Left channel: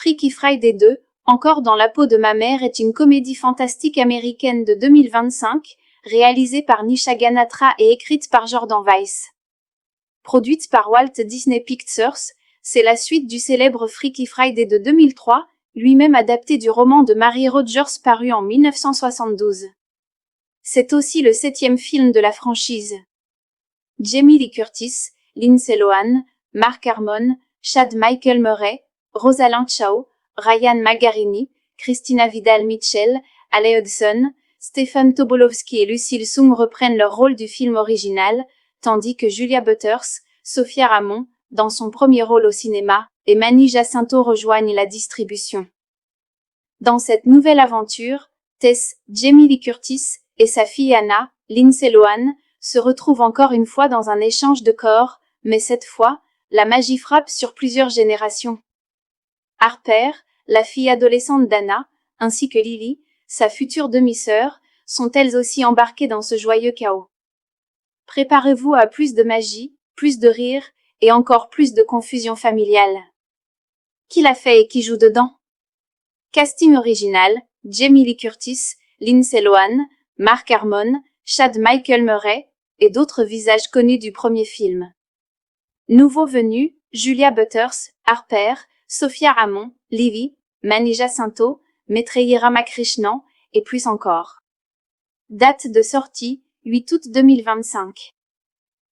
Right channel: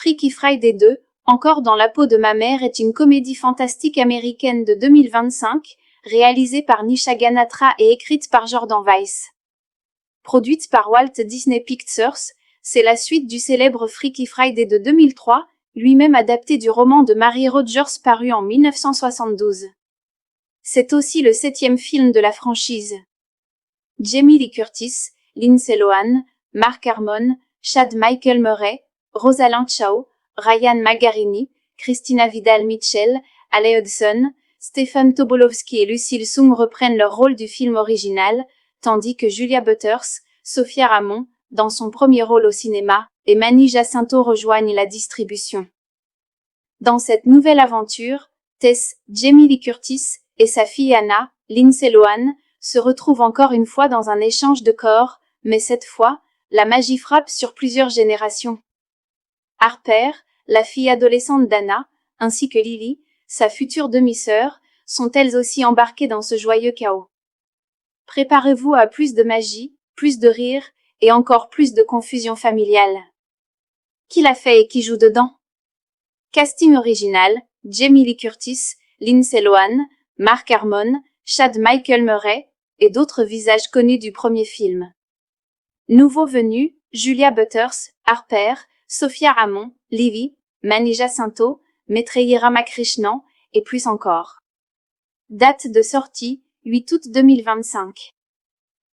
Freaky Friday 2, Encore dans la peau de ma mère est une comédie fantastique américaine de 2025, réalisée par Nisha Ganatra et écrite par Jordan Weiss. Produite par Walt Disney Pictures, c'est la suite du célèbre Freaky Friday de 2003, lui-même adapté du roman de Mary Rogers paru en 1972. C'est aussi le 7e film de la franchise. Jamie Lee Curtis, Lindsay Lohan, Mark Harmon, Chad Michael Murray, Rosalind Chao, Ryan Margarini, Christina Vidal-Mitchell, Ale Hudson, Stephen Tobolowsky et Lucille Soong reprennent leur rôle du film original, tandis que Julia Butters, Sophia Ramon, dans son premier rôle au cinéma, et Manny Jacinto rejoignent la distribution. Dans cette nouvelle aventure, Tess, Jamie Lee Curtis et sa fille Anna, Lindsay Lohan, se retrouvent encore une fois dans un échange de corps, mais cette fois, la magie frappe sur plusieurs générations. Harper, la fille adolescente d'Anna, ainsi que Lily, sa future demi-sœur, sont elles aussi embarquées dans ce joyeux chaos. Préparez-vous à plus de magie, plus de rire et encore plus de confusion familiale. Qui l'a fait et qui joue dedans? Casting original, Jamie Lee Curtis, Lindsay Lohan, Mark Harmon, Chad Michael Murray et d'autres visages connus du premier film. Nouveaux venus, Julia Butters, Harper, Sophia Ramon, Livy, Manny Jacinto, Maitreyi Ramakrishnan et plus encore. Date de sortie, 8 août 2025.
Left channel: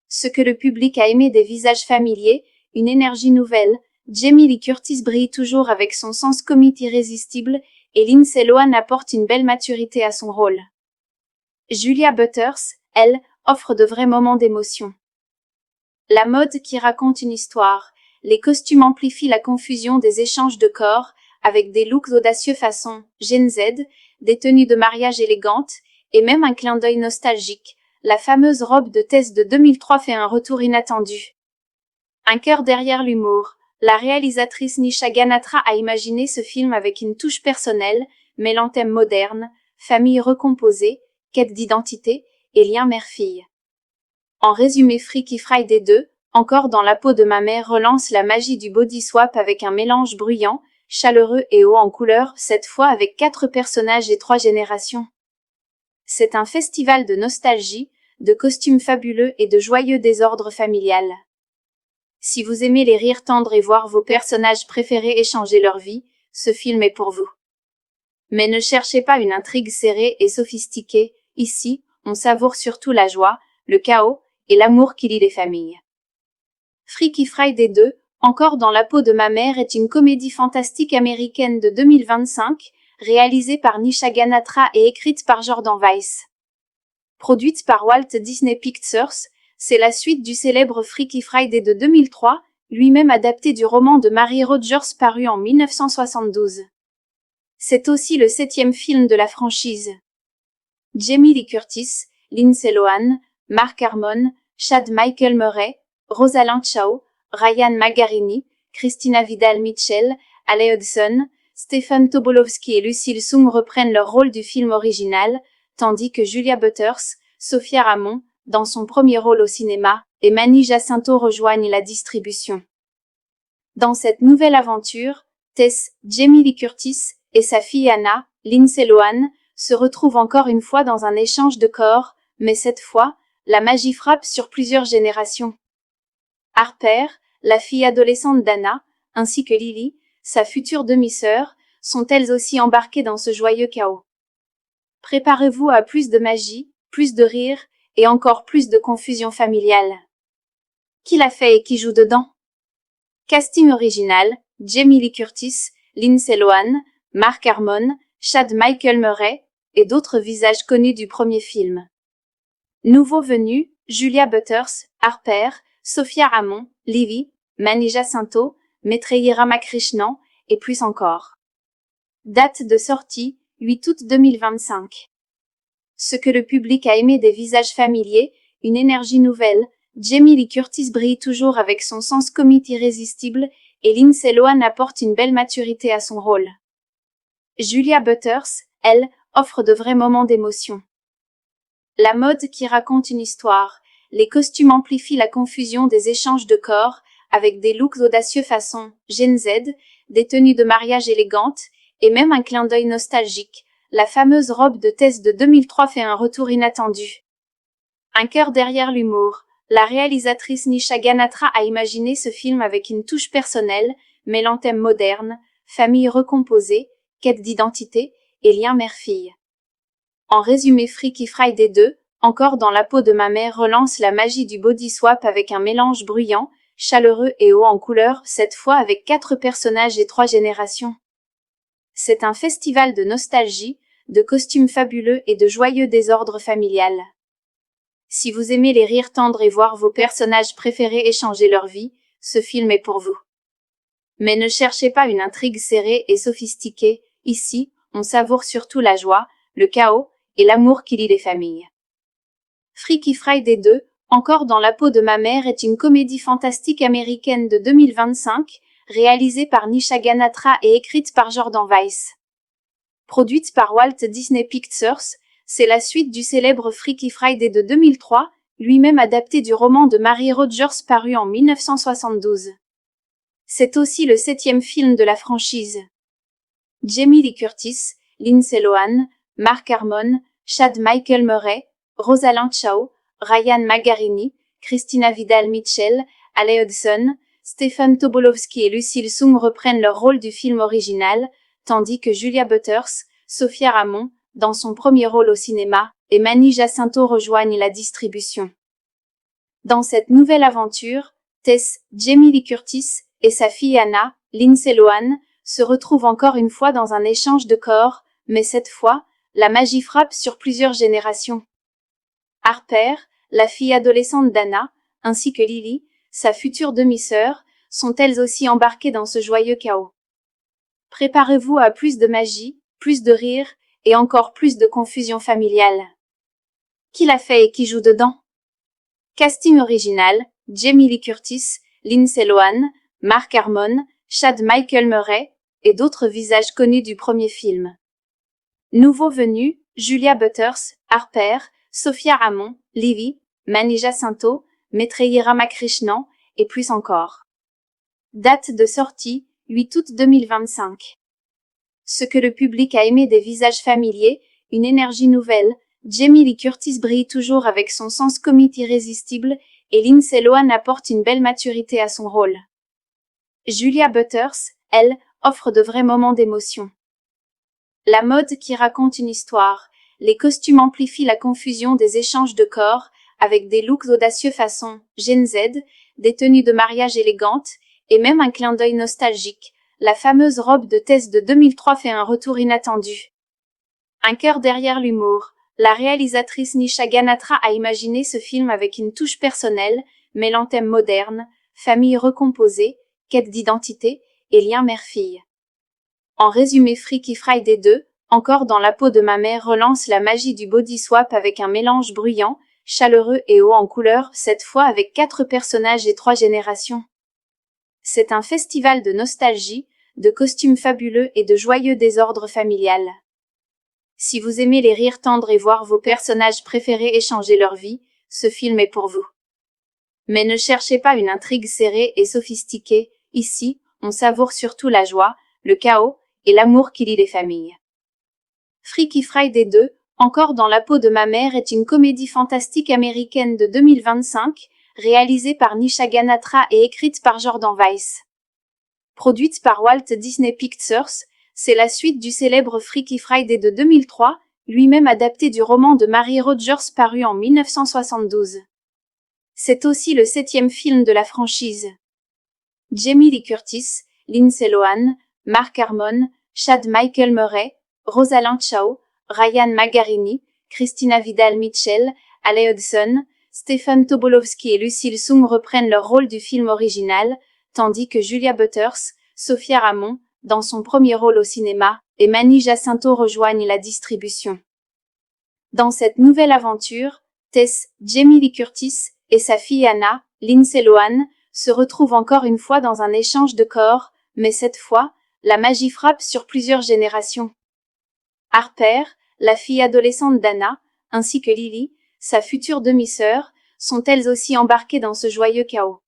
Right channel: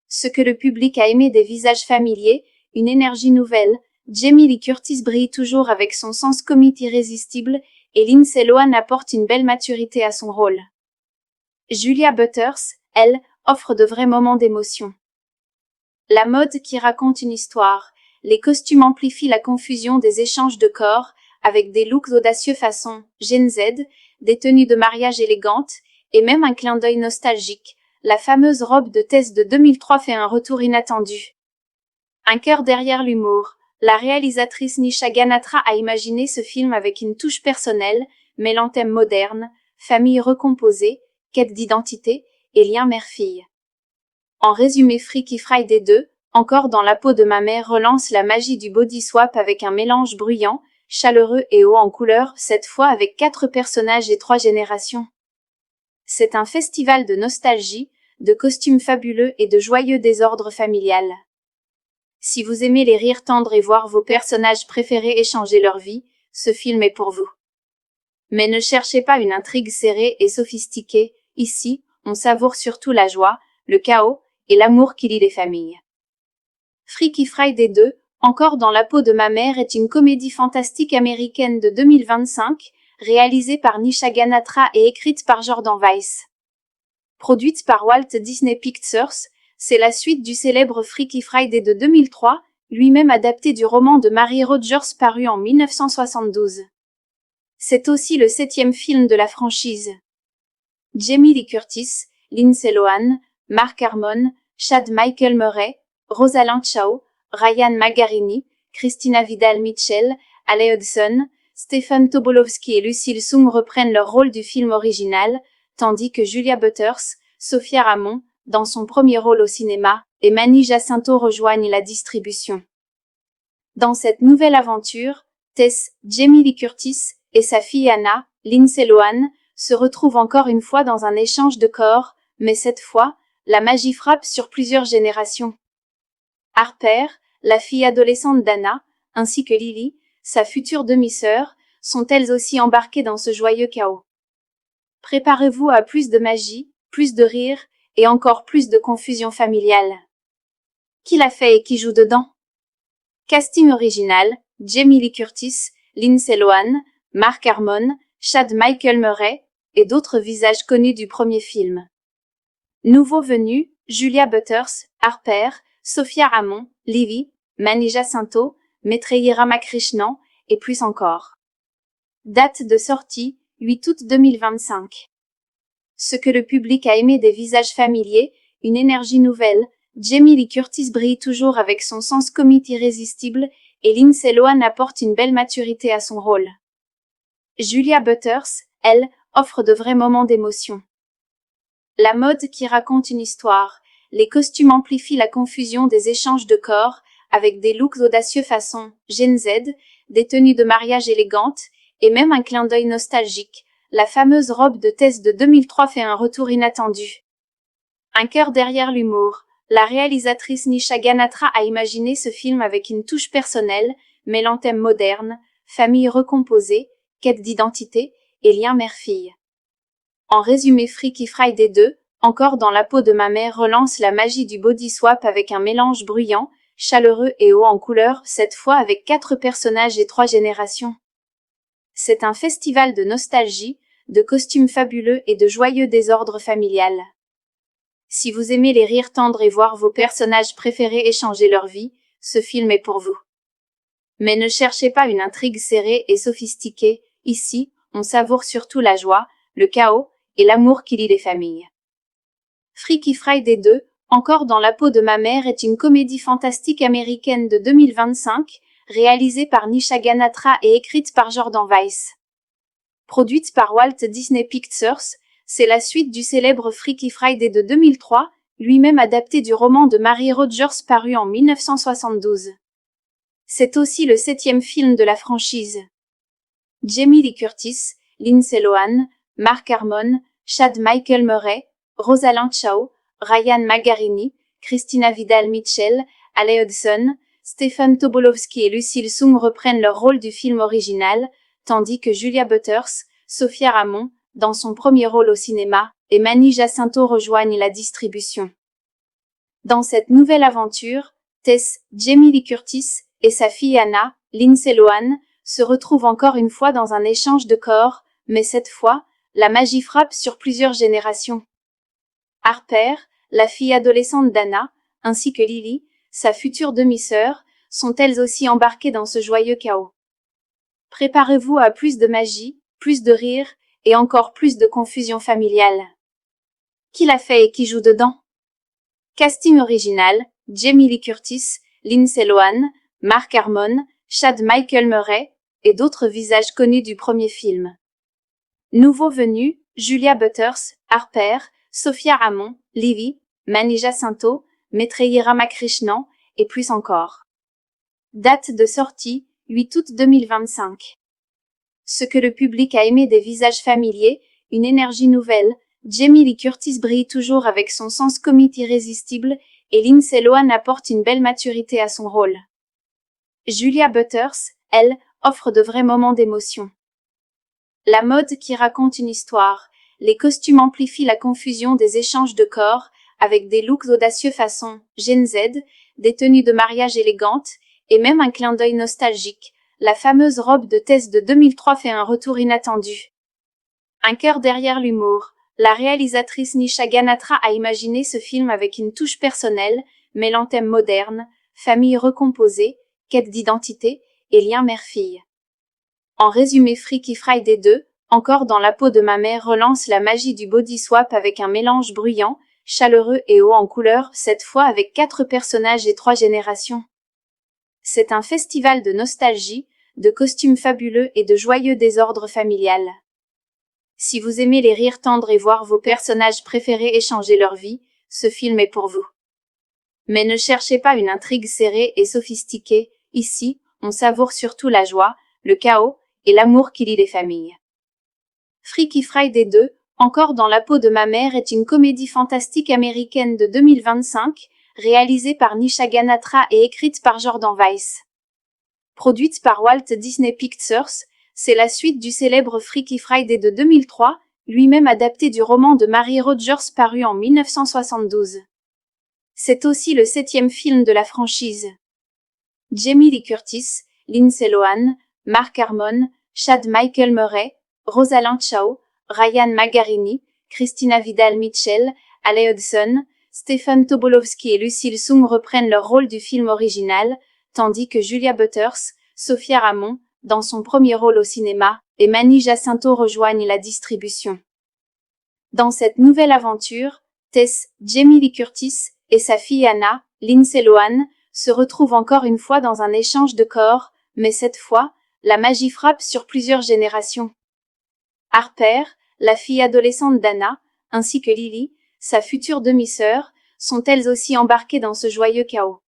Ce que le public a aimé des visages familiers, une énergie nouvelle, Jamie Lee Curtis brille toujours avec son sens comique irrésistible et Lindsay Lohan apporte une belle maturité à son rôle. Julia Butters, elle, offre de vrais moments d'émotion. La mode qui raconte une histoire, les costumes amplifient la confusion des échanges de corps avec des looks audacieux façon Gen Z, des tenues de mariage élégantes et même un clin d'œil nostalgique. La fameuse robe de Tess de 2003 fait un retour inattendu. Un cœur derrière l'humour. La réalisatrice Nisha Ganatra a imaginé ce film avec une touche personnelle, mêlant thèmes modernes, famille recomposée, quête d'identité et lien mère-fille. En résumé, Freaky Friday 2, Encore dans la peau de ma mère relance la magie du body swap avec un mélange bruyant, chaleureux et haut en couleur, cette fois avec 4 personnages et 3 générations. C'est un festival de nostalgie, de costumes fabuleux et de joyeux désordre familial. Si vous aimez les rires tendres et voir vos personnages préférés échanger leur vie, ce film est pour vous. Mais ne cherchez pas une intrigue serrée et sophistiquée, ici, on savoure surtout la joie, le chaos et l'amour qui lie les familles. Freaky Friday 2, Encore dans la peau de ma mère est une comédie fantastique américaine de 2025, réalisée par Nisha Ganatra et écrite par Jordan Weiss. Produite par Walt Disney Pictures, c'est la suite du célèbre Freaky Friday de 2003, lui-même adapté du roman de Mary Rogers paru en 1972. C'est aussi le 7e film de la franchise. Jamie Lee Curtis, Lindsay Lohan, Mark Harmon, Chad Michael Murray, Rosalind Chao, Ryan Margarini, Christina Vidal-Mitchell, Ale Hudson, Stephen Tobolowsky et Lucille Soong reprennent leur rôle du film original, tandis que Julia Butters, Sophia Ramon, dans son premier rôle au cinéma, et Manny Jacinto rejoignent la distribution. Dans cette nouvelle aventure, Tess, Jamie Lee Curtis et sa fille Anna, Lindsay Lohan, se retrouvent encore une fois dans un échange de corps, mais cette fois, la magie frappe sur plusieurs générations. Harper, la fille adolescente d'Anna, ainsi que Lily, sa future demi-sœur, sont elles aussi embarquées dans ce joyeux chaos. Préparez-vous à plus de magie, plus de rire et encore plus de confusion familiale. Qui l'a fait et qui joue dedans? Casting original, Jamie Lee Curtis, Lindsay Lohan, Mark Harmon, Chad Michael Murray et d'autres visages connus du premier film. Nouveaux venus, Julia Butters, Harper, Sophia Ramon, Livy, Manny Jacinto, Maitreyi Ramakrishnan et plus encore. Date de sortie, 8 août 2025. Ce que le public a aimé des visages familiers, une énergie nouvelle, Jamie Lee Curtis brille toujours avec son sens comique irrésistible et Lindsay Lohan apporte une belle maturité à son rôle. Julia Butters, elle, offre de vrais moments d'émotion. La mode qui raconte une histoire, les costumes amplifient la confusion des échanges de corps avec des looks audacieux façon Gen Z, des tenues de mariage élégantes, et même un clin d'œil nostalgique. La fameuse robe de Tess de 2003 fait un retour inattendu. Un cœur derrière l'humour. La réalisatrice Nisha Ganatra a imaginé ce film avec une touche personnelle, mêlant thèmes modernes, famille recomposée, quête d'identité et lien mère-fille. En résumé, Freaky Friday 2, encore dans la peau de ma mère, relance la magie du body swap avec un mélange bruyant, chaleureux et haut en couleur, cette fois avec 4 personnages et 3 générations. C'est un festival de nostalgie, de costumes fabuleux et de joyeux désordre familial. Si vous aimez les rires tendres et voir vos personnages préférés échanger leur vie, ce film est pour vous. Mais ne cherchez pas une intrigue serrée et sophistiquée, ici, on savoure surtout la joie, le chaos et l'amour qui lie les familles. Freaky Friday 2, encore dans la peau de ma mère, est une comédie fantastique américaine de 2025, réalisée par Nisha Ganatra et écrite par Jordan Weiss. Produite par Walt Disney Pictures, c'est la suite du célèbre Freaky Friday de 2003, lui-même adapté du roman de Mary Rogers paru en 1972. C'est aussi le 7e film de la franchise. Jamie Lee Curtis, Lindsay Lohan, Mark Harmon, Chad Michael Murray, Rosalind Chao, Ryan Magarini, Christina Vidal-Mitchell, Alec Hudson, Stephen Tobolowsky et Lucille Sung reprennent leur rôle du film original, tandis que Julia Butters, Sophia Ramon, dans son premier rôle au cinéma, et Manny Jacinto rejoignent la distribution. Dans cette nouvelle aventure, Tess, Jamie Lee Curtis, et sa fille Anna, Lindsay Lohan, se retrouvent encore une fois dans un échange de corps, mais cette fois, la magie frappe sur plusieurs générations. Harper, la fille adolescente d'Anna, ainsi que Lily, sa future demi-sœur, sont elles aussi embarquées dans ce joyeux chaos. Préparez-vous à plus de magie, plus de rire, et encore plus de confusion familiale. Qui l'a fait et qui joue dedans? Casting original, Jamie Lee Curtis, Lindsay Lohan, Mark Harmon, Chad Michael Murray, et d'autres visages connus du premier film. Nouveaux venus, Julia Butters, Harper, Sophia Ramon, Lily, Manny Jacinto, Maitreyi Ramakrishnan, et plus encore. Date de sortie, 8 août 2025. Ce que le public a aimé des visages familiers, une énergie nouvelle, Jamie Lee Curtis brille toujours avec son sens comique irrésistible, et Lindsay Lohan apporte une belle maturité à son rôle. Julia Butters, elle, offre de vrais moments d'émotion. La mode qui raconte une histoire, les costumes amplifient la confusion des échanges de corps, avec des looks audacieux façon Gen Z, des tenues de mariage élégantes, et même un clin d'œil nostalgique. La fameuse robe de Tess de 2003 fait un retour inattendu. Un cœur derrière l'humour. La réalisatrice Nisha Ganatra a imaginé ce film avec une touche personnelle, mêlant thèmes modernes, famille recomposée, quête d'identité et lien mère-fille. En résumé, Freaky Friday 2, encore dans la peau de ma mère, relance la magie du body swap avec un mélange bruyant, chaleureux et haut en couleur, cette fois avec 4 personnages et 3 générations. C'est un festival de nostalgie, de costumes fabuleux et de joyeux désordre familial. Si vous aimez les rires tendres et voir vos personnages préférés échanger leur vie, ce film est pour vous. Mais ne cherchez pas une intrigue serrée et sophistiquée, ici, on savoure surtout la joie, le chaos et l'amour qui lie les familles. Freaky Friday 2, encore dans la peau de ma mère, est une comédie fantastique américaine de 2025, réalisée par Nisha Ganatra et écrite par Jordan Weiss. Produite par Walt Disney Pictures, c'est la suite du célèbre Freaky Friday de 2003, lui-même adapté du roman de Mary Rogers paru en 1972. C'est aussi le 7e film de la franchise. Jamie Lee Curtis, Lindsay Lohan, Mark Harmon, Chad Michael Murray, Rosalind Chao, Ryan Magarini, Christina Vidal-Mitchell, Alec Hudson, Stephen Tobolowsky et Lucille Sung reprennent leur rôle du film original, tandis que Julia Butters, Sophia Ramon, dans son premier rôle au cinéma, et Manny Jacinto rejoignent la distribution. Dans cette nouvelle aventure, Tess, Jamie Lee Curtis, et sa fille Anna, Lindsay Lohan, se retrouvent encore une fois dans un échange de corps, mais cette fois, la magie frappe sur plusieurs générations. Harper, la fille adolescente d'Anna, ainsi que Lily, sa future demi-sœur, sont elles aussi embarquées dans ce joyeux chaos.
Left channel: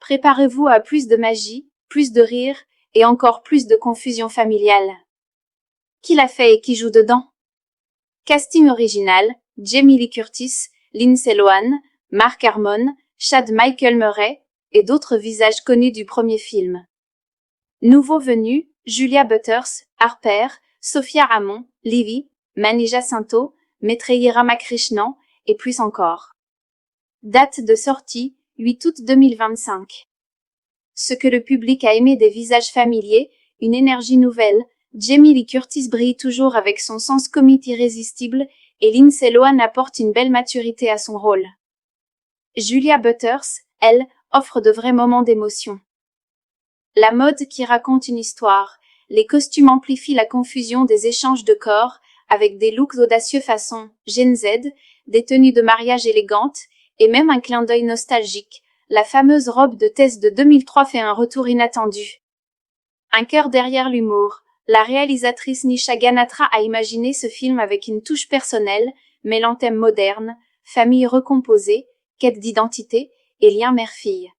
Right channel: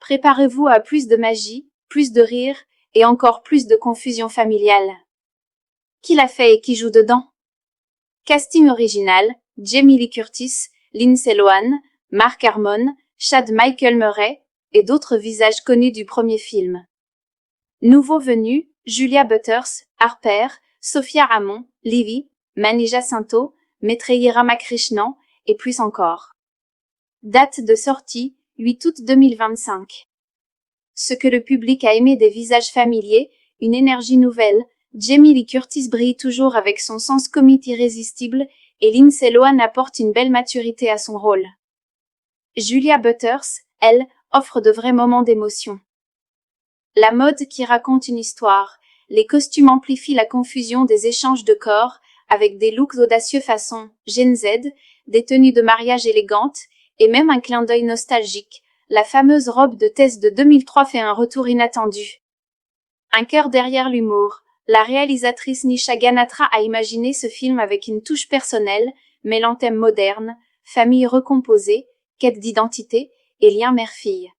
Préparez-vous à plus de magie, plus de rire, et encore plus de confusion familiale. Qui l'a fait et qui joue dedans? Casting original, Jamie Lee Curtis, Lindsay Lohan, Mark Harmon, Chad Michael Murray et d'autres visages connus du premier film. Nouveaux venus, Julia Butters, Harper, Sophia Ramon, Livy, Mani Jacinto, Maitreyi Ramakrishnan et plus encore. Date de sortie, 8 août 2025. Ce que le public a aimé des visages familiers, une énergie nouvelle, Jamie Lee Curtis brille toujours avec son sens comique irrésistible et Lindsay Lohan apporte une belle maturité à son rôle. Julia Butters, elle, offre de vrais moments d'émotion. La mode qui raconte une histoire, les costumes amplifient la confusion des échanges de corps, avec des looks audacieux façon Gen Z, des tenues de mariage élégantes, et même un clin d'œil nostalgique. La fameuse robe de Tess de 2003 fait un retour inattendu. Un cœur derrière l'humour. La réalisatrice Nisha Ganatra a imaginé ce film avec une touche personnelle, mêlant thèmes modernes, famille recomposée, quête d'identité et lien mère-fille.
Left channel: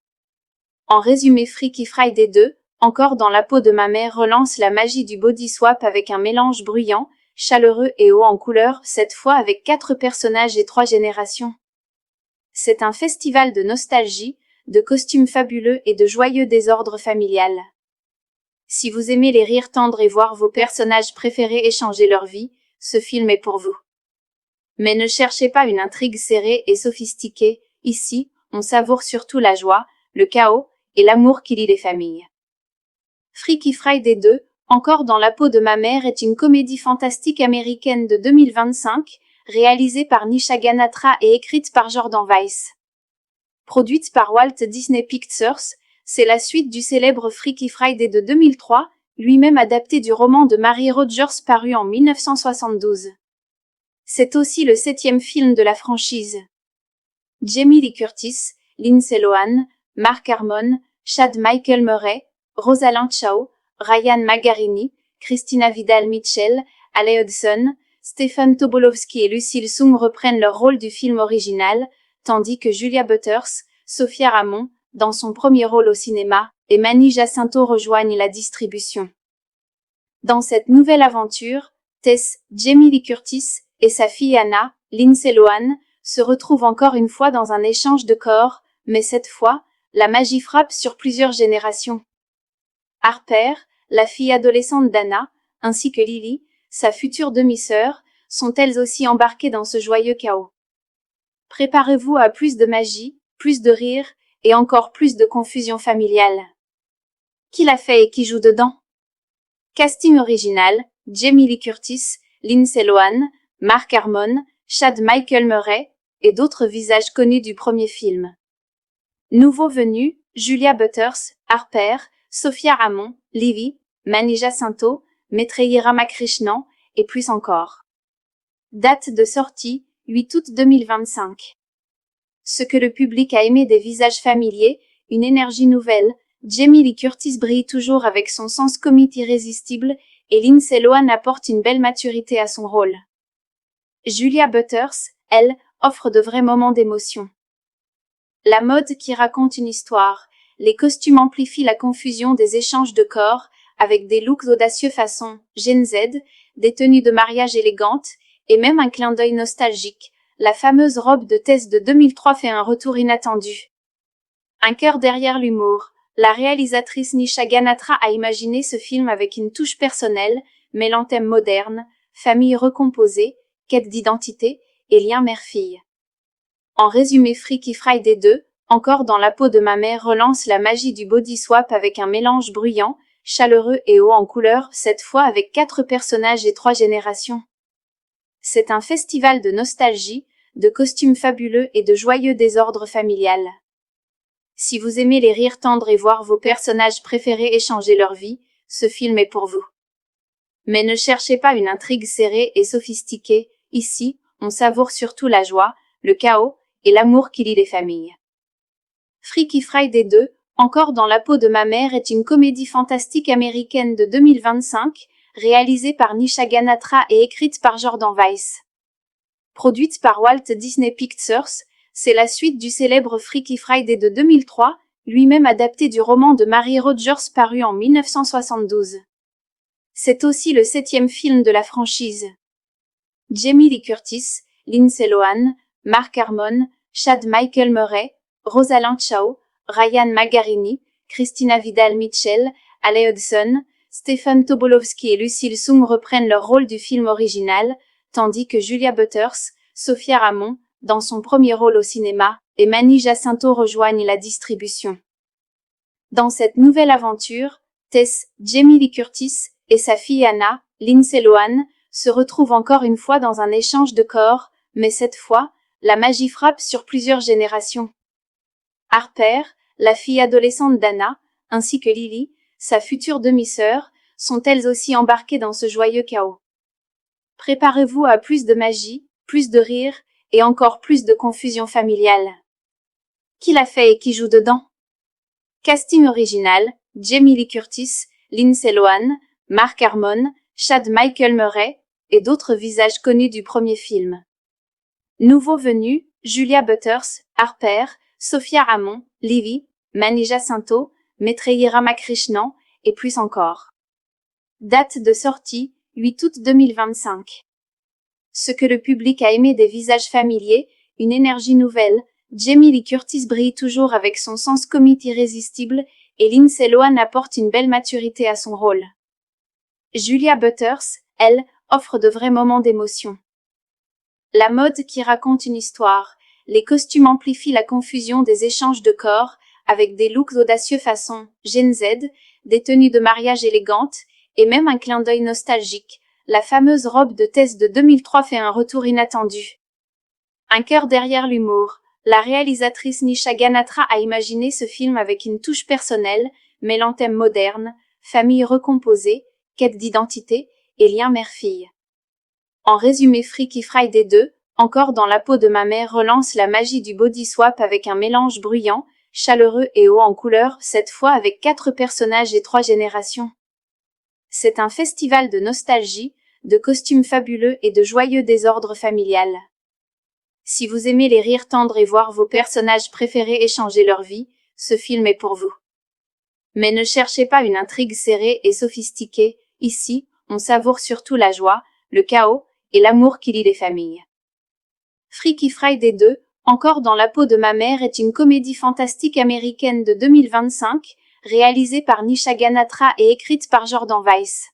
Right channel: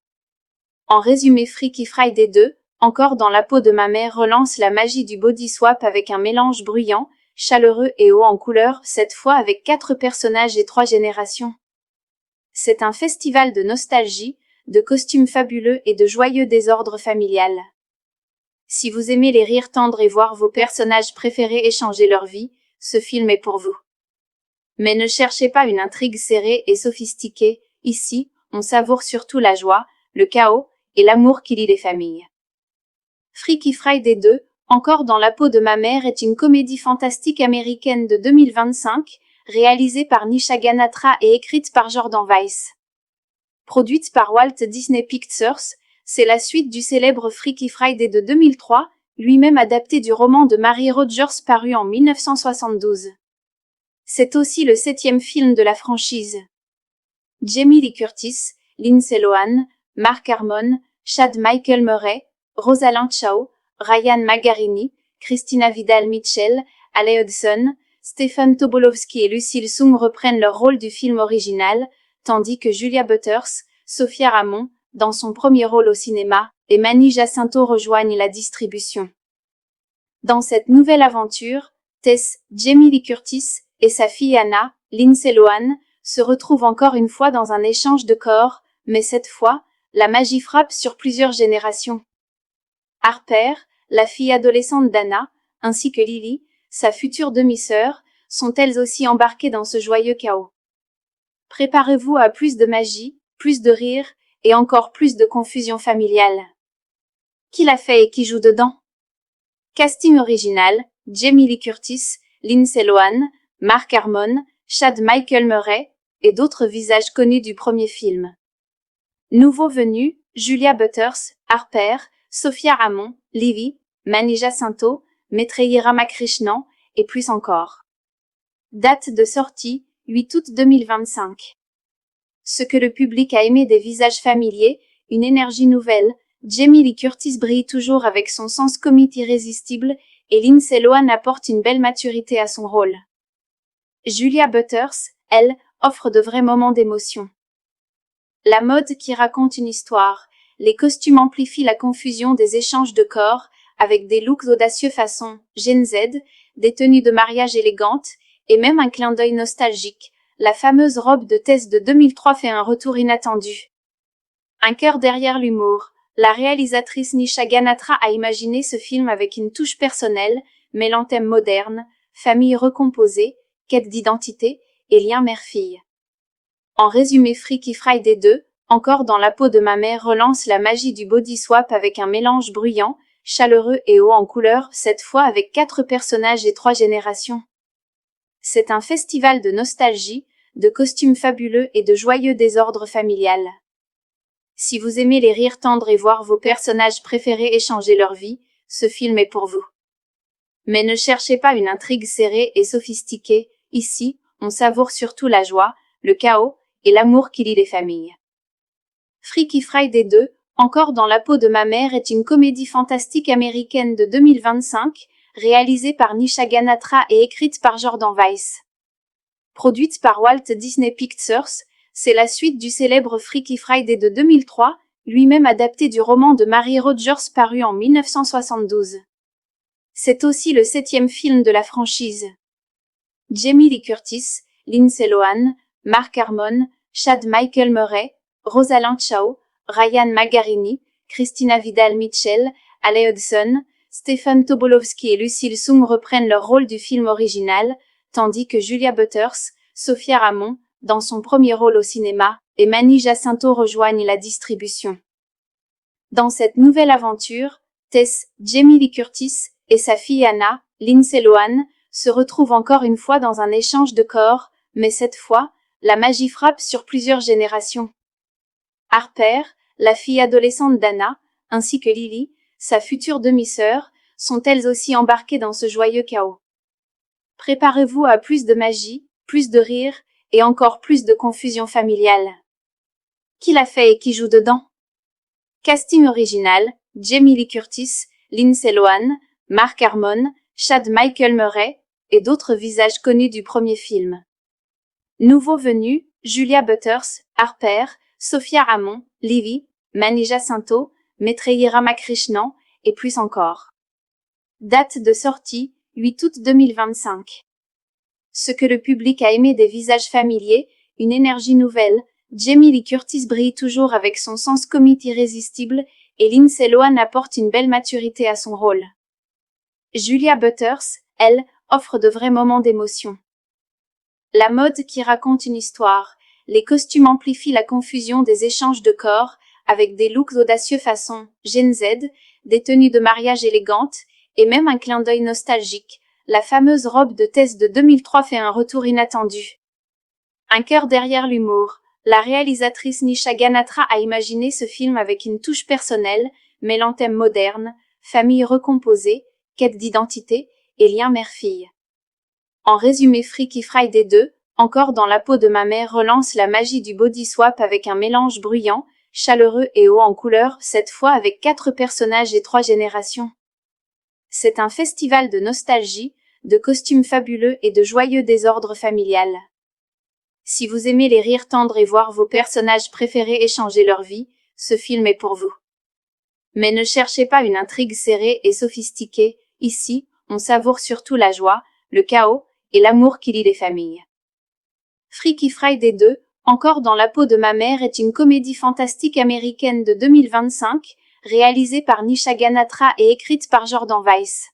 En résumé, Freaky Friday 2, encore dans la peau de ma mère, relance la magie du body swap avec un mélange bruyant, chaleureux et haut en couleur, cette fois avec 4 personnages et 3 générations. C'est un festival de nostalgie, de costumes fabuleux et de joyeux désordre familial. Si vous aimez les rires tendres et voir vos personnages préférés échanger leur vie, ce film est pour vous. Mais ne cherchez pas une intrigue serrée et sophistiquée, ici, on savoure surtout la joie, le chaos et l'amour qui lie les familles. Freaky Friday 2, encore dans la peau de ma mère est une comédie fantastique américaine de 2025, réalisée par Nisha Ganatra et écrite par Jordan Weiss. Produite par Walt Disney Pictures, c'est la suite du célèbre Freaky Friday de 2003, lui-même adapté du roman de Mary Rogers paru en 1972. C'est aussi le 7e film de la franchise. Jamie Lee Curtis, Lindsay Lohan, Mark Harmon, Chad Michael Murray, Rosalind Chao, Ryan Magarini, Christina Vidal-Mitchell, Ale Hudson, Stephen Tobolowsky et Lucille Sung reprennent leur rôle du film original, tandis que Julia Butters, Sophia Ramon, dans son premier rôle au cinéma, et Mani Jacinto rejoignent la distribution. Dans cette nouvelle aventure, Tess, Jamie Lee Curtis et sa fille Anna, Lindsay Lohan, se retrouvent encore une fois dans un échange de corps, mais cette fois, la magie frappe sur plusieurs générations. Harper, la fille adolescente d'Anna, ainsi que Lily, sa future demi-sœur, sont elles aussi embarquées dans ce joyeux chaos. Préparez-vous à plus de magie, plus de rire et encore plus de confusion familiale. Qui l'a fait et qui joue dedans? Casting original, Jamie Lee Curtis, Lindsay Lohan, Mark Harmon, Chad Michael Murray et d'autres visages connus du premier film. Nouveaux venus, Julia Butters, Harper, Sophia Ramon, Livy, Mani Jacinto, Maitreyi Ramakrishnan et plus encore. Date de sortie, 8 août 2025. Ce que le public a aimé des visages familiers, une énergie nouvelle, Jamie Lee Curtis brille toujours avec son sens comique irrésistible et Lindsay Lohan apporte une belle maturité à son rôle. Julia Butters, elle, offre de vrais moments d'émotion. La mode qui raconte une histoire, les costumes amplifient la confusion des échanges de corps avec des looks audacieux façon Gen Z, des tenues de mariage élégantes et même un clin d'œil nostalgique. La fameuse robe de Tess de 2003 fait un retour inattendu. Un cœur derrière l'humour. La réalisatrice Nisha Ganatra a imaginé ce film avec une touche personnelle, mêlant thèmes modernes, famille recomposée, quête d'identité et lien mère-fille. En résumé, Freaky Friday 2, encore dans la peau de ma mère, relance la magie du body swap avec un mélange bruyant, chaleureux et haut en couleur, cette fois avec 4 personnages et 3 générations. C'est un festival de nostalgie, de costumes fabuleux et de joyeux désordre familial. Si vous aimez les rires tendres et voir vos personnages préférés échanger leur vie, ce film est pour vous. Mais ne cherchez pas une intrigue serrée et sophistiquée, ici, on savoure surtout la joie, le chaos et l'amour qui lie les familles. Freaky Friday 2, encore dans la peau de ma mère est une comédie fantastique américaine de 2025, réalisée par Nisha Ganatra et écrite par Jordan Weiss. Produite par Walt Disney Pictures, c'est la suite du célèbre Freaky Friday de 2003, lui-même adapté du roman de Mary Rogers paru en 1972. C'est aussi le 7e film de la franchise. Jamie Lee Curtis, Lindsay Lohan, Mark Harmon, Chad Michael Murray, Rosalind Chao, Ryan Magarini, Christina Vidal-Mitchell, Ale Hudson, Stephen Tobolowsky et Lucille Sung reprennent leur rôle du film original, tandis que Julia Butters, Sophia Ramon, dans son premier rôle au cinéma, et Manny Jacinto rejoignent la distribution. Dans cette nouvelle aventure, Tess, Jamie Lee Curtis, et sa fille Anna, Lindsay Lohan, se retrouvent encore une fois dans un échange de corps, mais cette fois, la magie frappe sur plusieurs générations. Harper, la fille adolescente d'Anna, ainsi que Lily, sa future demi-sœur, sont elles aussi embarquées dans ce joyeux chaos. Préparez-vous à plus de magie, plus de rire, et encore plus de confusion familiale. Qui l'a fait et qui joue dedans? Casting original, Jamie Lee Curtis, Lindsay Lohan, Mark Harmon, Chad Michael Murray, et d'autres visages connus du premier film. Nouveaux venus, Julia Butters, Harper, Sophia Ramon, Lily, Manny Jacinto, Maitreyi Ramakrishnan, et plus encore. Date de sortie, 8 août 2025. Ce que le public a aimé des visages familiers, une énergie nouvelle, Jamie Lee Curtis brille toujours avec son sens comique irrésistible et Lindsay Lohan apporte une belle maturité à son rôle. Julia Butters, elle, offre de vrais moments d'émotion. La mode qui raconte une histoire, les costumes amplifient la confusion des échanges de corps avec des looks audacieux façon Gen Z, des tenues de mariage élégantes et même un clin d'œil nostalgique. La fameuse robe de Tess de 2003 fait un retour inattendu. Un cœur derrière l'humour. La réalisatrice Nisha Ganatra a imaginé ce film avec une touche personnelle, mêlant thèmes modernes, famille recomposée, quête d'identité et lien mère-fille. En résumé, Freaky Friday 2, encore dans la peau de ma mère, relance la magie du body swap avec un mélange bruyant, chaleureux et haut en couleur, cette fois avec 4 personnages et 3 générations. C'est un festival de nostalgie, de costumes fabuleux et de joyeux désordre familial. Si vous aimez les rires tendres et voir vos personnages préférés échanger leur vie, ce film est pour vous. Mais ne cherchez pas une intrigue serrée et sophistiquée, ici, on savoure surtout la joie, le chaos et l'amour qui lie les familles. Freaky Friday 2, encore dans la peau de ma mère est une comédie fantastique américaine de 2025, réalisée par Nisha Ganatra et écrite par Jordan Weiss.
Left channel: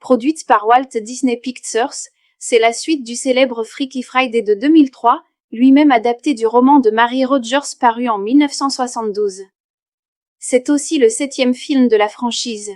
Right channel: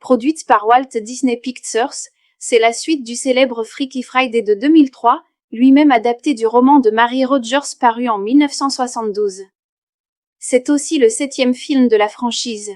Produite par Walt Disney Pictures, c'est la suite du célèbre Freaky Friday de 2003, lui-même adapté du roman de Mary Rogers paru en 1972. C'est aussi le 7e film de la franchise.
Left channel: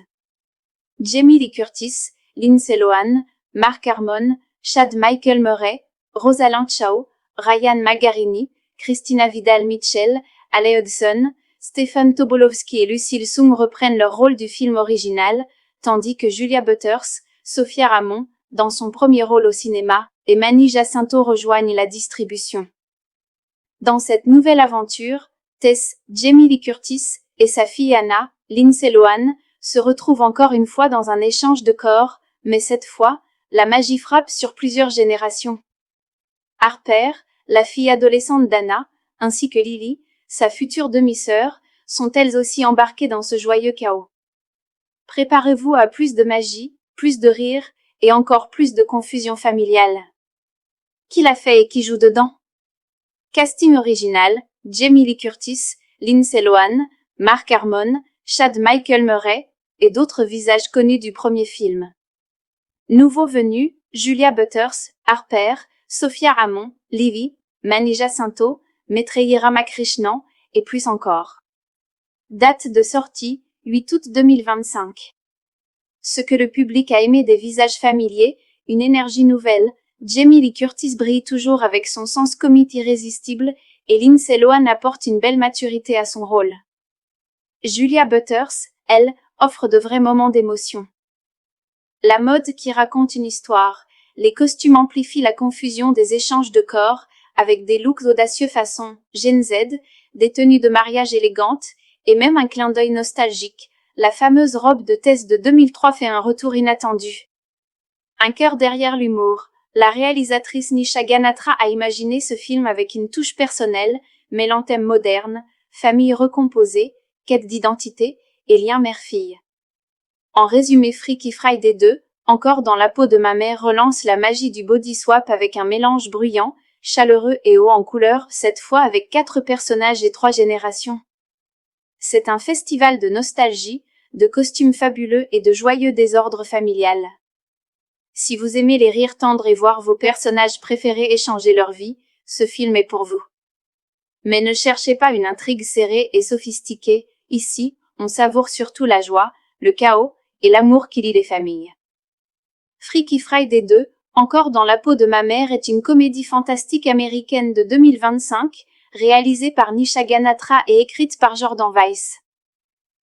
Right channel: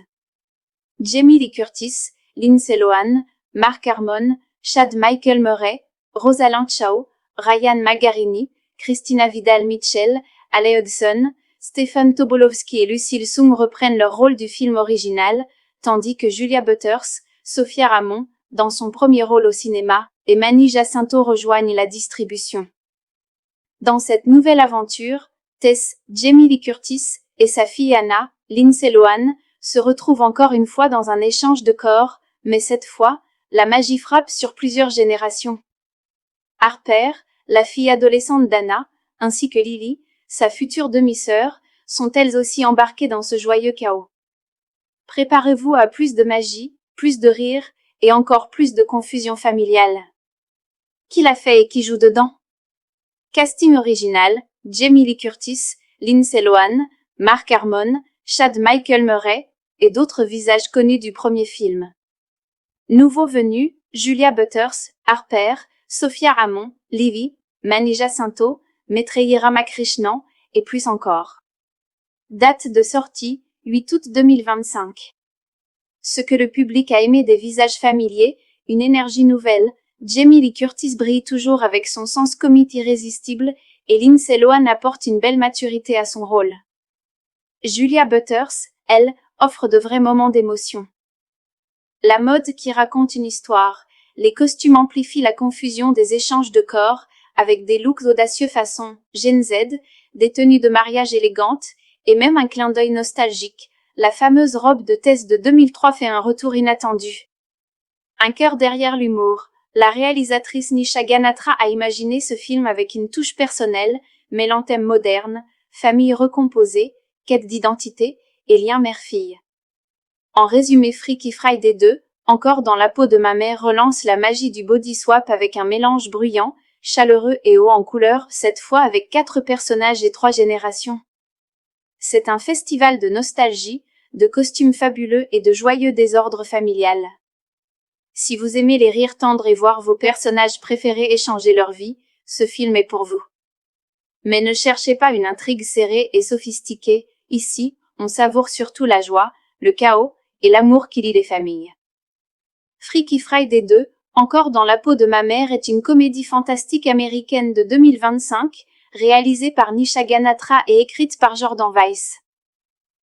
Jamie Lee Curtis, Lindsay Lohan, Mark Harmon, Chad Michael Murray, Rosalind Chao, Ryan Magarini, Christina Vidal-Mitchell, Ale Hudson, Stephen Tobolowsky et Lucille Sung reprennent leur rôle du film original, tandis que Julia Butters, Sophia Ramon, dans son premier rôle au cinéma, et Manny Jacinto rejoignent la distribution. Dans cette nouvelle aventure, Tess, Jamie Lee Curtis, et sa fille Anna, Lindsay Lohan, se retrouvent encore une fois dans un échange de corps, mais cette fois, la magie frappe sur plusieurs générations. Harper, la fille adolescente d'Anna, ainsi que Lily, sa future demi-sœur, sont elles aussi embarquées dans ce joyeux chaos. Préparez-vous à plus de magie, plus de rire, et encore plus de confusion familiale. Qui l'a fait et qui joue dedans? Casting original, Jamie Lee Curtis, Lindsay Lohan, Mark Harmon, Chad Michael Murray, et d'autres visages connus du premier film. Nouveaux venus, Julia Butters, Harper, Sophia Ramon, Lily, Manny Jacinto, Maitreyi Ramakrishnan, et plus encore. Date de sortie, 8 août 2025. Ce que le public a aimé des visages familiers, une énergie nouvelle, Jamie Lee Curtis brille toujours avec son sens comique irrésistible et Lindsay Lohan apporte une belle maturité à son rôle. Julia Butters, elle, offre de vrais moments d'émotion. La mode qui raconte une histoire, les costumes amplifient la confusion des échanges de corps avec des looks audacieux façon Gen Z, des tenues de mariage élégantes et même un clin d'œil nostalgique. La fameuse robe de Tess de 2003 fait un retour inattendu. Un cœur derrière l'humour. La réalisatrice Nisha Ganatra a imaginé ce film avec une touche personnelle, mêlant thèmes modernes, famille recomposée, quête d'identité et lien mère-fille. En résumé, Freaky Friday 2, encore dans la peau de ma mère relance la magie du body swap avec un mélange bruyant, chaleureux et haut en couleur, cette fois avec 4 personnages et 3 générations. C'est un festival de nostalgie, de costumes fabuleux et de joyeux désordre familial. Si vous aimez les rires tendres et voir vos personnages préférés échanger leur vie, ce film est pour vous. Mais ne cherchez pas une intrigue serrée et sophistiquée, ici, on savoure surtout la joie, le chaos et l'amour qui lie les familles. Freaky Friday 2, encore dans la peau de ma mère est une comédie fantastique américaine de 2025, réalisée par Nisha Ganatra et écrite par Jordan Weiss.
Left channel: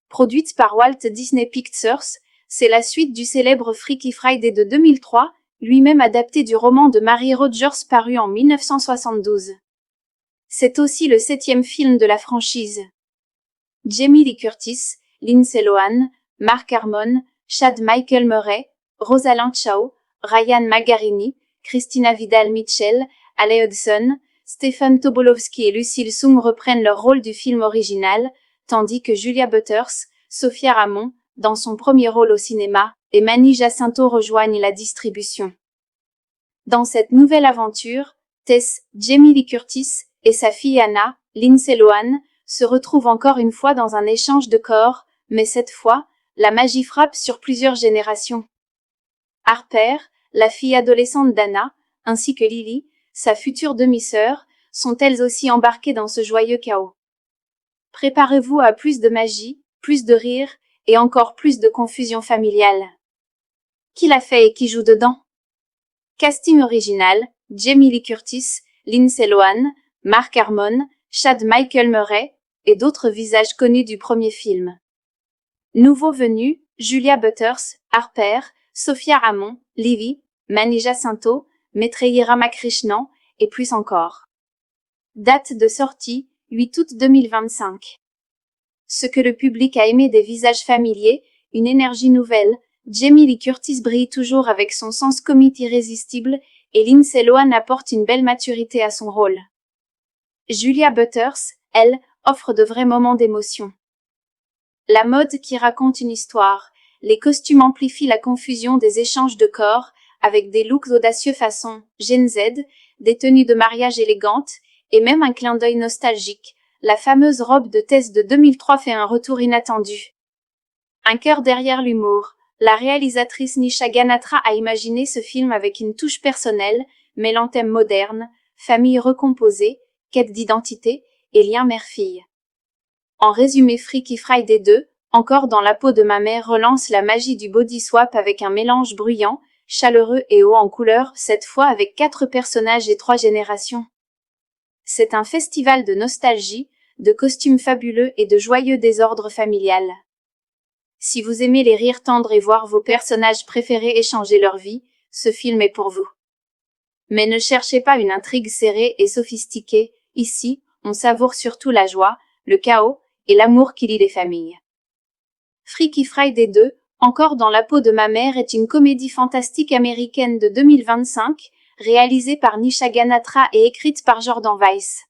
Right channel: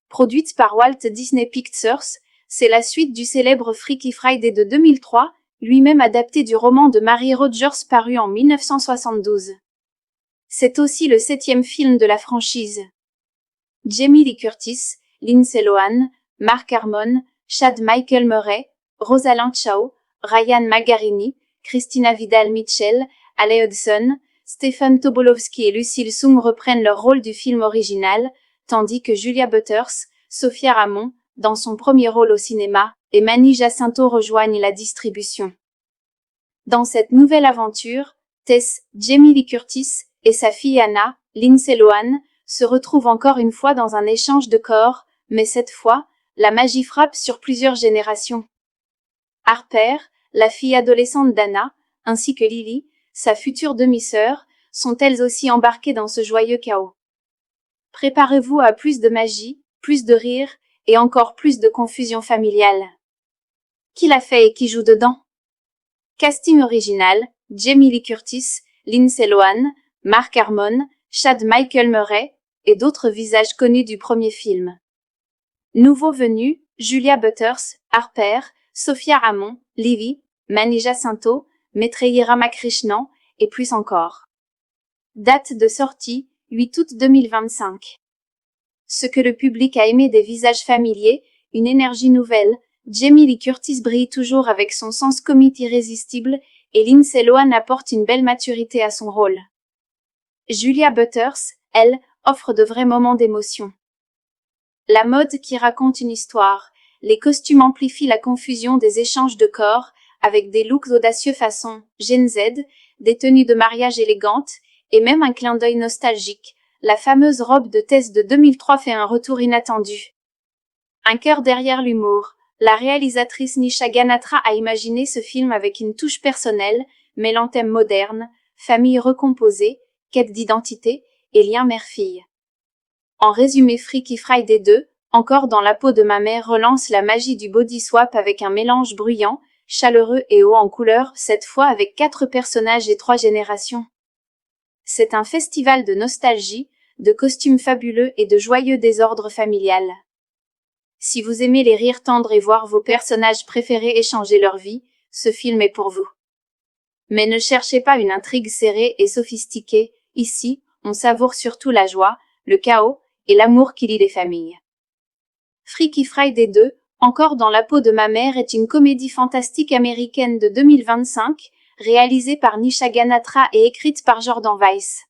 Produite par Walt Disney Pictures, c'est la suite du célèbre Freaky Friday de 2003, lui-même adapté du roman de Mary Rogers paru en 1972. C'est aussi le 7e film de la franchise. Jamie Lee Curtis, Lindsay Lohan, Mark Harmon, Chad Michael Murray, Rosalind Chao, Ryan Margarini, Christina Vidal-Mitchell, Ale Hudson, Stephen Tobolowsky et Lucille Soong reprennent leur rôle du film original, tandis que Julia Butters, Sophia Ramon, dans son premier rôle au cinéma, et Manny Jacinto rejoignent la distribution. Dans cette nouvelle aventure, Tess, Jamie Lee Curtis, et sa fille Anna, Lindsay Lohan, se retrouvent encore une fois dans un échange de corps, mais cette fois, la magie frappe sur plusieurs générations. Harper, la fille adolescente d'Anna, ainsi que Lily, sa future demi-sœur, sont elles aussi embarquées dans ce joyeux chaos. Préparez-vous à plus de magie, plus de rire, et encore plus de confusion familiale. Qui l'a fait et qui joue dedans? Casting original, Jamie Lee Curtis, Lindsay Lohan, Mark Harmon, Chad Michael Murray, et d'autres visages connus du premier film. Nouveaux venus, Julia Butters, Harper, Sophia Ramon, Livy, Manny Jacinto, Maitreyi Ramakrishnan, et plus encore. Date de sortie, 8 août 2025. Ce que le public a aimé des visages familiers, une énergie nouvelle, Jamie Lee Curtis brille toujours avec son sens comique irrésistible, et Lindsay Lohan apporte une belle maturité à son rôle. Julia Butters, elle, offre de vrais moments d'émotion. La mode qui raconte une histoire, les costumes amplifient la confusion des échanges de corps, avec des looks audacieux façon Gen Z, des tenues de mariage élégantes, et même un clin d'œil nostalgique. La fameuse robe de Tess de 2003 fait un retour inattendu. Un cœur derrière l'humour. La réalisatrice Nisha Ganatra a imaginé ce film avec une touche personnelle, mêlant thèmes modernes, famille recomposée, quête d'identité et lien mère-fille. En résumé, Freaky Friday 2, encore dans la peau de ma mère relance la magie du body swap avec un mélange bruyant, chaleureux et haut en couleur, cette fois avec 4 personnages et 3 générations. C'est un festival de nostalgie, de costumes fabuleux et de joyeux désordre familial. Si vous aimez les rires tendres et voir vos personnages préférés échanger leur vie, ce film est pour vous. Mais ne cherchez pas une intrigue serrée et sophistiquée, ici, on savoure surtout la joie, le chaos et l'amour qui lie les familles. Freaky Friday 2, encore dans la peau de ma mère est une comédie fantastique américaine de 2025, réalisée par Nisha Ganatra et écrite par Jordan Weiss.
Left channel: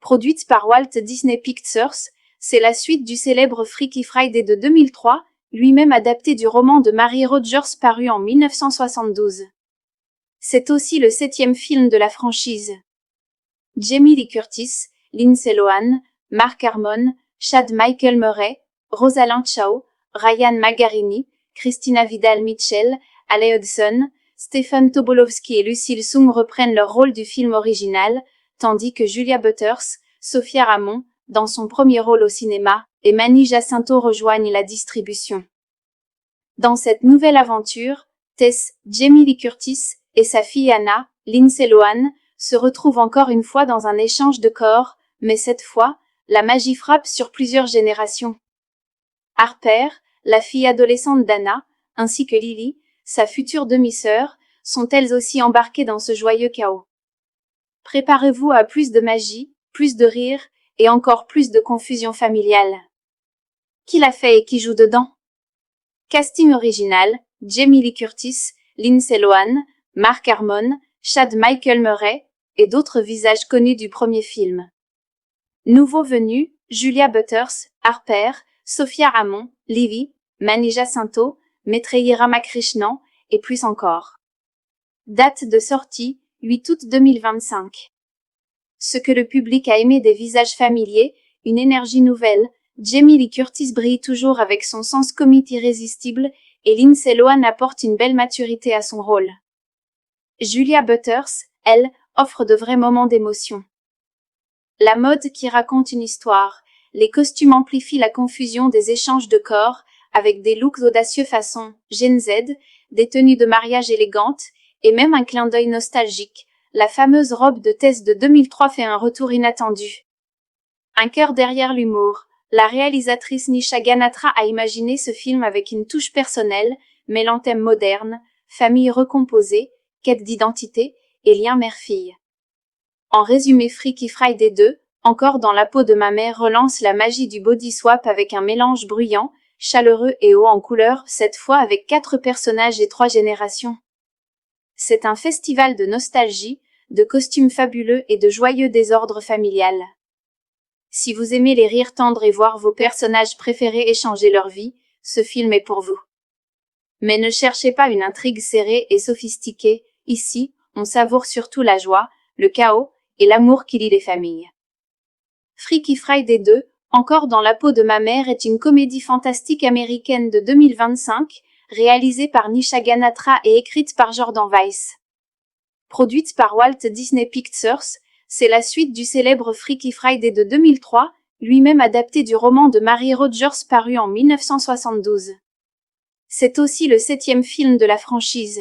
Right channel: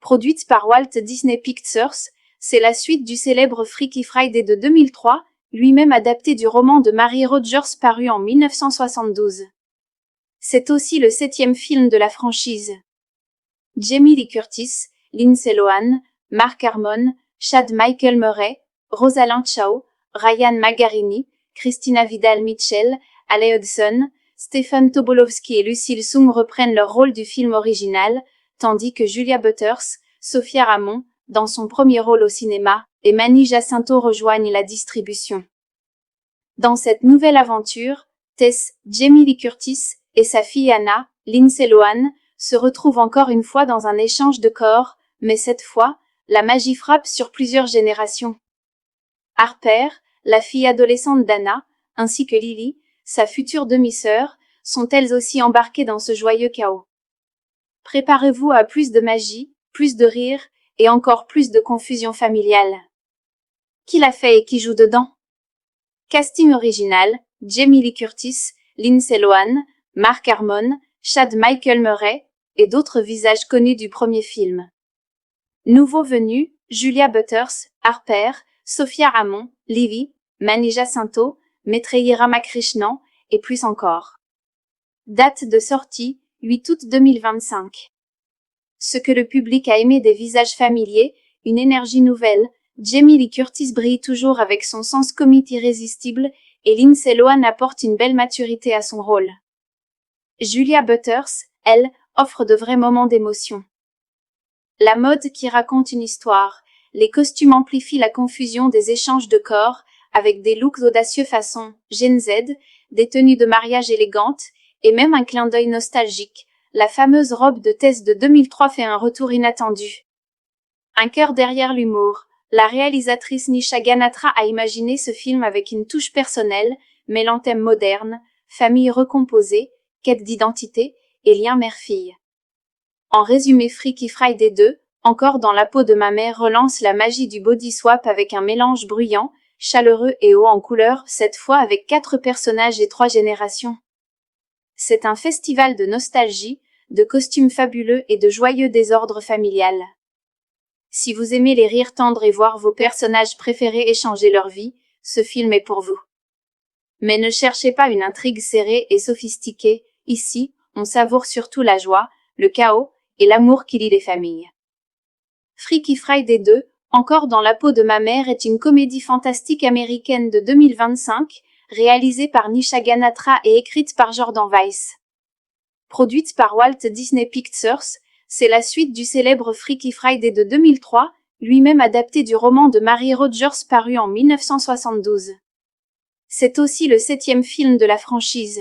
Produite par Walt Disney Pictures, c'est la suite du célèbre Freaky Friday de 2003, lui-même adapté du roman de Mary Rogers paru en 1972. C'est aussi le 7e film de la franchise. Jamie Lee Curtis, Lindsay Lohan, Mark Harmon, Chad Michael Murray, Rosalind Chao, Ryan Margarini, Christina Vidal-Mitchell, Ale Hudson, Stephen Tobolowsky et Lucille Soong reprennent leur rôle du film original, tandis que Julia Butters, Sophia Ramon, dans son premier rôle au cinéma, et Manny Jacinto rejoignent la distribution. Dans cette nouvelle aventure, Tess, Jamie Lee Curtis et sa fille Anna, Lindsay Lohan, se retrouvent encore une fois dans un échange de corps, mais cette fois, la magie frappe sur plusieurs générations. Harper, la fille adolescente d'Anna, ainsi que Lily, sa future demi-sœur, sont elles aussi embarquées dans ce joyeux chaos. Préparez-vous à plus de magie, plus de rire et encore plus de confusion familiale. Qui l'a fait et qui joue dedans? Casting original, Jamie Lee Curtis, Lindsay Lohan, Mark Harmon, Chad Michael Murray et d'autres visages connus du premier film. Nouveaux venus, Julia Butters, Harper, Sophia Ramon, Lily, Mani Jacinto, Maitreyi Ramakrishnan, et plus encore. Date de sortie, 8 août 2025. Ce que le public a aimé des visages familiers, une énergie nouvelle, Jamie Lee Curtis brille toujours avec son sens comique irrésistible, et Lindsay Lohan apporte une belle maturité à son rôle. Julia Butters, elle, offre de vrais moments d'émotion. La mode qui raconte une histoire, les costumes amplifient la confusion des échanges de corps, avec des looks audacieux façon Gen Z, des tenues de mariage élégantes, et même un clin d'œil nostalgique. La fameuse robe de Tess de 2003 fait un retour inattendu. Un cœur derrière l'humour. La réalisatrice Nisha Ganatra a imaginé ce film avec une touche personnelle, mêlant thèmes modernes, famille recomposée, quête d'identité et lien mère-fille. En résumé, Freaky Friday 2, encore dans la peau de ma mère, relance la magie du body swap avec un mélange bruyant, chaleureux et haut en couleur, cette fois avec 4 personnages et 3 générations. C'est un festival de nostalgie, de costumes fabuleux et de joyeux désordre familial. Si vous aimez les rires tendres et voir vos personnages préférés échanger leur vie, ce film est pour vous. Mais ne cherchez pas une intrigue serrée et sophistiquée, ici, on savoure surtout la joie, le chaos et l'amour qui lie les familles. Freaky Friday 2, encore dans la peau de ma mère, est une comédie fantastique américaine de 2025, réalisée par Nisha Ganatra et écrite par Jordan Weiss. Produite par Walt Disney Pictures, c'est la suite du célèbre Freaky Friday de 2003, lui-même adapté du roman de Mary Rodgers paru en 1972. C'est aussi le 7e film de la franchise.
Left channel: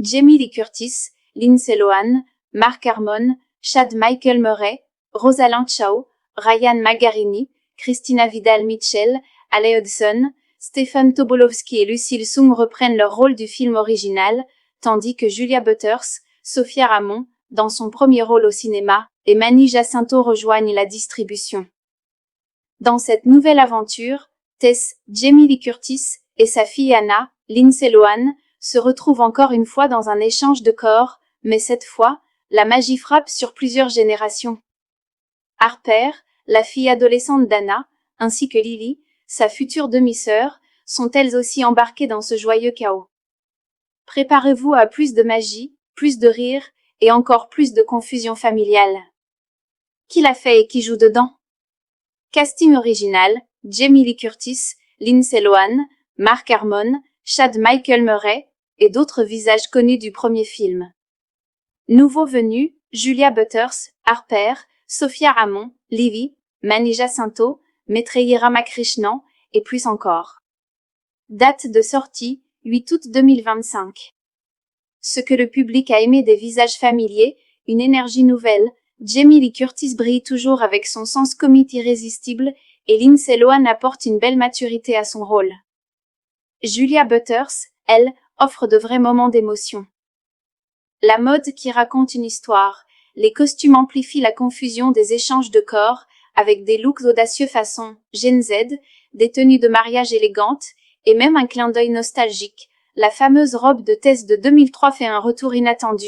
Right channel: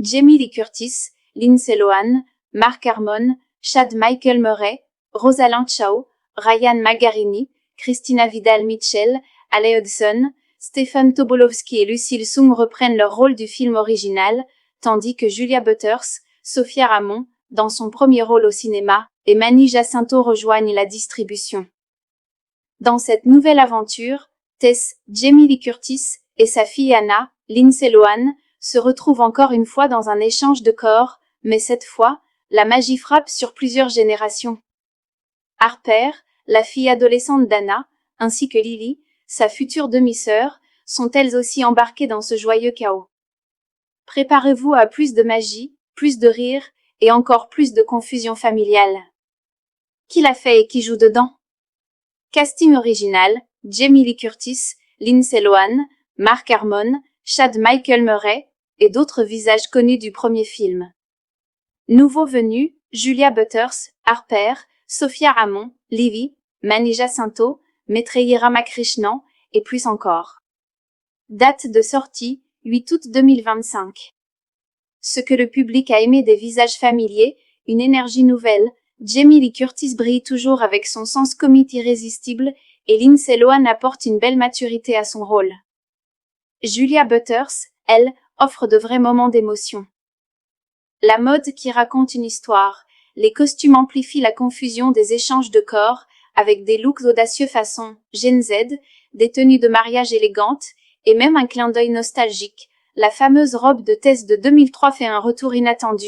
Jamie Lee Curtis, Lindsay Lohan, Mark Harmon, Chad Michael Murray, Rosalind Chao, Ryan Magarini, Christina Vidal-Mitchell, Ale Hudson, Stephen Tobolowsky et Lucille Sung reprennent leur rôle du film original, tandis que Julia Butters, Sophia Ramon, dans son premier rôle au cinéma, et Mani Jacinto rejoignent la distribution. Dans cette nouvelle aventure, Tess, Jamie Lee Curtis, et sa fille Anna, Lindsay Lohan, se retrouvent encore une fois dans un échange de corps, mais cette fois, la magie frappe sur plusieurs générations. Harper, la fille adolescente d'Anna, ainsi que Lily, sa future demi-sœur, sont elles aussi embarquées dans ce joyeux chaos. Préparez-vous à plus de magie, plus de rire et encore plus de confusion familiale. Qui l'a fait et qui joue dedans? Casting original, Jamie Lee Curtis, Lindsay Lohan, Mark Harmon, Chad Michael Murray et d'autres visages connus du premier film. Nouveaux venus, Julia Butters, Harper, Sophia Ramon, Lily, Mani Jacinto, Maitreyi Ramakrishnan et plus encore. Date de sortie, 8 août 2025. Ce que le public a aimé des visages familiers, une énergie nouvelle, Jamie Lee Curtis brille toujours avec son sens comique irrésistible et Lindsay Lohan apporte une belle maturité à son rôle. Julia Butters, elle, offre de vrais moments d'émotion. La mode qui raconte une histoire, les costumes amplifient la confusion des échanges de corps, avec des looks audacieux façon Gen Z, des tenues de mariage élégantes, et même un clin d'œil nostalgique. La fameuse robe de Tess de 2003 fait un retour inattendu.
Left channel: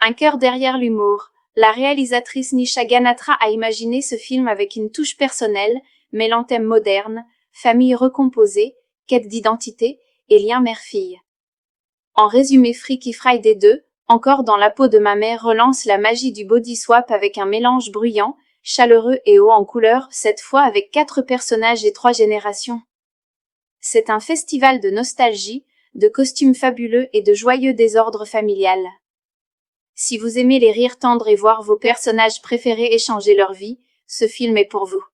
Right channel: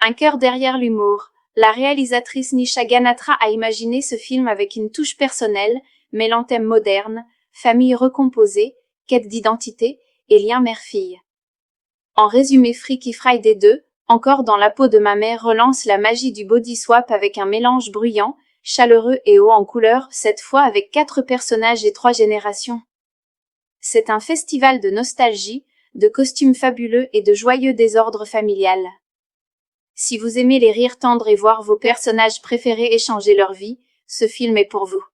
Un cœur derrière l'humour. La réalisatrice Nisha Ganatra a imaginé ce film avec une touche personnelle, mêlant thèmes modernes, famille recomposée, quête d'identité et lien mère-fille. En résumé, Freaky Friday 2, encore dans la peau de ma mère, relance la magie du body swap avec un mélange bruyant, chaleureux et haut en couleur, cette fois avec 4 personnages et 3 générations. C'est un festival de nostalgie, de costumes fabuleux et de joyeux désordre familial. Si vous aimez les rires tendres et voir vos personnages préférés échanger leur vie, ce film est pour vous.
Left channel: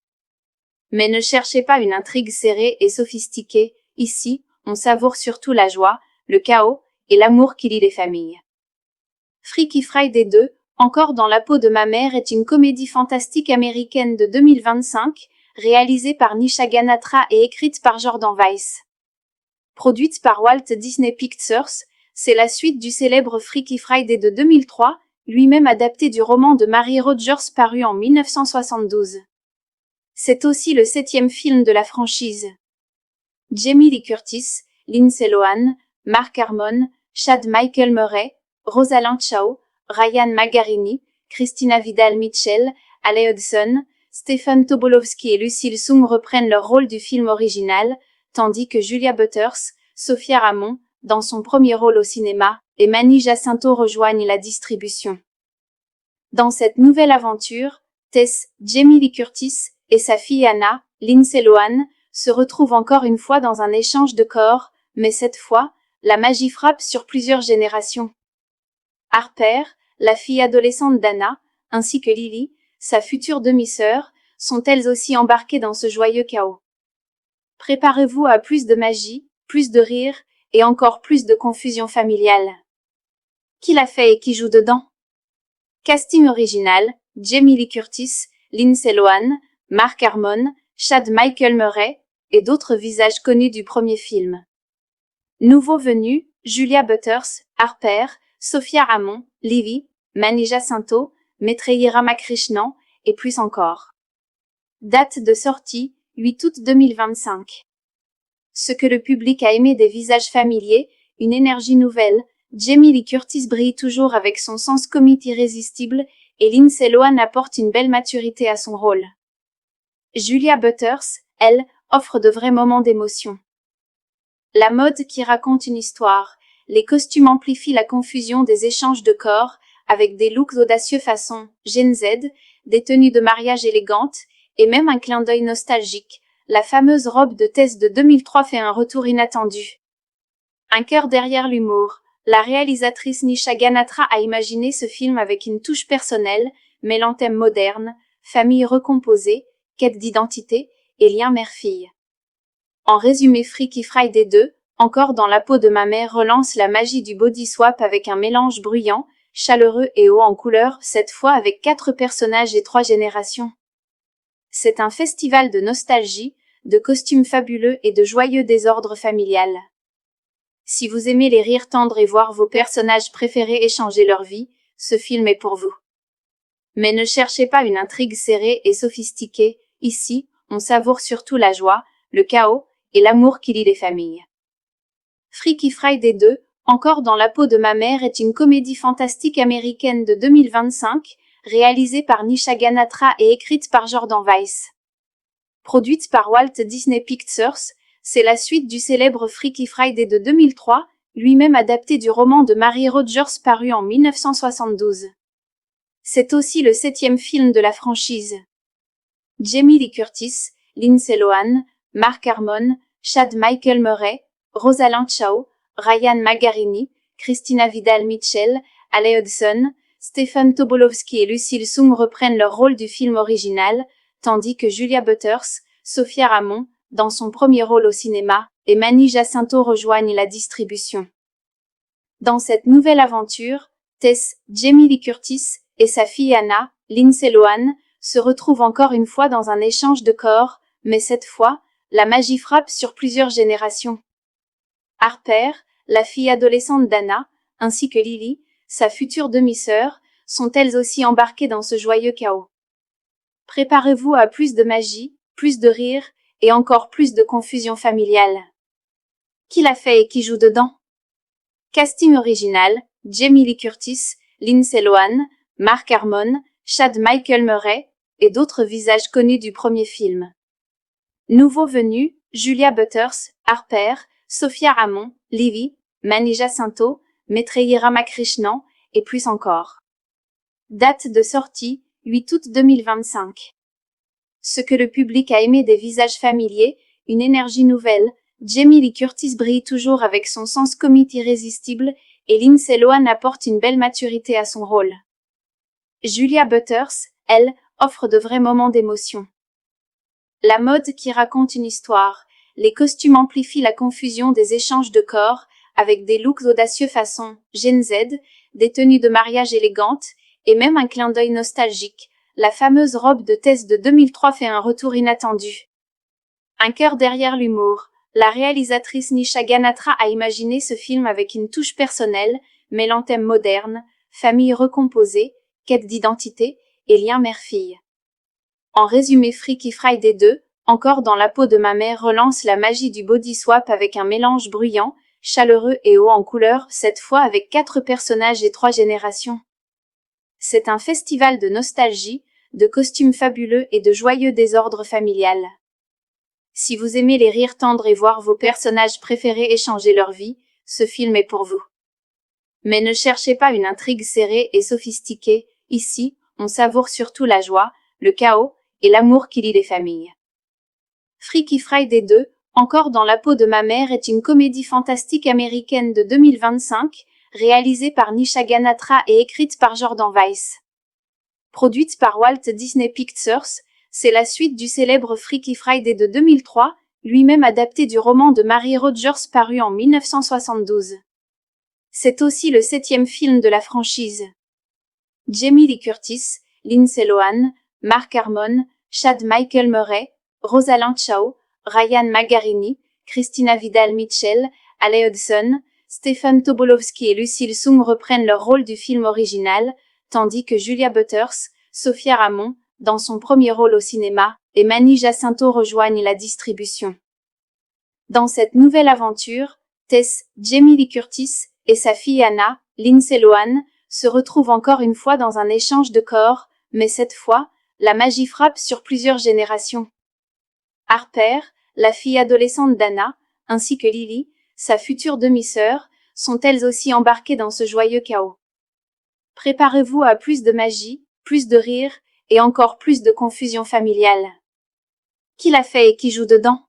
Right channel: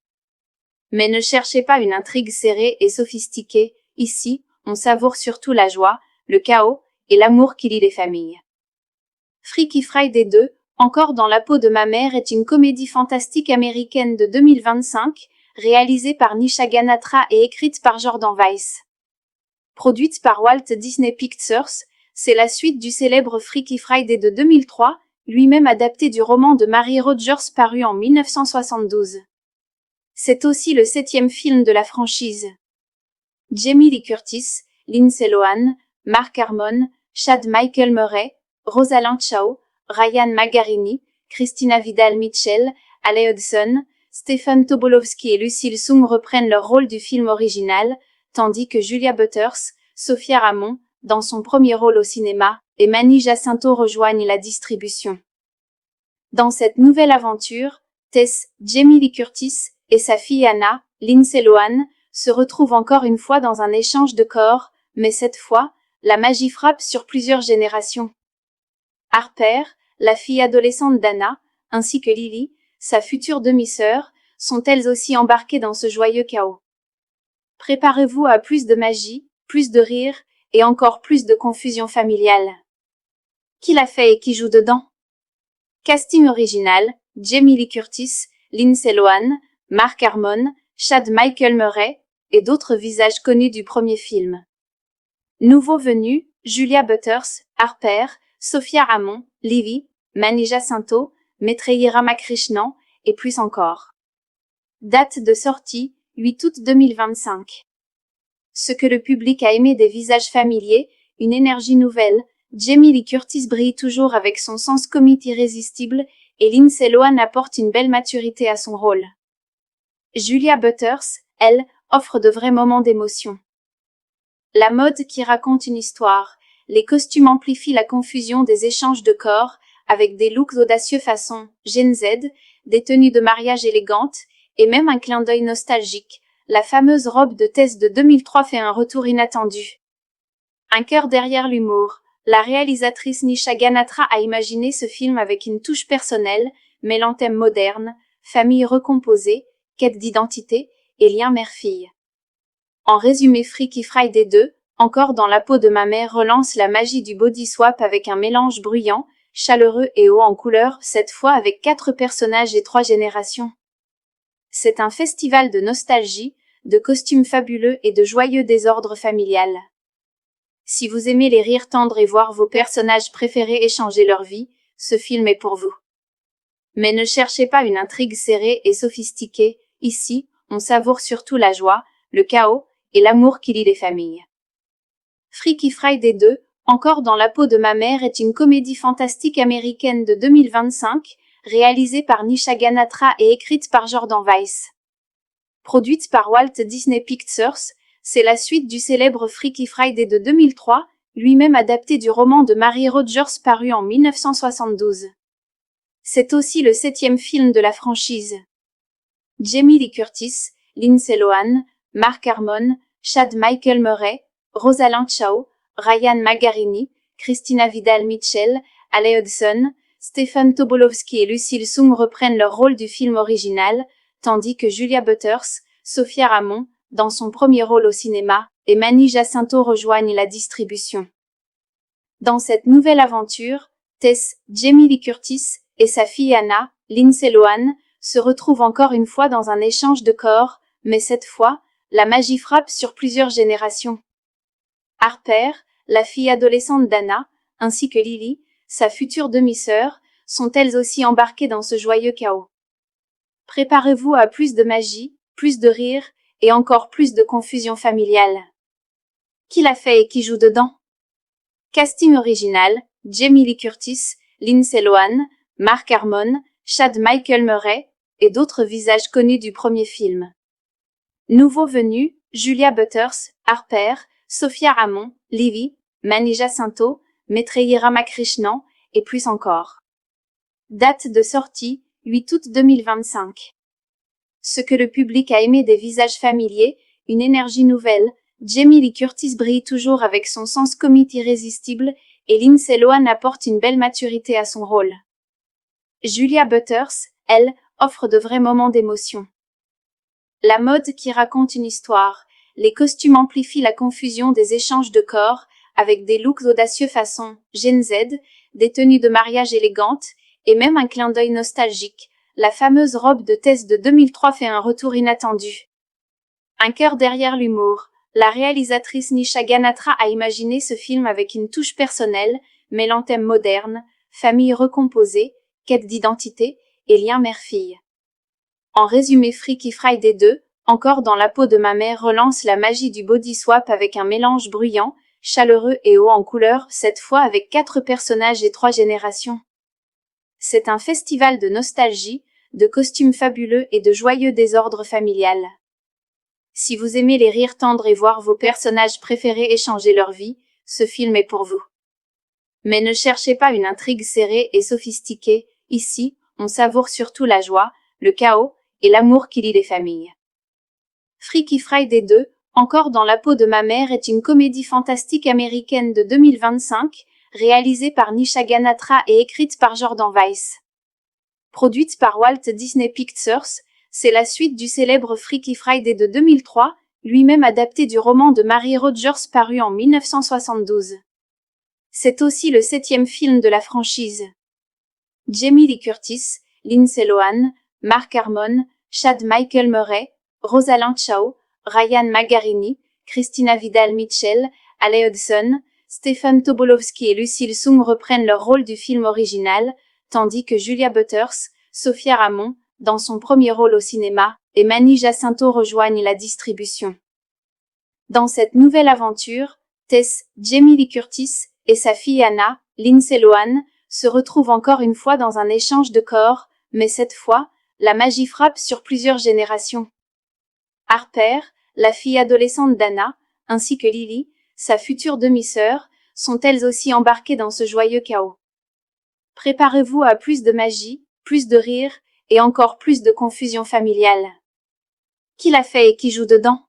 Mais ne cherchez pas une intrigue serrée et sophistiquée, ici, on savoure surtout la joie, le chaos et l'amour qui lie les familles. Freaky Friday 2, encore dans la peau de ma mère, est une comédie fantastique américaine de 2025, réalisée par Nisha Ganatra et écrite par Jordan Weiss. Produite par Walt Disney Pictures, c'est la suite du célèbre Freaky Friday de 2003, lui-même adapté du roman de Mary Rodgers paru en 1972. C'est aussi le 7e film de la franchise. Jamie Lee Curtis, Lindsay Lohan, Mark Harmon, Chad Michael Murray, Rosalind Chao, Ryan Magarini, Christina Vidal-Mitchell, Ale Hudson, Stephen Tobolowsky et Lucille Sung reprennent leur rôle du film original, tandis que Julia Butters, Sophia Ramon, dans son premier rôle au cinéma, et Manny Jacinto rejoignent la distribution. Dans cette nouvelle aventure, Tess, Jamie Lee Curtis, et sa fille Anna, Lindsay Lohan, se retrouvent encore une fois dans un échange de corps, mais cette fois, la magie frappe sur plusieurs générations. Harper, la fille adolescente d'Anna, ainsi que Lily, sa future demi-sœur, sont elles aussi embarquées dans ce joyeux chaos. Préparez-vous à plus de magie, plus de rire, et encore plus de confusion familiale. Qui l'a fait et qui joue dedans? Casting original, Jamie Lee Curtis, Lindsay Lohan, Mark Harmon, Chad Michael Murray, et d'autres visages connus du premier film. Nouveaux venus, Julia Butters, Harper, Sophia Ramon, Levy, Manny Jacinto, Maitreyi Ramakrishnan, et plus encore. Date de sortie, 8 août 2025. Ce que le public a aimé des visages familiers, une énergie nouvelle, Jamie Lee Curtis brille toujours avec son sens comique irrésistible, et Lindsay Lohan apporte une belle maturité à son rôle. Julia Butters, elle, offre de vrais moments d'émotion. La mode qui raconte une histoire, les costumes amplifient la confusion des échanges de corps, avec des looks audacieux façon Gen Z, des tenues de mariage élégantes, et même un clin d'œil nostalgique. La fameuse robe de Tess de 2003 fait un retour inattendu. Un cœur derrière l'humour. La réalisatrice Nisha Ganatra a imaginé ce film avec une touche personnelle, mêlant thèmes modernes, famille recomposée, quête d'identité et lien mère-fille. En résumé, Freaky Friday 2, encore dans la peau de ma mère, relance la magie du body swap avec un mélange bruyant, chaleureux et haut en couleur, cette fois avec 4 personnages et 3 générations. C'est un festival de nostalgie, de costumes fabuleux et de joyeux désordre familial. Si vous aimez les rires tendres et voir vos personnages préférés échanger leur vie, ce film est pour vous. Mais ne cherchez pas une intrigue serrée et sophistiquée, ici, on savoure surtout la joie, le chaos et l'amour qui lie les familles. Freaky Friday 2, encore dans la peau de ma mère, est une comédie fantastique américaine de 2025, réalisée par Nisha Ganatra et écrite par Jordan Weiss. Produite par Walt Disney Pictures, c'est la suite du célèbre Freaky Friday de 2003, lui-même adapté du roman de Mary Rogers paru en 1972. C'est aussi le 7e film de la franchise. Jamie Lee Curtis, Lindsay Lohan, Mark Harmon, Chad Michael Murray, Rosalind Chao, Ryan Magarini, Christina Vidal-Mitchell, Ale Hudson, Stephen Tobolowsky et Lucille Sung reprennent leur rôle du film original, tandis que Julia Butters, Sophia Ramon, dans son premier rôle au cinéma, et Manny Jacinto rejoignent la distribution. Dans cette nouvelle aventure, Tess, Jamie Lee Curtis, et sa fille Anna, Lindsay Lohan, se retrouvent encore une fois dans un échange de corps, mais cette fois, la magie frappe sur plusieurs générations. Harper, la fille adolescente d'Anna, ainsi que Lily, sa future demi-sœur, sont elles aussi embarquées dans ce joyeux chaos. Préparez-vous à plus de magie, plus de rire, et encore plus de confusion familiale. Qui l'a fait et qui joue dedans? Casting original, Jamie Lee Curtis, Lindsay Lohan, Mark Harmon, Chad Michael Murray, et d'autres visages connus du premier film. Nouveaux venus, Julia Butters, Harper, Sophia Ramon, Levy, Manny Jacinto, Maitreyi Ramakrishnan, et plus encore. Date de sortie, 8 août 2025. Ce que le public a aimé des visages familiers, une énergie nouvelle, Jamie Lee Curtis brille toujours avec son sens comique irrésistible, et Lindsay Lohan apporte une belle maturité à son rôle. Julia Butters, elle, offre de vrais moments d'émotion. La mode qui raconte une histoire, les costumes amplifient la confusion des échanges de corps, avec des looks audacieux façon Gen Z, des tenues de mariage élégantes, et même un clin d'œil nostalgique. La fameuse robe de Tess de 2003 fait un retour inattendu. Un cœur derrière l'humour. La réalisatrice Nisha Ganatra a imaginé ce film avec une touche personnelle, mêlant thèmes modernes, famille recomposée, quête d'identité et lien mère-fille. En résumé, Freaky Friday 2, encore dans la peau de ma mère, relance la magie du body swap avec un mélange bruyant, chaleureux et haut en couleur, cette fois avec 4 personnages et 3 générations. C'est un festival de nostalgie, de costumes fabuleux et de joyeux désordre familial. Si vous aimez les rires tendres et voir vos personnages préférés échanger leur vie, ce film est pour vous. Mais ne cherchez pas une intrigue serrée et sophistiquée, ici, on savoure surtout la joie, le chaos et l'amour qui lie les familles. Freaky Friday 2, Encore dans la peau de ma mère est une comédie fantastique américaine de 2025, réalisée par Nisha Ganatra et écrite par Jordan Weiss. Produite par Walt Disney Pictures, c'est la suite du célèbre Freaky Friday de 2003, lui-même adapté du roman de Mary Rogers paru en 1972. C'est aussi le 7e film de la franchise. Jamie Lee Curtis, Lindsay Lohan, Mark Harmon, Chad Michael Murray, Rosalind Chao, Ryan Magarini, Christina Vidal-Mitchell, Ale Hudson, Stephen Tobolowsky et Lucille Sung reprennent leur rôle du film original, tandis que Julia Butters, Sophia Ramon, dans son premier rôle au cinéma, et Manny Jacinto rejoignent la distribution. Dans cette nouvelle aventure, Tess, Jamie Lee Curtis et sa fille Anna, Lindsay Lohan, se retrouvent encore une fois dans un échange de corps, mais cette fois, la magie frappe sur plusieurs générations. Harper, la fille adolescente d'Anna, ainsi que Lily, sa future demi-sœur, sont elles aussi embarquées dans ce joyeux chaos. Préparez-vous à plus de magie, plus de rire et encore plus de confusion familiale. Qui l'a fait et qui joue dedans?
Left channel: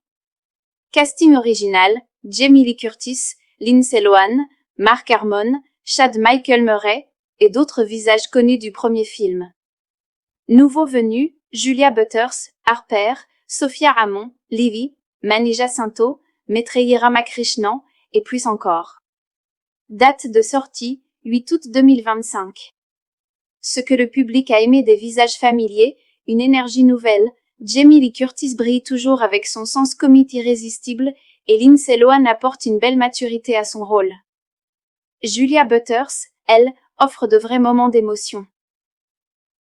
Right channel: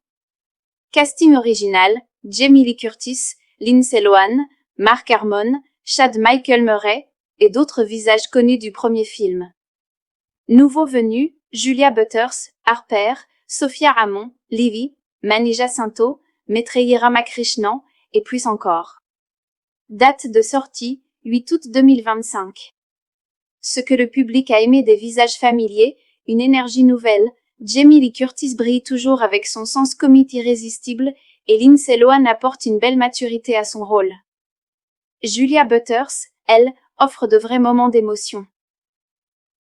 Casting original, Jamie Lee Curtis, Lindsay Lohan, Mark Harmon, Chad Michael Murray et d'autres visages connus du premier film. Nouveaux venus, Julia Butters, Harper, Sophia Ramon, Lily, Manny Jacinto, Maitreyi Ramakrishnan et plus encore. Date de sortie, 8 août 2025. Ce que le public a aimé des visages familiers, une énergie nouvelle, Jamie Lee Curtis brille toujours avec son sens comique irrésistible et Lindsay Lohan apporte une belle maturité à son rôle. Julia Butters, elle, offre de vrais moments d'émotion.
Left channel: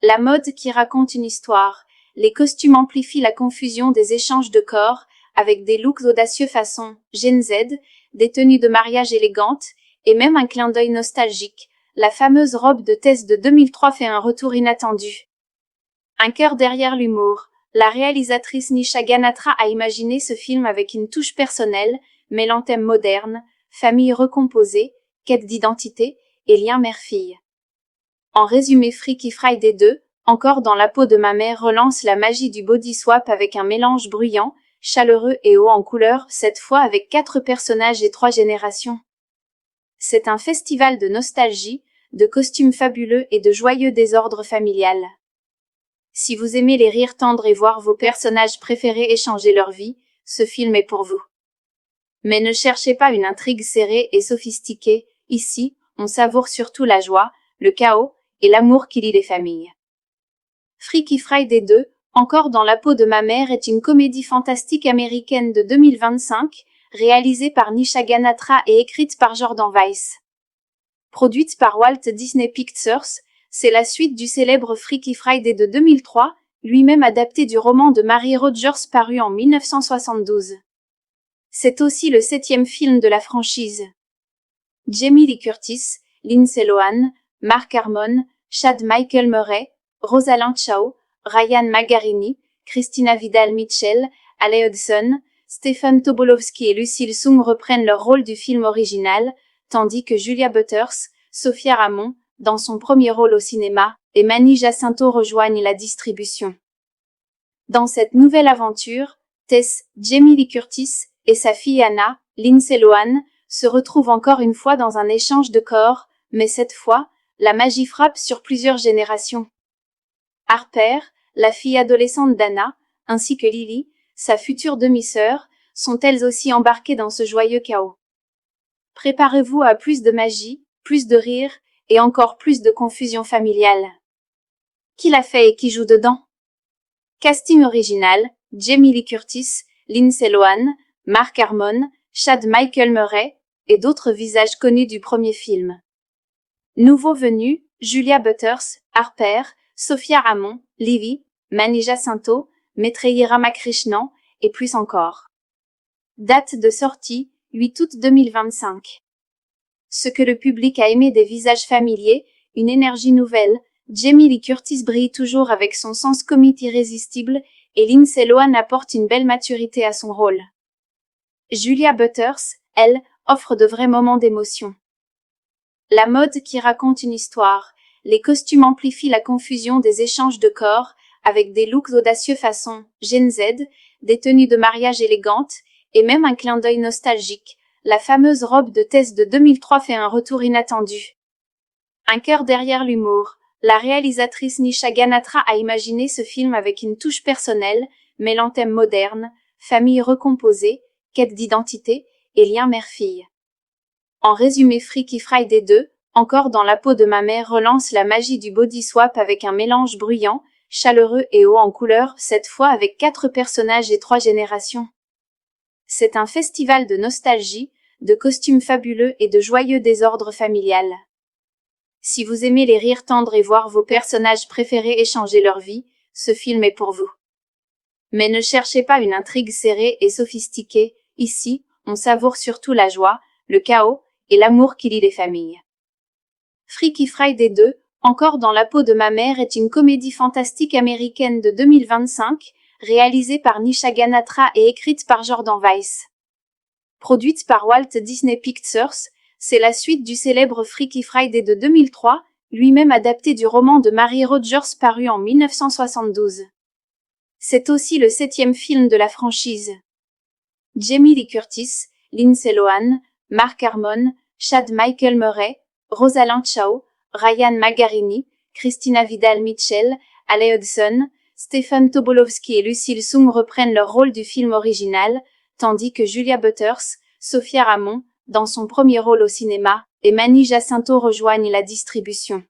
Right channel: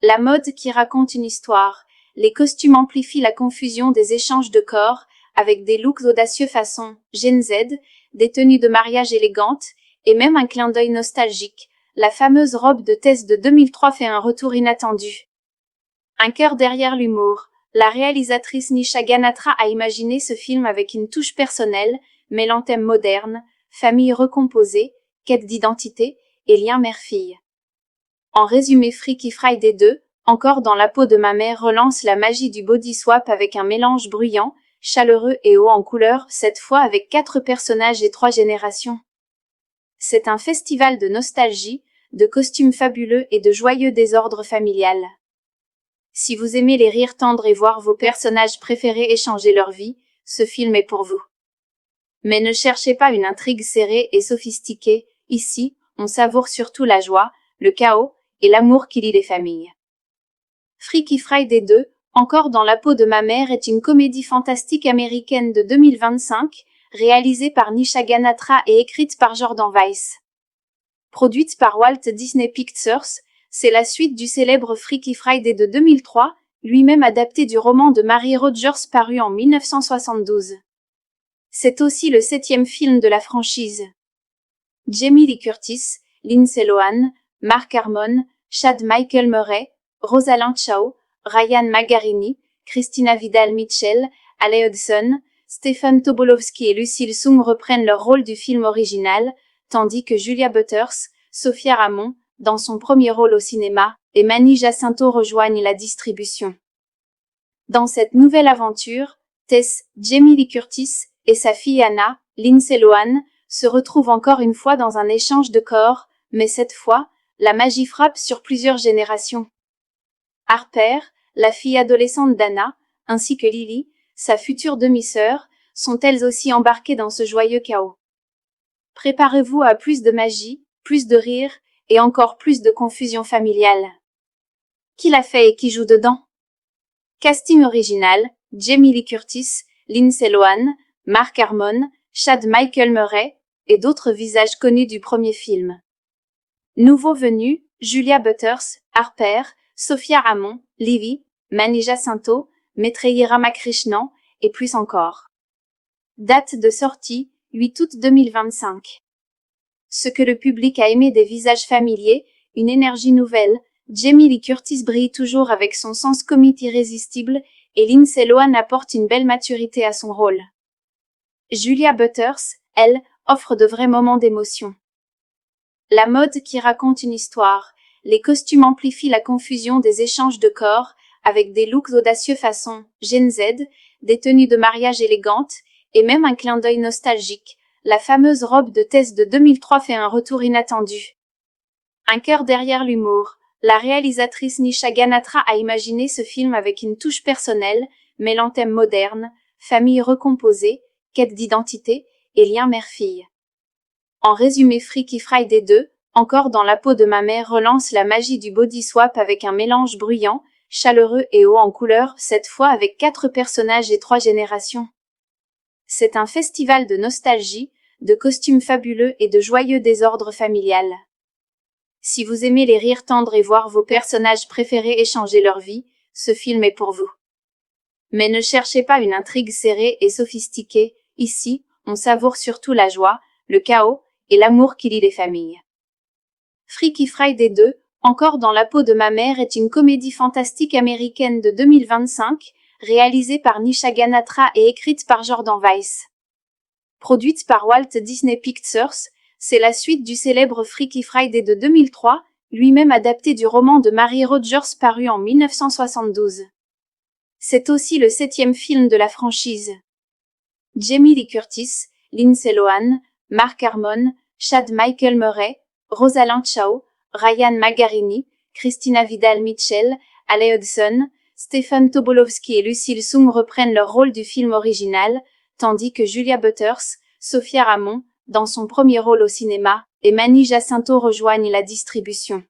La mode qui raconte une histoire, les costumes amplifient la confusion des échanges de corps avec des looks audacieux façon Gen Z, des tenues de mariage élégantes et même un clin d'œil nostalgique. La fameuse robe de Tess de 2003 fait un retour inattendu. Un cœur derrière l'humour. La réalisatrice Nisha Ganatra a imaginé ce film avec une touche personnelle, mêlant thèmes modernes, famille recomposée, quête d'identité et lien mère-fille. En résumé, Freaky Friday 2, Encore dans la peau de ma mère relance la magie du body swap avec un mélange bruyant, chaleureux et haut en couleur, cette fois avec 4 personnages et 3 générations. C'est un festival de nostalgie, de costumes fabuleux et de joyeux désordre familial. Si vous aimez les rires tendres et voir vos personnages préférés échanger leur vie, ce film est pour vous. Mais ne cherchez pas une intrigue serrée et sophistiquée, ici, on savoure surtout la joie, le chaos et l'amour qui lie les familles. Freaky Friday 2, Encore dans la peau de ma mère est une comédie fantastique américaine de 2025, réalisée par Nisha Ganatra et écrite par Jordan Weiss. Produite par Walt Disney Pictures, c'est la suite du célèbre Freaky Friday de 2003, lui-même adapté du roman de Mary Rogers paru en 1972. C'est aussi le 7e film de la franchise. Jamie Lee Curtis, Lindsay Lohan, Mark Harmon, Chad Michael Murray, Rosalind Chao, Ryan Magarini, Christina Vidal-Mitchell, Ale Hudson, Stephen Tobolowsky et Lucille Sung reprennent leur rôle du film original, tandis que Julia Butters, Sophia Ramon, dans son premier rôle au cinéma, et Manny Jacinto rejoignent la distribution. Dans cette nouvelle aventure, Tess, Jamie Lee Curtis et sa fille Anna, Lindsay Lohan, se retrouvent encore une fois dans un échange de corps, mais cette fois, la magie frappe sur plusieurs générations. Harper, la fille adolescente d'Anna, ainsi que Lily, sa future demi-sœur, sont elles aussi embarquées dans ce joyeux chaos. Préparez-vous à plus de magie, plus de rire et encore plus de confusion familiale. Qui l'a fait et qui joue dedans? Casting original, Jamie Lee Curtis, Lindsay Lohan, Mark Harmon, Chad Michael Murray et d'autres visages connus du premier film. Nouveaux venus, Julia Butters, Harper, Sophia Ramon, Lily, Manny Jacinto, Maitreyi Ramakrishnan et plus encore. Date de sortie, 8 août 2025. Ce que le public a aimé des visages familiers, une énergie nouvelle, Jamie Lee Curtis brille toujours avec son sens comique irrésistible, et Lindsay Lohan apporte une belle maturité à son rôle. Julia Butters, elle, offre de vrais moments d'émotion. La mode qui raconte une histoire. Les costumes amplifient la confusion des échanges de corps, avec des looks audacieux façon Gen Z, des tenues de mariage élégantes, et même un clin d'œil nostalgique. La fameuse robe de Tess de 2003 fait un retour inattendu. Un cœur derrière l'humour. La réalisatrice Nisha Ganatra a imaginé ce film avec une touche personnelle, mêlant thèmes modernes, famille recomposée, quête d'identité et lien mère-fille. En résumé, Freaky Friday 2, encore dans la peau de ma mère, relance la magie du body swap avec un mélange bruyant, chaleureux et haut en couleur, cette fois avec 4 personnages et 3 générations. C'est un festival de nostalgie, de costumes fabuleux et de joyeux désordre familial. Si vous aimez les rires tendres et voir vos personnages préférés échanger leur vie, ce film est pour vous. Mais ne cherchez pas une intrigue serrée et sophistiquée, ici, on savoure surtout la joie, le chaos et l'amour qui lie les familles. Freaky Friday 2, encore dans la peau de ma mère, est une comédie fantastique américaine de 2025, réalisée par Nisha Ganatra et écrite par Jordan Weiss. Produite par Walt Disney Pictures, c'est la suite du célèbre Freaky Friday de 2003, lui-même adapté du roman de Mary Rodgers paru en 1972. C'est aussi le 7e film de la franchise. Jamie Lee Curtis, Lindsay Lohan, Mark Harmon, Chad Michael Murray, Rosalind Chao, Ryan Magarini, Christina Vidal-Mitchell, Ale Hudson, Stephen Tobolowsky et Lucille Sung reprennent leur rôle du film original, tandis que Julia Butters, Sophia Ramon, dans son premier rôle au cinéma, et Manny Jacinto rejoignent la distribution.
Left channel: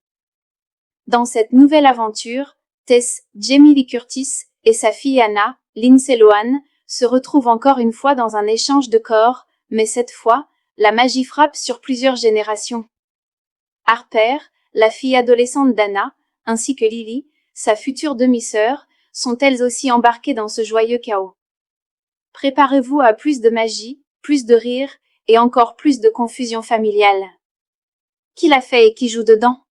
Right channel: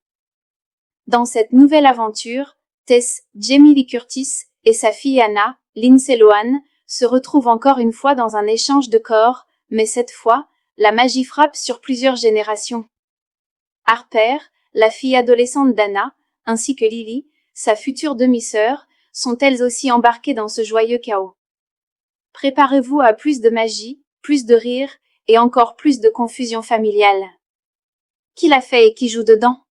Dans cette nouvelle aventure, Tess, Jamie Lee Curtis, et sa fille Anna, Lindsay Lohan, se retrouvent encore une fois dans un échange de corps, mais cette fois, la magie frappe sur plusieurs générations. Harper, la fille adolescente d'Anna, ainsi que Lily, sa future demi-sœur, sont elles aussi embarquées dans ce joyeux chaos. Préparez-vous à plus de magie, plus de rire, et encore plus de confusion familiale. Qui l'a fait et qui joue dedans?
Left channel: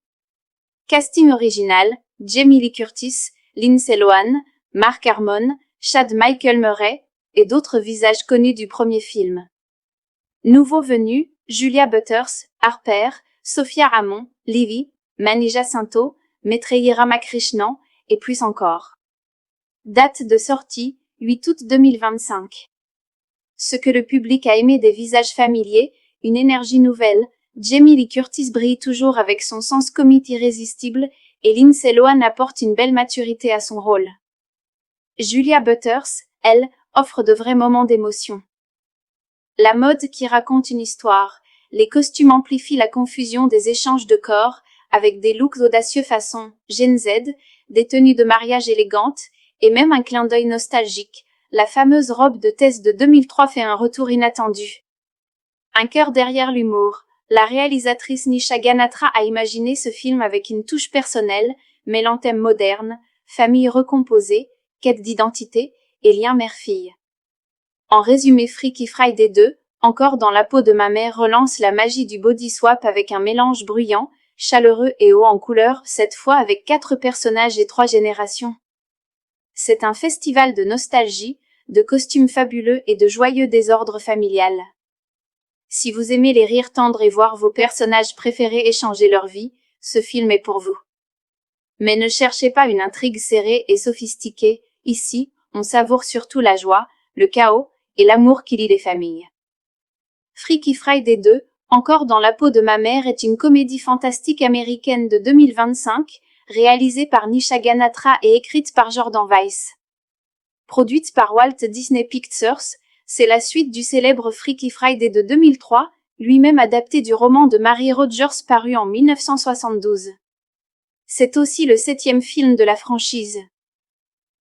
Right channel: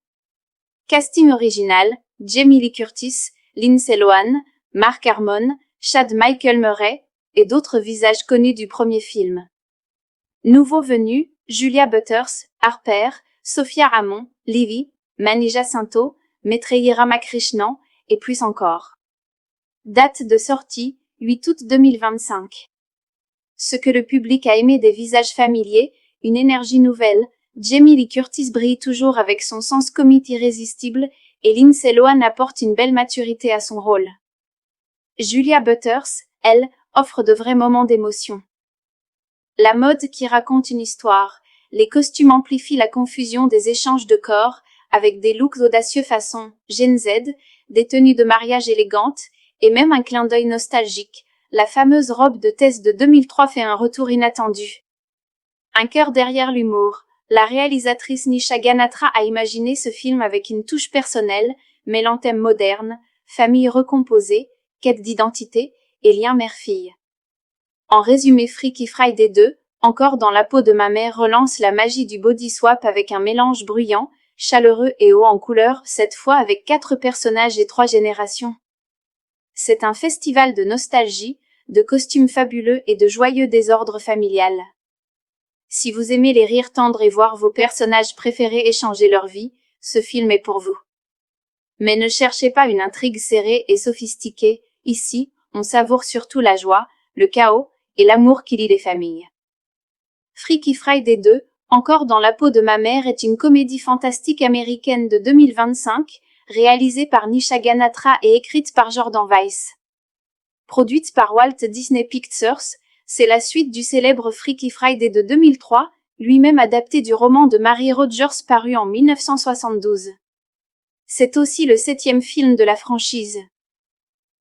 Casting original, Jamie Lee Curtis, Lindsay Lohan, Mark Harmon, Chad Michael Murray, et d'autres visages connus du premier film. Nouveaux venus, Julia Butters, Harper, Sophia Ramon, Livy, Manny Jacinto, Maitreyi Ramakrishnan, et plus encore. Date de sortie, 8 août 2025. Ce que le public a aimé des visages familiers, une énergie nouvelle, Jamie Lee Curtis brille toujours avec son sens comique irrésistible, et Lindsay Lohan apporte une belle maturité à son rôle. Julia Butters, elle, offre de vrais moments d'émotion. La mode qui raconte une histoire. Les costumes amplifient la confusion des échanges de corps, avec des looks audacieux façon Gen Z, des tenues de mariage élégantes, et même un clin d'œil nostalgique. La fameuse robe de Tess de 2003 fait un retour inattendu. Un cœur derrière l'humour. La réalisatrice Nisha Ganatra a imaginé ce film avec une touche personnelle, mêlant thèmes modernes, famille recomposée, quête d'identité et lien mère-fille. En résumé, Freaky Friday 2, encore dans la peau de ma mère, relance la magie du body swap avec un mélange bruyant, chaleureux et haut en couleur, cette fois avec 4 personnages et 3 générations. C'est un festival de nostalgie, de costumes fabuleux et de joyeux désordre familial. Si vous aimez les rires tendres et voir vos personnages préférés échanger leur vie, ce film est pour vous. Mais ne cherchez pas une intrigue serrée et sophistiquée, ici, on savoure surtout la joie, le chaos et l'amour qui lie les familles. Freaky Friday 2, encore dans la peau de ma mère, est une comédie fantastique américaine de 2025, réalisée par Nisha Ganatra et écrite par Jordan Weiss. Produite par Walt Disney Pictures, c'est la suite du célèbre Freaky Friday de 2003, lui-même adapté du roman de Mary Rodgers paru en 1972. C'est aussi le 7e film de la franchise.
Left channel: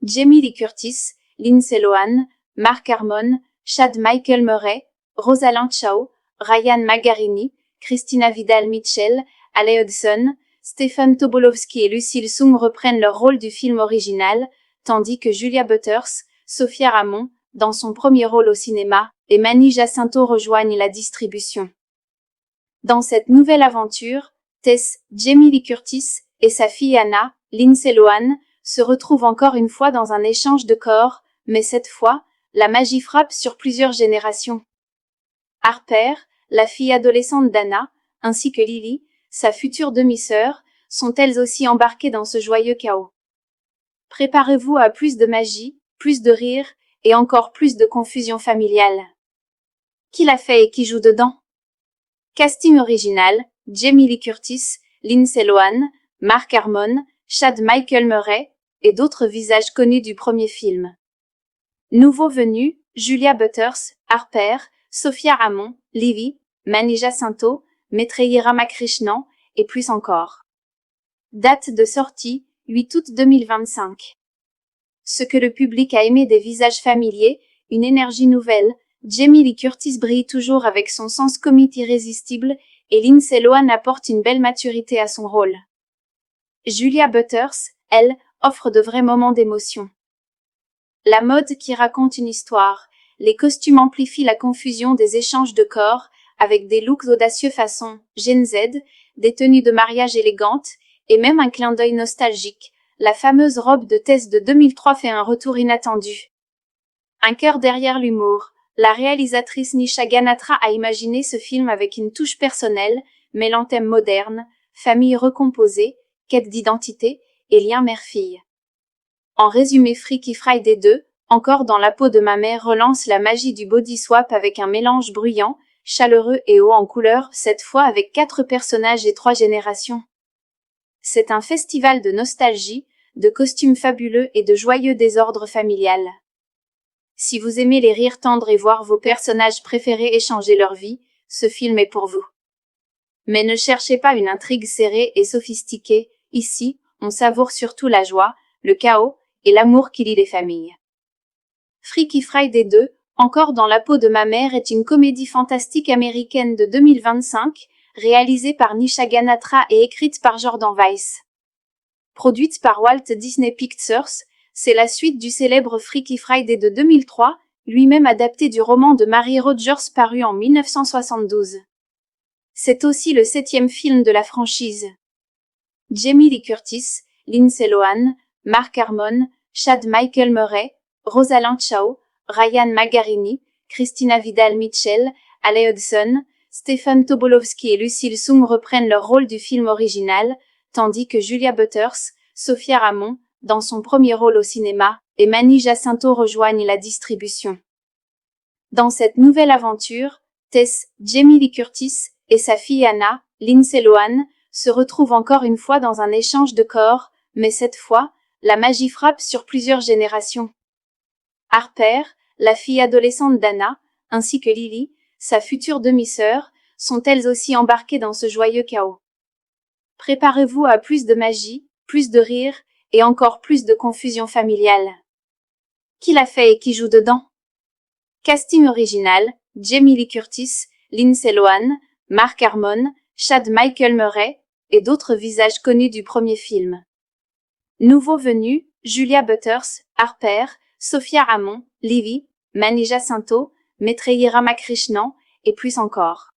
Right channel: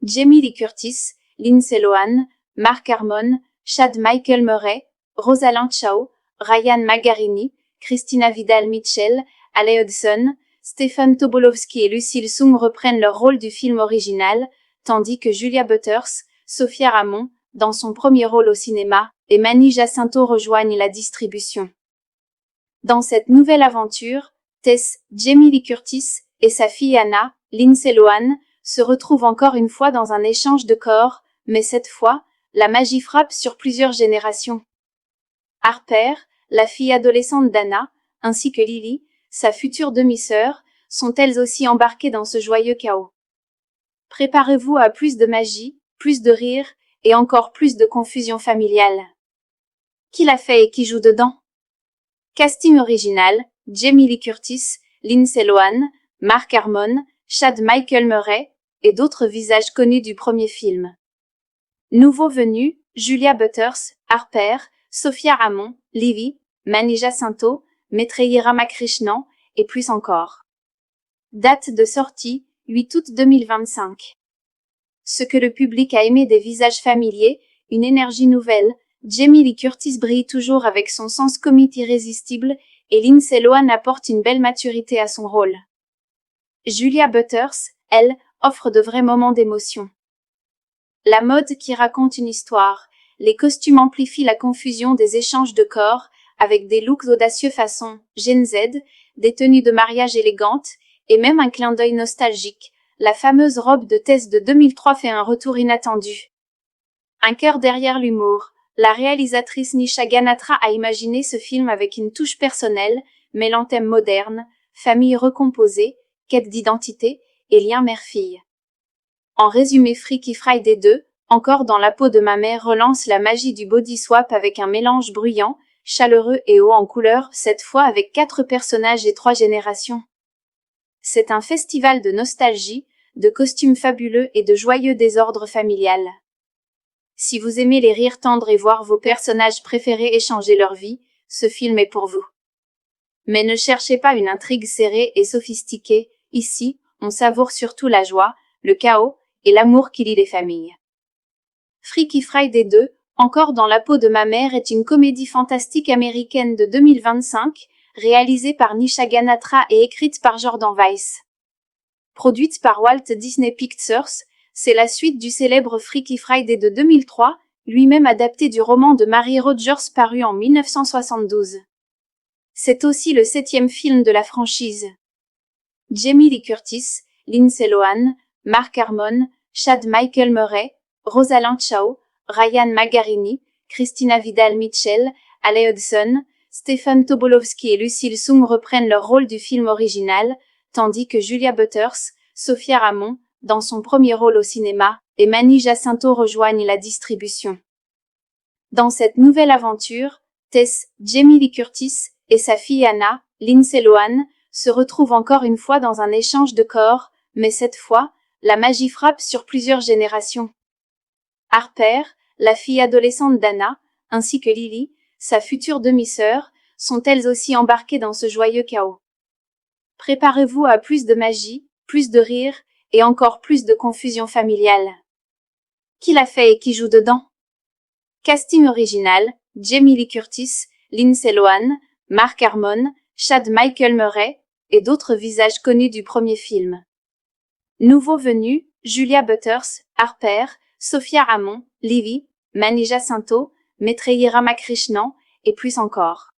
Jamie Lee Curtis, Lindsay Lohan, Mark Harmon, Chad Michael Murray, Rosalind Chao, Ryan Magarini, Christina Vidal-Mitchell, Ale Hudson, Stephen Tobolowsky et Lucille Sung reprennent leur rôle du film original, tandis que Julia Butters, Sophia Ramon, dans son premier rôle au cinéma, et Manny Jacinto rejoignent la distribution. Dans cette nouvelle aventure, Tess, Jamie Lee Curtis, et sa fille Anna, Lindsay Lohan, se retrouvent encore une fois dans un échange de corps, mais cette fois, la magie frappe sur plusieurs générations. Harper, la fille adolescente d'Anna, ainsi que Lily, sa future demi-sœur, sont elles aussi embarquées dans ce joyeux chaos. Préparez-vous à plus de magie, plus de rire, et encore plus de confusion familiale. Qui l'a fait et qui joue dedans? Casting original, Jamie Lee Curtis, Lindsay Lohan, Mark Harmon, Chad Michael Murray, et d'autres visages connus du premier film. Nouveaux venus, Julia Butters, Harper, Sophia Ramon, Livy, Manny Jacinto, Maitreyi Ramakrishnan, et plus encore. Date de sortie, 8 août 2025. Ce que le public a aimé des visages familiers, une énergie nouvelle, Jamie Lee Curtis brille toujours avec son sens comique irrésistible, et Lindsay Lohan apporte une belle maturité à son rôle. Julia Butters, elle, offre de vrais moments d'émotion. La mode qui raconte une histoire, les costumes amplifient la confusion des échanges de corps, avec des looks audacieux façon Gen Z, des tenues de mariage élégantes, et même un clin d'œil nostalgique. La fameuse robe de Tess de 2003 fait un retour inattendu. Un cœur derrière l'humour. La réalisatrice Nisha Ganatra a imaginé ce film avec une touche personnelle, mêlant thèmes modernes, famille recomposée, quête d'identité et lien mère-fille. En résumé, Freaky Friday 2, encore dans la peau de ma mère, relance la magie du body swap avec un mélange bruyant, chaleureux et haut en couleur, cette fois avec 4 personnages et 3 générations. C'est un festival de nostalgie, de costumes fabuleux et de joyeux désordre familial. Si vous aimez les rires tendres et voir vos personnages préférés échanger leur vie, ce film est pour vous. Mais ne cherchez pas une intrigue serrée et sophistiquée, ici, on savoure surtout la joie, le chaos et l'amour qui lie les familles. Freaky Friday 2, encore dans la peau de ma mère, est une comédie fantastique américaine de 2025, réalisée par Nisha Ganatra et écrite par Jordan Weiss. Produite par Walt Disney Pictures, c'est la suite du célèbre Freaky Friday de 2003, lui-même adapté du roman de Mary Rodgers paru en 1972. C'est aussi le 7e film de la franchise. Jamie Lee Curtis, Lindsay Lohan, Mark Harmon, Chad Michael Murray, Rosalind Chao, Ryan Magarini, Christina Vidal-Mitchell, Ale Hudson, Stephen Tobolowsky et Lucille Sung reprennent leur rôle du film original, tandis que Julia Butters, Sophia Ramon, dans son premier rôle au cinéma, et Manny Jacinto rejoignent la distribution. Dans cette nouvelle aventure, Tess, Jamie Lee Curtis, et sa fille Anna, Lindsay Lohan, se retrouvent encore une fois dans un échange de corps, mais cette fois, la magie frappe sur plusieurs générations. Harper, la fille adolescente d'Anna, ainsi que Lily, sa future demi-sœur, sont elles aussi embarquées dans ce joyeux chaos. Préparez-vous à plus de magie, plus de rire, et encore plus de confusion familiale. Qui l'a fait et qui joue dedans? Casting original, Jamie Lee Curtis, Lindsay Lohan, Mark Harmon, Chad Michael Murray, et d'autres visages connus du premier film. Nouveaux venus, Julia Butters, Harper, Sophia Ramon, Livy, Manny Jacinto, Maitreyi Ramakrishnan, et plus encore.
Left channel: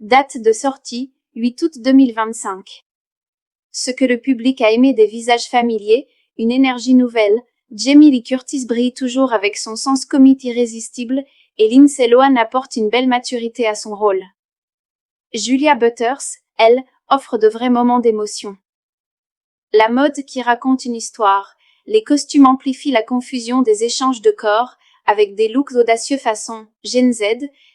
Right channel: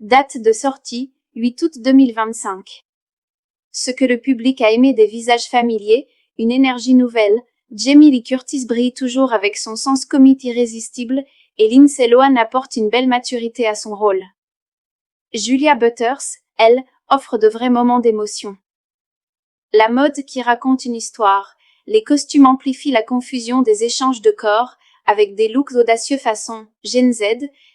Date de sortie, 8 août 2025. Ce que le public a aimé des visages familiers, une énergie nouvelle, Jamie Lee Curtis brille toujours avec son sens comique irrésistible, et Lindsay Lohan apporte une belle maturité à son rôle. Julia Butters, elle, offre de vrais moments d'émotion. La mode qui raconte une histoire, les costumes amplifient la confusion des échanges de corps, avec des looks audacieux façon Gen Z,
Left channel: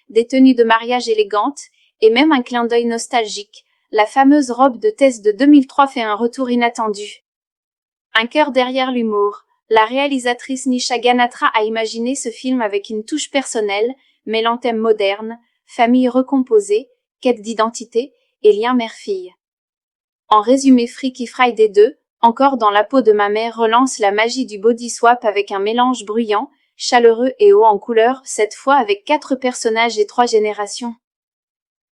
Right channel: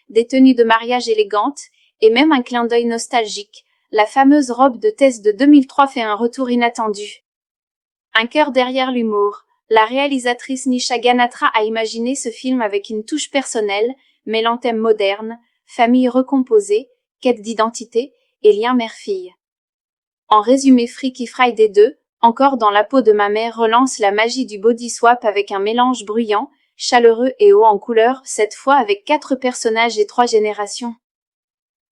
des tenues de mariage élégantes, et même un clin d'œil nostalgique. La fameuse robe de Tess de 2003 fait un retour inattendu. Un cœur derrière l'humour. La réalisatrice Nisha Ganatra a imaginé ce film avec une touche personnelle, mêlant thèmes modernes, famille recomposée, quête d'identité et lien mère-fille. En résumé, Freaky Friday 2, encore dans la peau de ma mère, relance la magie du body swap avec un mélange bruyant, chaleureux et haut en couleur, cette fois avec 4 personnages et 3 générations.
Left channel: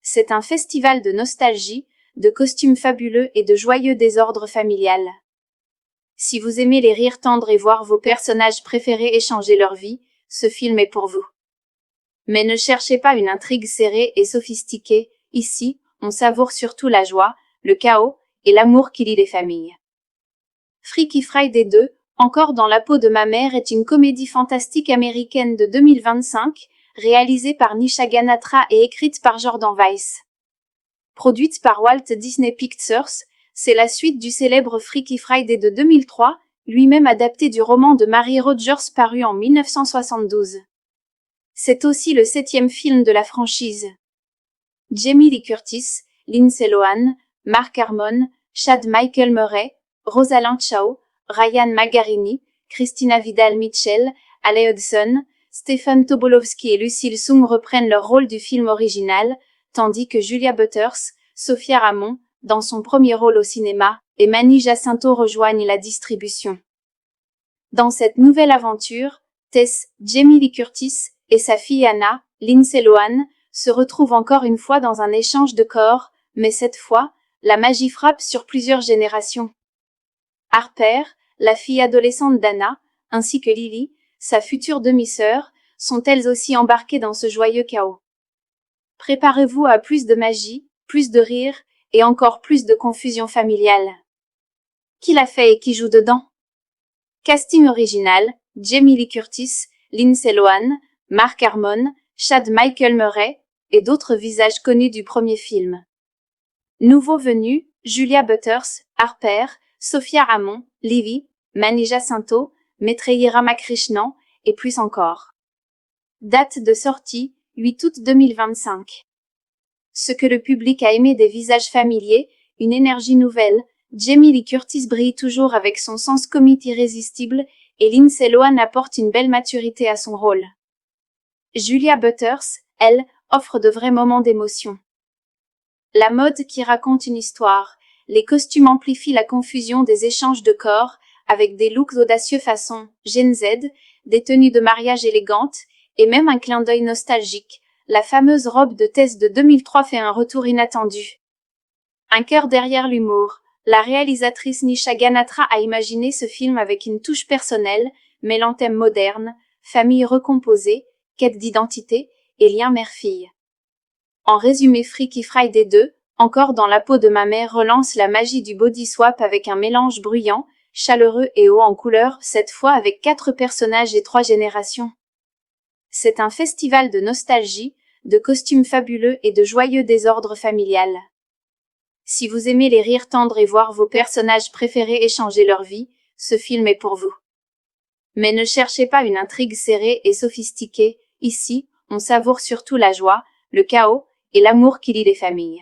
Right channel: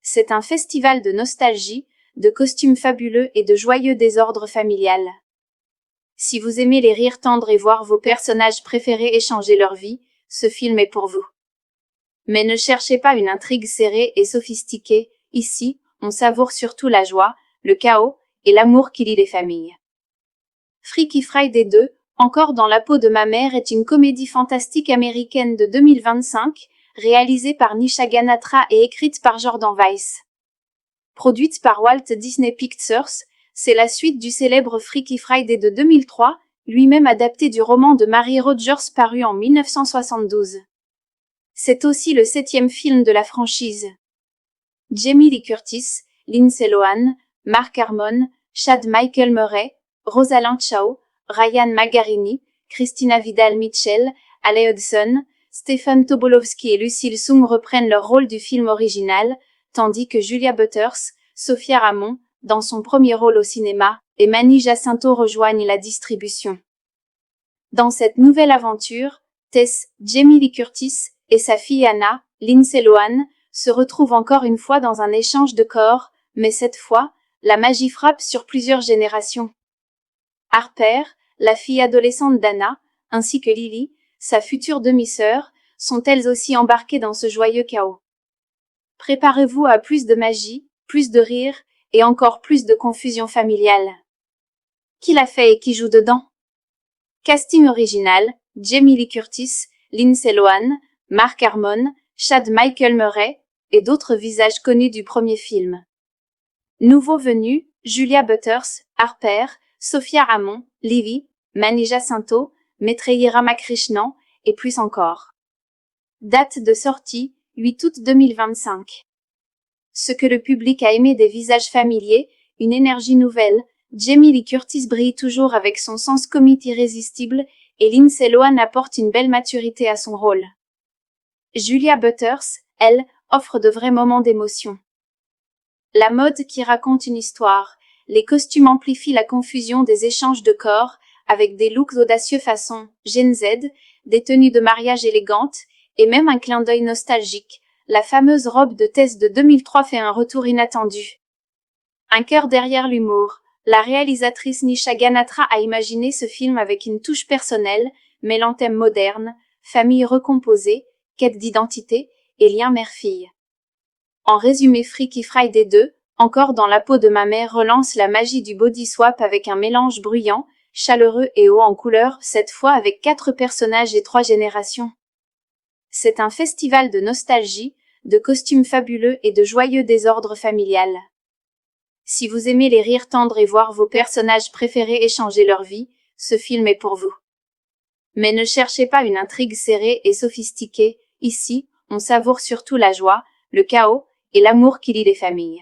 C'est un festival de nostalgie, de costumes fabuleux et de joyeux désordre familial. Si vous aimez les rires tendres et voir vos personnages préférés échanger leur vie, ce film est pour vous. Mais ne cherchez pas une intrigue serrée et sophistiquée, ici, on savoure surtout la joie, le chaos et l'amour qui lie les familles. Freaky Friday 2, Encore dans la peau de ma mère est une comédie fantastique américaine de 2025, réalisée par Nisha Ganatra et écrite par Jordan Weiss. Produite par Walt Disney Pictures, c'est la suite du célèbre Freaky Friday de 2003, lui-même adapté du roman de Mary Rogers paru en 1972. C'est aussi le 7e film de la franchise. Jamie Lee Curtis, Lindsay Lohan, Mark Harmon, Chad Michael Murray, Rosalind Chao, Ryan Magarini, Christina Vidal-Mitchell, Ale Hudson, Stephen Tobolowsky et Lucille Sung reprennent leur rôle du film original, tandis que Julia Butters, Sophia Ramon, dans son premier rôle au cinéma, et Manny Jacinto rejoignent la distribution. Dans cette nouvelle aventure, Tess, Jamie Lee Curtis, et sa fille Anna, Lindsay Lohan, se retrouvent encore une fois dans un échange de corps, mais cette fois, la magie frappe sur plusieurs générations. Harper, la fille adolescente d'Anna, ainsi que Lily, sa future demi-sœur, sont elles aussi embarquées dans ce joyeux chaos. Préparez-vous à plus de magie, plus de rire, et encore plus de confusion familiale. Qui l'a fait et qui joue dedans? Casting original, Jamie Lee Curtis, Lindsay Lohan, Mark Harmon, Chad Michael Murray, et d'autres visages connus du premier film. Nouveaux venus, Julia Butters, Harper, Sophia Ramon, Lily, Manny Jacinto, Maitreyi Ramakrishnan, et plus encore. Date de sortie, 8 août 2025. Ce que le public a aimé des visages familiers, une énergie nouvelle, Jamie Lee Curtis brille toujours avec son sens comique irrésistible, et Lindsay Lohan apporte une belle maturité à son rôle. Julia Butters, elle, offre de vrais moments d'émotion. La mode qui raconte une histoire, les costumes amplifient la confusion des échanges de corps, avec des looks audacieux façon Gen Z, des tenues de mariage élégantes, et même un clin d'œil nostalgique. La fameuse robe de Tess de 2003 fait un retour inattendu. Un cœur derrière l'humour. La réalisatrice Nisha Ganatra a imaginé ce film avec une touche personnelle, mêlant thèmes modernes, famille recomposée, quête d'identité et lien mère-fille. En résumé, Freaky Friday 2, Encore dans la peau de ma mère relance la magie du body swap avec un mélange bruyant, chaleureux et haut en couleur, cette fois avec 4 personnages et 3 générations. C'est un festival de nostalgie, de costumes fabuleux et de joyeux désordre familial. Si vous aimez les rires tendres et voir vos personnages préférés échanger leur vie, ce film est pour vous. Mais ne cherchez pas une intrigue serrée et sophistiquée, ici, on savoure surtout la joie, le chaos et l'amour qui lie les familles.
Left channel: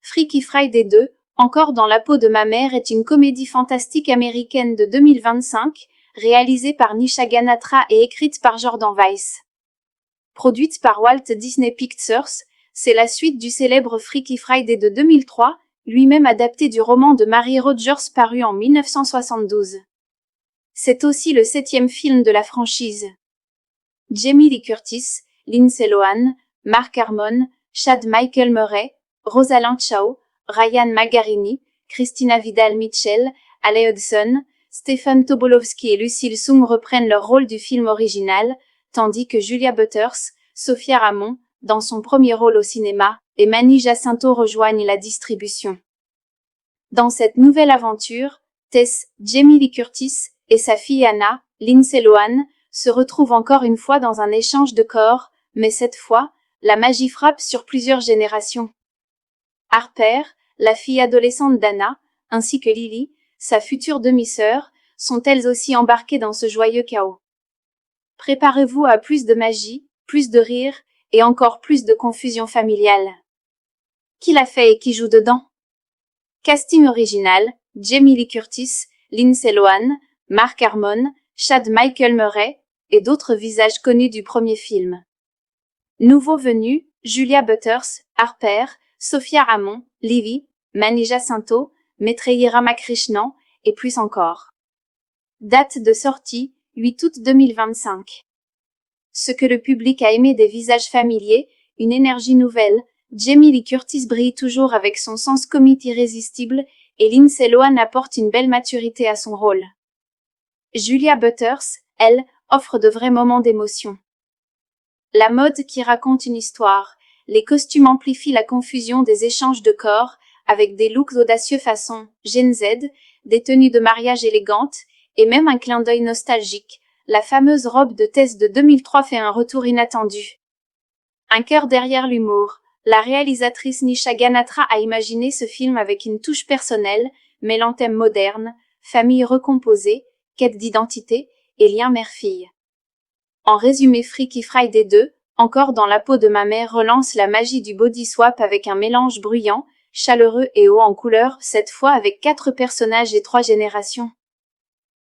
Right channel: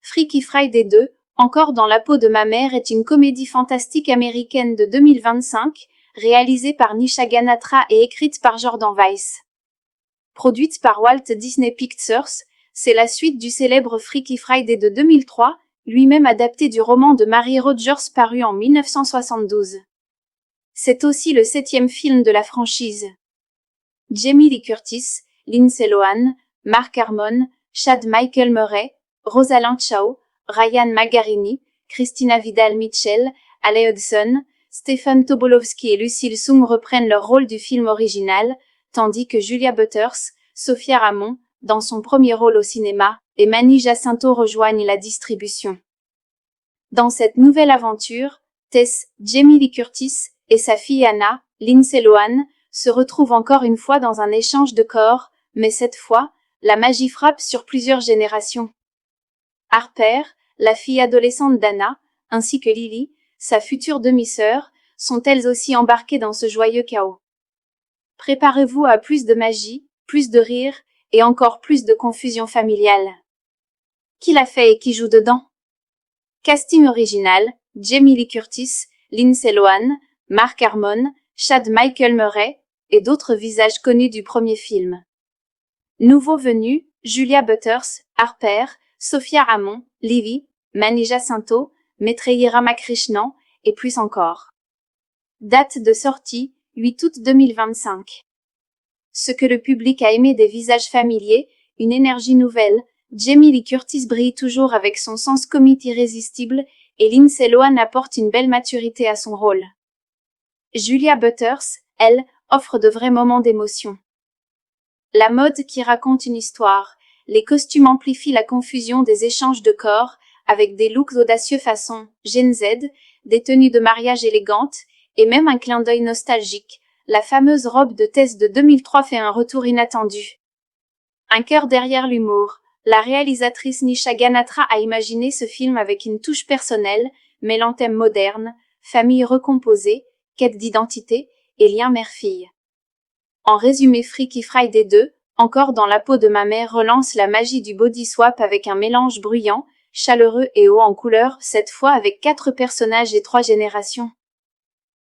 Freaky Friday 2, Encore dans la peau de ma mère est une comédie fantastique américaine de 2025, réalisée par Nisha Ganatra et écrite par Jordan Weiss. Produite par Walt Disney Pictures, c'est la suite du célèbre Freaky Friday de 2003, lui-même adapté du roman de Mary Rogers paru en 1972. C'est aussi le 7e film de la franchise. Jamie Lee Curtis, Lindsay Lohan, Mark Harmon, Chad Michael Murray, Rosalind Chao, Ryan Magarini, Christina Vidal-Mitchell, Ale Hudson, Stephen Tobolowsky et Lucille Sung reprennent leur rôle du film original, tandis que Julia Butters, Sophia Ramon, dans son premier rôle au cinéma, et Manny Jacinto rejoignent la distribution. Dans cette nouvelle aventure, Tess, Jamie Lee Curtis, et sa fille Anna, Lindsay Lohan, se retrouvent encore une fois dans un échange de corps, mais cette fois, la magie frappe sur plusieurs générations. Harper, la fille adolescente d'Anna, ainsi que Lily, sa future demi-sœur, sont elles aussi embarquées dans ce joyeux chaos. Préparez-vous à plus de magie, plus de rire, et encore plus de confusion familiale. Qui l'a fait et qui joue dedans? Casting original, Jamie Lee Curtis, Lindsay Lohan, Mark Harmon, Chad Michael Murray, et d'autres visages connus du premier film. Nouveaux venus, Julia Butters, Harper, Sophia Ramon, Lily, Manny Jacinto, Maitreyi Ramakrishnan, et plus encore. Date de sortie, 8 août 2025. Ce que le public a aimé des visages familiers, une énergie nouvelle, Jamie Lee Curtis brille toujours avec son sens comique irrésistible, et Lindsay Lohan apporte une belle maturité à son rôle. Julia Butters, elle, offre de vrais moments d'émotion. La mode qui raconte une histoire, les costumes amplifient la confusion des échanges de corps, avec des looks audacieux façon Gen Z, des tenues de mariage élégantes, et même un clin d'œil nostalgique. La fameuse robe de Tess de 2003 fait un retour inattendu. Un cœur derrière l'humour. La réalisatrice Nisha Ganatra a imaginé ce film avec une touche personnelle, mêlant thèmes modernes, famille recomposée, quête d'identité et lien mère-fille. En résumé, Freaky Friday 2, encore dans la peau de ma mère, relance la magie du body swap avec un mélange bruyant, chaleureux et haut en couleur, cette fois avec 4 personnages et 3 générations.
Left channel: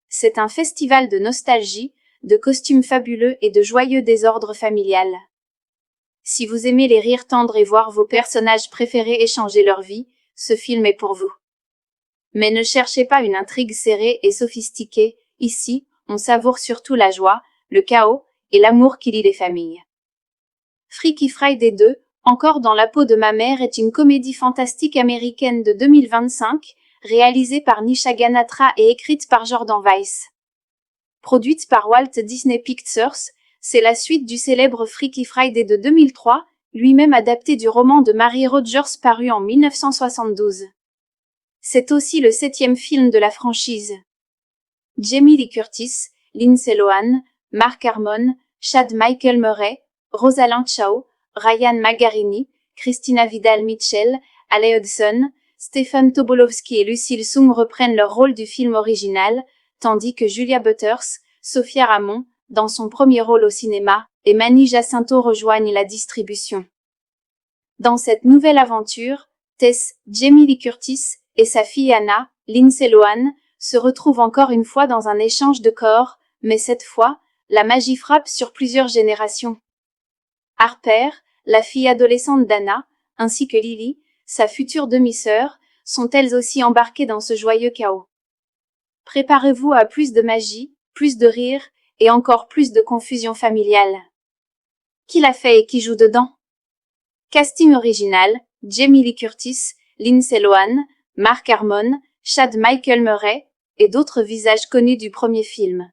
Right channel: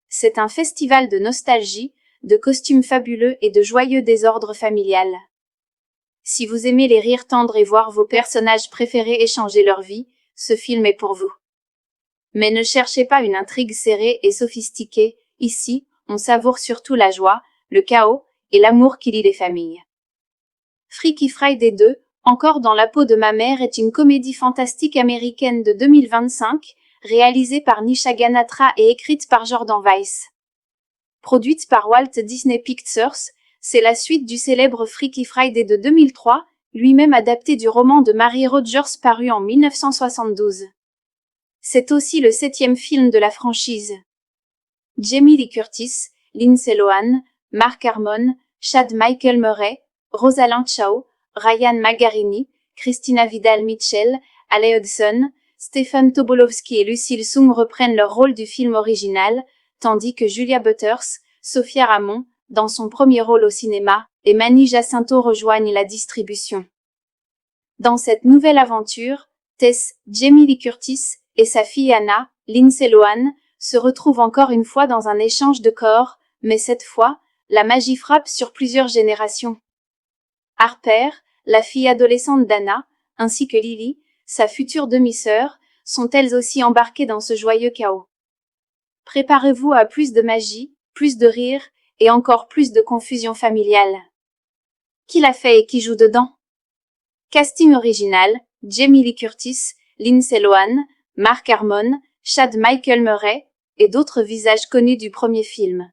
C'est un festival de nostalgie, de costumes fabuleux et de joyeux désordre familial. Si vous aimez les rires tendres et voir vos personnages préférés échanger leur vie, ce film est pour vous. Mais ne cherchez pas une intrigue serrée et sophistiquée, ici, on savoure surtout la joie, le chaos et l'amour qui lie les familles. Freaky Friday 2, encore dans la peau de ma mère, est une comédie fantastique américaine de 2025, réalisée par Nisha Ganatra et écrite par Jordan Weiss. Produite par Walt Disney Pictures, c'est la suite du célèbre Freaky Friday de 2003, lui-même adapté du roman de Mary Rogers paru en 1972. C'est aussi le 7e film de la franchise. Jamie Lee Curtis, Lindsay Lohan, Mark Harmon, Chad Michael Murray, Rosalind Chao, Ryan Magarini, Christina Vidal-Mitchell, Ale Hudson, Stephen Tobolowsky et Lucille Sung reprennent leur rôle du film original, tandis que Julia Butters, Sophia Ramon, dans son premier rôle au cinéma, et Manny Jacinto rejoignent la distribution. Dans cette nouvelle aventure, Tess, Jamie Lee Curtis et sa fille Anna, Lindsay Lohan, se retrouvent encore une fois dans un échange de corps, mais cette fois, la magie frappe sur plusieurs générations. Harper, la fille adolescente d'Anna, ainsi que Lily, sa future demi-sœur, sont elles aussi embarquées dans ce joyeux chaos. Préparez-vous à plus de magie, plus de rire et encore plus de confusion familiale. Qui l'a fait et qui joue dedans? Casting original, Jamie Lee Curtis, Lindsay Lohan, Mark Harmon, Chad Michael Murray et d'autres visages connus du premier film.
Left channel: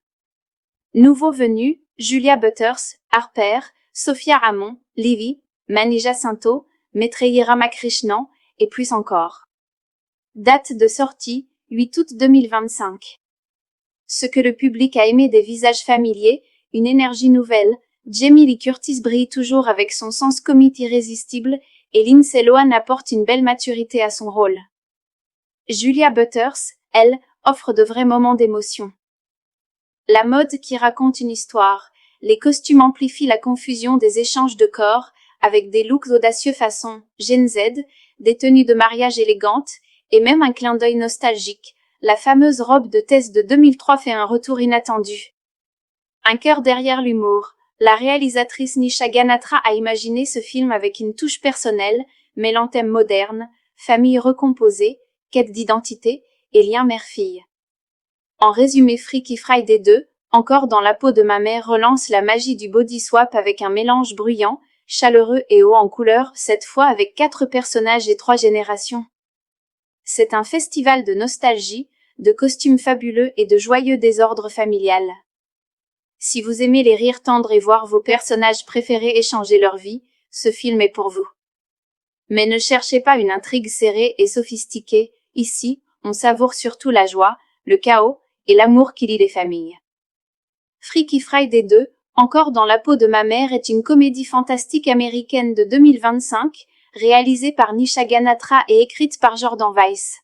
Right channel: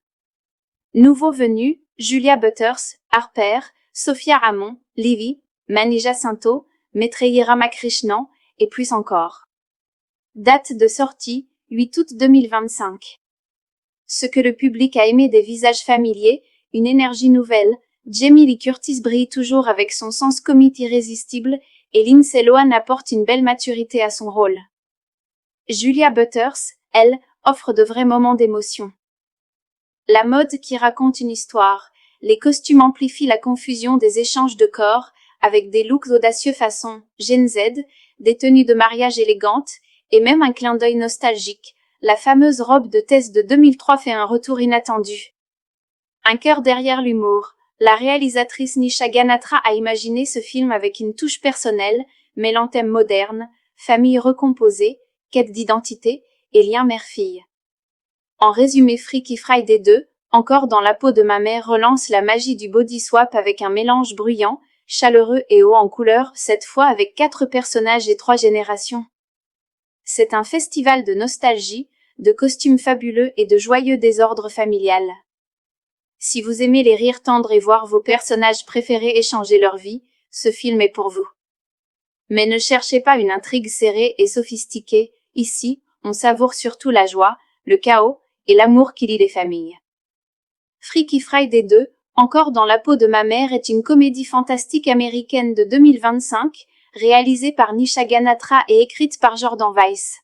Nouveaux venus, Julia Butters, Harper, Sophia Ramon, Livy, Manny Jacinto, Maitreyi Ramakrishnan et plus encore. Date de sortie, 8 août 2025. Ce que le public a aimé des visages familiers, une énergie nouvelle, Jamie Lee Curtis brille toujours avec son sens comique irrésistible et Lindsay Lohan apporte une belle maturité à son rôle. Julia Butters, elle, offre de vrais moments d'émotion. La mode qui raconte une histoire, les costumes amplifient la confusion des échanges de corps, avec des looks audacieux façon Gen Z, des tenues de mariage élégantes, et même un clin d'œil nostalgique. La fameuse robe de Tess de 2003 fait un retour inattendu. Un cœur derrière l'humour. La réalisatrice Nisha Ganatra a imaginé ce film avec une touche personnelle, mêlant thèmes modernes, famille recomposée, quête d'identité et lien mère-fille. En résumé, Freaky Friday 2, encore dans la peau de ma mère, relance la magie du body swap avec un mélange bruyant, chaleureux et haut en couleur, cette fois avec 4 personnages et 3 générations. C'est un festival de nostalgie, de costumes fabuleux et de joyeux désordre familial. Si vous aimez les rires tendres et voir vos personnages préférés échanger leur vie, ce film est pour vous. Mais ne cherchez pas une intrigue serrée et sophistiquée, ici, on savoure surtout la joie, le chaos et l'amour qui lie les familles. Freaky Friday 2, encore dans la peau de ma mère, est une comédie fantastique américaine de 2025, réalisée par Nisha Ganatra et écrite par Jordan Weiss.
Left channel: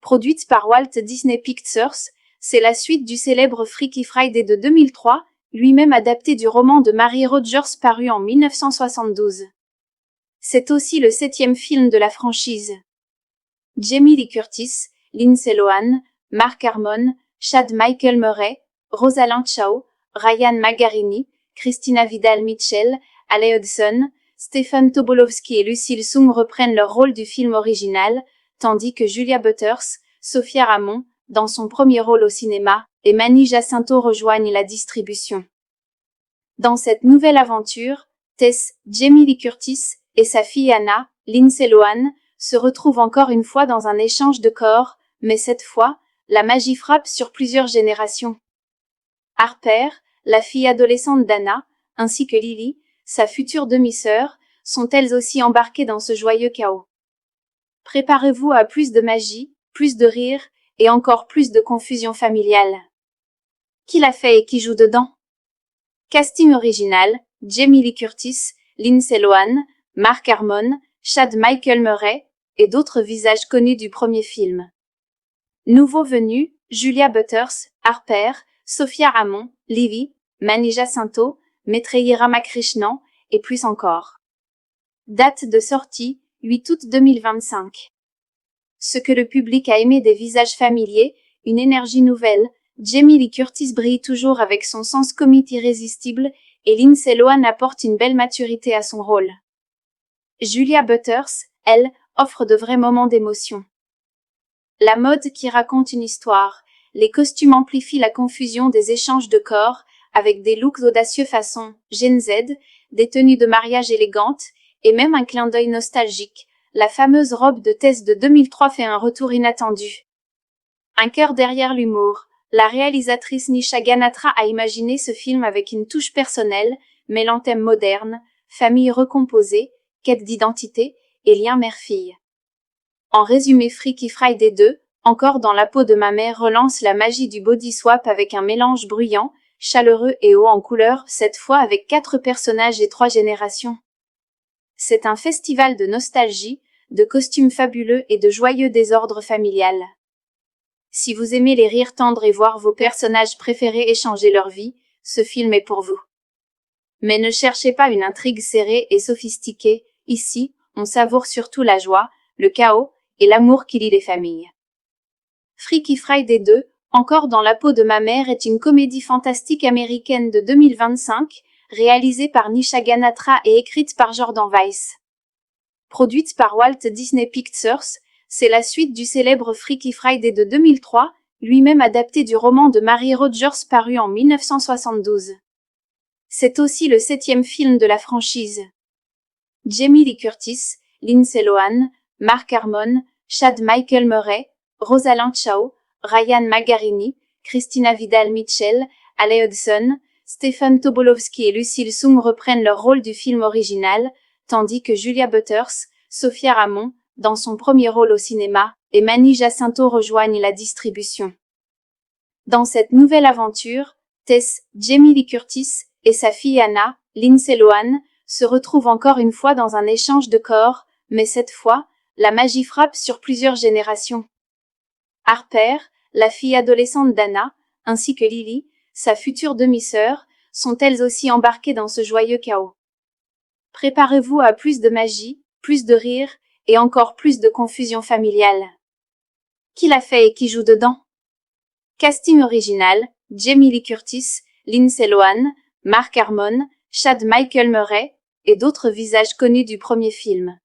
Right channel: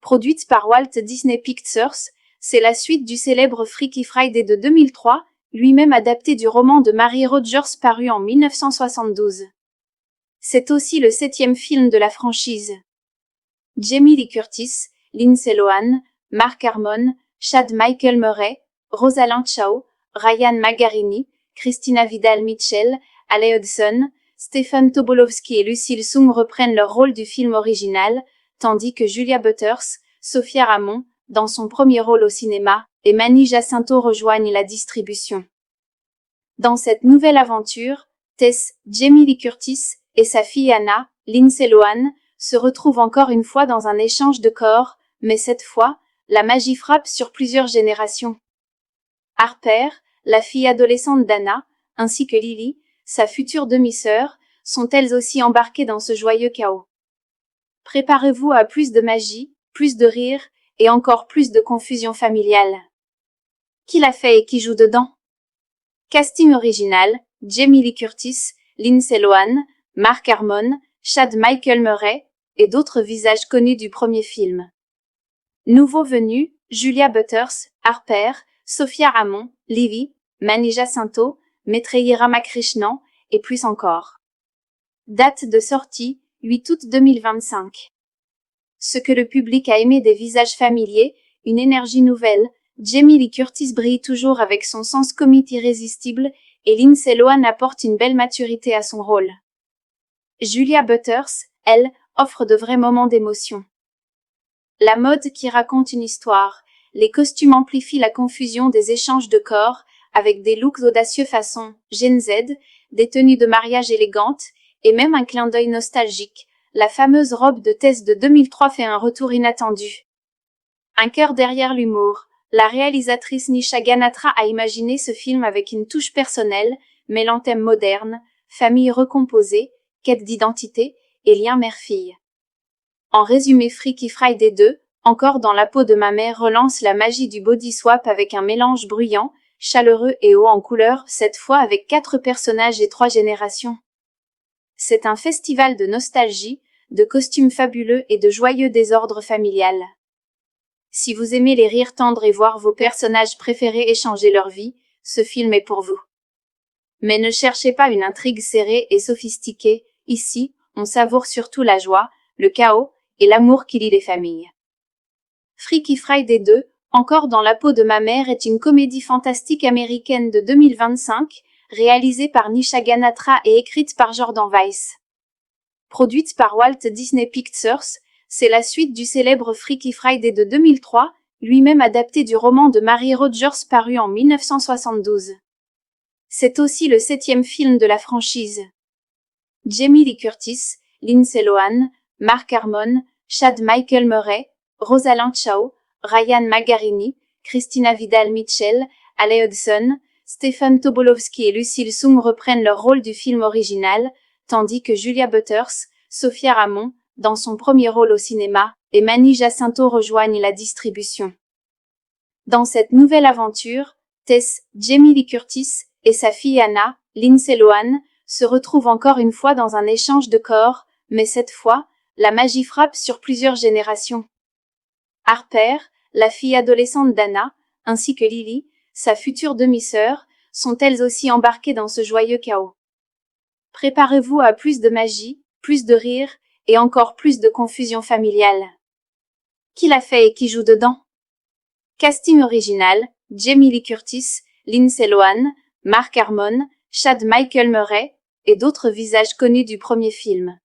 Produite par Walt Disney Pictures, c'est la suite du célèbre Freaky Friday de 2003, lui-même adapté du roman de Mary Rogers paru en 1972. C'est aussi le 7e film de la franchise. Jamie Lee Curtis, Lindsay Lohan, Mark Harmon, Chad Michael Murray, Rosalind Chao, Ryan Magarini, Christina Vidal-Mitchell, Ale Hudson, Stephen Tobolowsky et Lucille Sung reprennent leur rôle du film original, tandis que Julia Butters, Sophia Ramon, dans son premier rôle au cinéma, et Manny Jacinto rejoignent la distribution. Dans cette nouvelle aventure, Tess, Jamie Lee Curtis et sa fille Anna, Lindsay Lohan, se retrouvent encore une fois dans un échange de corps, mais cette fois, la magie frappe sur plusieurs générations. Harper, la fille adolescente d'Anna, ainsi que Lily, sa future demi-sœur, sont elles aussi embarquées dans ce joyeux chaos. Préparez-vous à plus de magie, plus de rire, et encore plus de confusion familiale. Qui l'a fait et qui joue dedans? Casting original, Jamie Lee Curtis, Lindsay Lohan, Mark Harmon, Chad Michael Murray, et d'autres visages connus du premier film. Nouveaux venus, Julia Butters, Harper, Sophia Ramon, Livy, Mani Jacinto, Maitreyi Ramakrishnan, et plus encore. Date de sortie, 8 août 2025. Ce que le public a aimé des visages familiers, une énergie nouvelle, Jamie Lee Curtis brille toujours avec son sens comique irrésistible, et Lindsay Lohan apporte une belle maturité à son rôle. Julia Butters, elle, offre de vrais moments d'émotion. La mode qui raconte une histoire, les costumes amplifient la confusion des échanges de corps, avec des looks audacieux façon Gen Z, des tenues de mariage élégantes, et même un clin d'œil nostalgique. La fameuse robe de Tess de 2003 fait un retour inattendu. Un cœur derrière l'humour. La réalisatrice Nisha Ganatra a imaginé ce film avec une touche personnelle, mêlant thèmes modernes, famille recomposée, quête d'identité et lien mère-fille. En résumé, Freaky Friday 2, encore dans la peau de ma mère, relance la magie du body swap avec un mélange bruyant, chaleureux et haut en couleur, cette fois avec 4 personnages et 3 générations. C'est un festival de nostalgie, de costumes fabuleux et de joyeux désordre familial. Si vous aimez les rires tendres et voir vos personnages préférés échanger leur vie, ce film est pour vous. Mais ne cherchez pas une intrigue serrée et sophistiquée, ici, on savoure surtout la joie, le chaos et l'amour qui lie les familles. Freaky Friday 2, encore dans la peau de ma mère, est une comédie fantastique américaine de 2025, réalisée par Nisha Ganatra et écrite par Jordan Weiss. Produite par Walt Disney Pictures, c'est la suite du célèbre Freaky Friday de 2003, lui-même adapté du roman de Mary Rogers paru en 1972. C'est aussi le 7e film de la franchise. Jamie Lee Curtis, Lindsay Lohan, Mark Harmon, Chad Michael Murray, Rosalind Chao, Ryan Magarini, Christina Vidal-Mitchell, Ale Hudson, Stephen Tobolowsky et Lucille Sung reprennent leur rôle du film original, tandis que Julia Butters, Sophia Ramon, dans son premier rôle au cinéma, et Mani Jacinto rejoignent la distribution. Dans cette nouvelle aventure, Tess, Jamie Lee Curtis, et sa fille Anna, Lindsay Lohan, se retrouvent encore une fois dans un échange de corps, mais cette fois, la magie frappe sur plusieurs générations. Harper, la fille adolescente d'Anna, ainsi que Lily, sa future demi-sœur, sont elles aussi embarquées dans ce joyeux chaos. Préparez-vous à plus de magie, plus de rire, et encore plus de confusion familiale. Qui l'a fait et qui joue dedans? Casting original, Jamie Lee Curtis, Lindsay Lohan, Mark Harmon, Chad Michael Murray, et d'autres visages connus du premier film.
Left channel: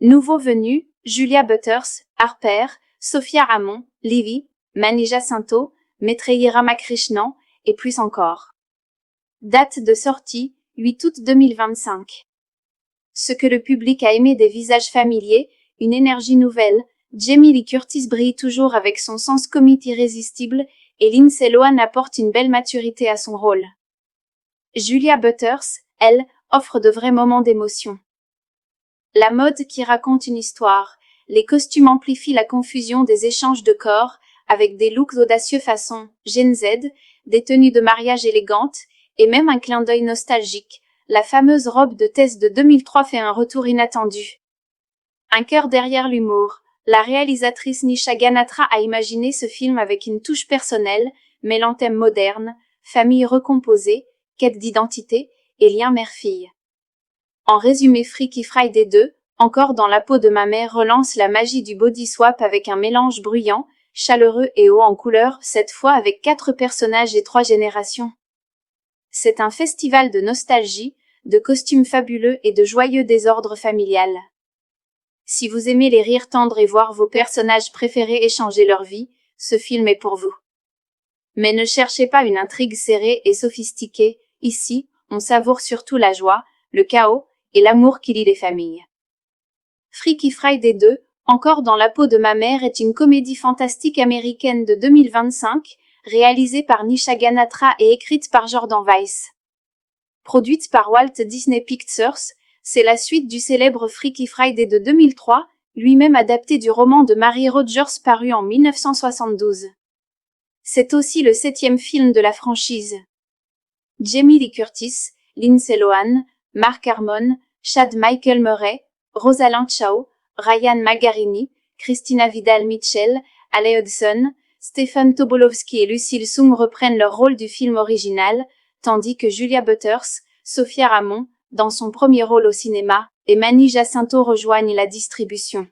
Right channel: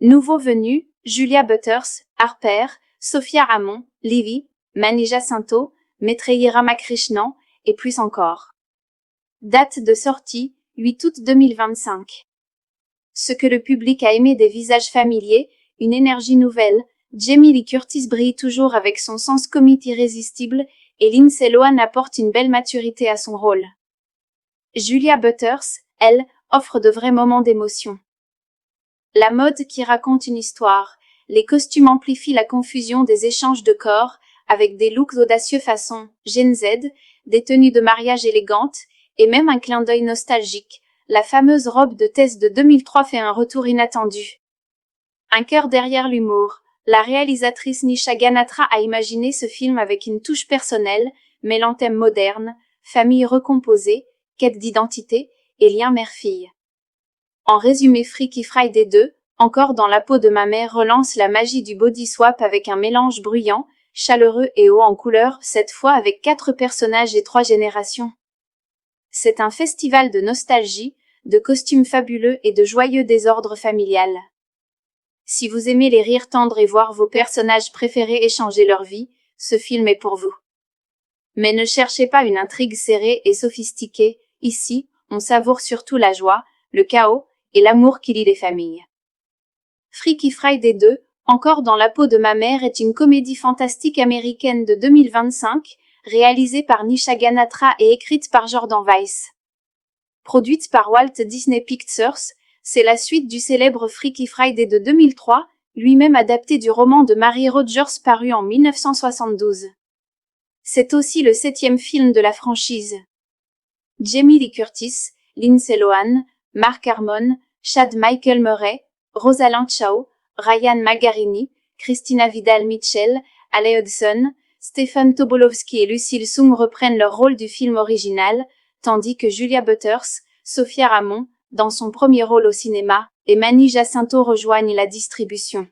Nouveaux venus, Julia Butters, Harper, Sophia Ramon, Livy, Mani Jacinto, Maitreyi Ramakrishnan, et plus encore. Date de sortie, 8 août 2025. Ce que le public a aimé des visages familiers, une énergie nouvelle, Jamie Lee Curtis brille toujours avec son sens comique irrésistible, et Lindsay Lohan apporte une belle maturité à son rôle. Julia Butters, elle, offre de vrais moments d'émotion. La mode qui raconte une histoire, les costumes amplifient la confusion des échanges de corps, avec des looks audacieux façon Gen Z, des tenues de mariage élégantes, et même un clin d'œil nostalgique. La fameuse robe de Tess de 2003 fait un retour inattendu. Un cœur derrière l'humour. La réalisatrice Nisha Ganatra a imaginé ce film avec une touche personnelle, mêlant thèmes modernes, famille recomposée, quête d'identité et lien mère-fille. En résumé, Freaky Friday 2, encore dans la peau de ma mère, relance la magie du body swap avec un mélange bruyant, chaleureux et haut en couleur, cette fois avec 4 personnages et 3 générations. C'est un festival de nostalgie, de costumes fabuleux et de joyeux désordre familial. Si vous aimez les rires tendres et voir vos personnages préférés échanger leur vie, ce film est pour vous. Mais ne cherchez pas une intrigue serrée et sophistiquée, ici, on savoure surtout la joie, le chaos et l'amour qui lie les familles. Freaky Friday 2, encore dans la peau de ma mère, est une comédie fantastique américaine de 2025, réalisée par Nisha Ganatra et écrite par Jordan Weiss. Produite par Walt Disney Pictures, c'est la suite du célèbre Freaky Friday de 2003, lui-même adapté du roman de Mary Rogers paru en 1972. C'est aussi le 7e film de la franchise. Jamie Lee Curtis, Lindsay Lohan, Mark Harmon, Chad Michael Murray, Rosalind Chao, Ryan Margarini, Christina Vidal-Mitchell, Alec Hudson, Stephen Tobolowsky et Lucille Soong reprennent leur rôle du film original, tandis que Julia Butters, Sophia Ramon, dans son premier rôle au cinéma, et Manny Jacinto rejoignent la distribution.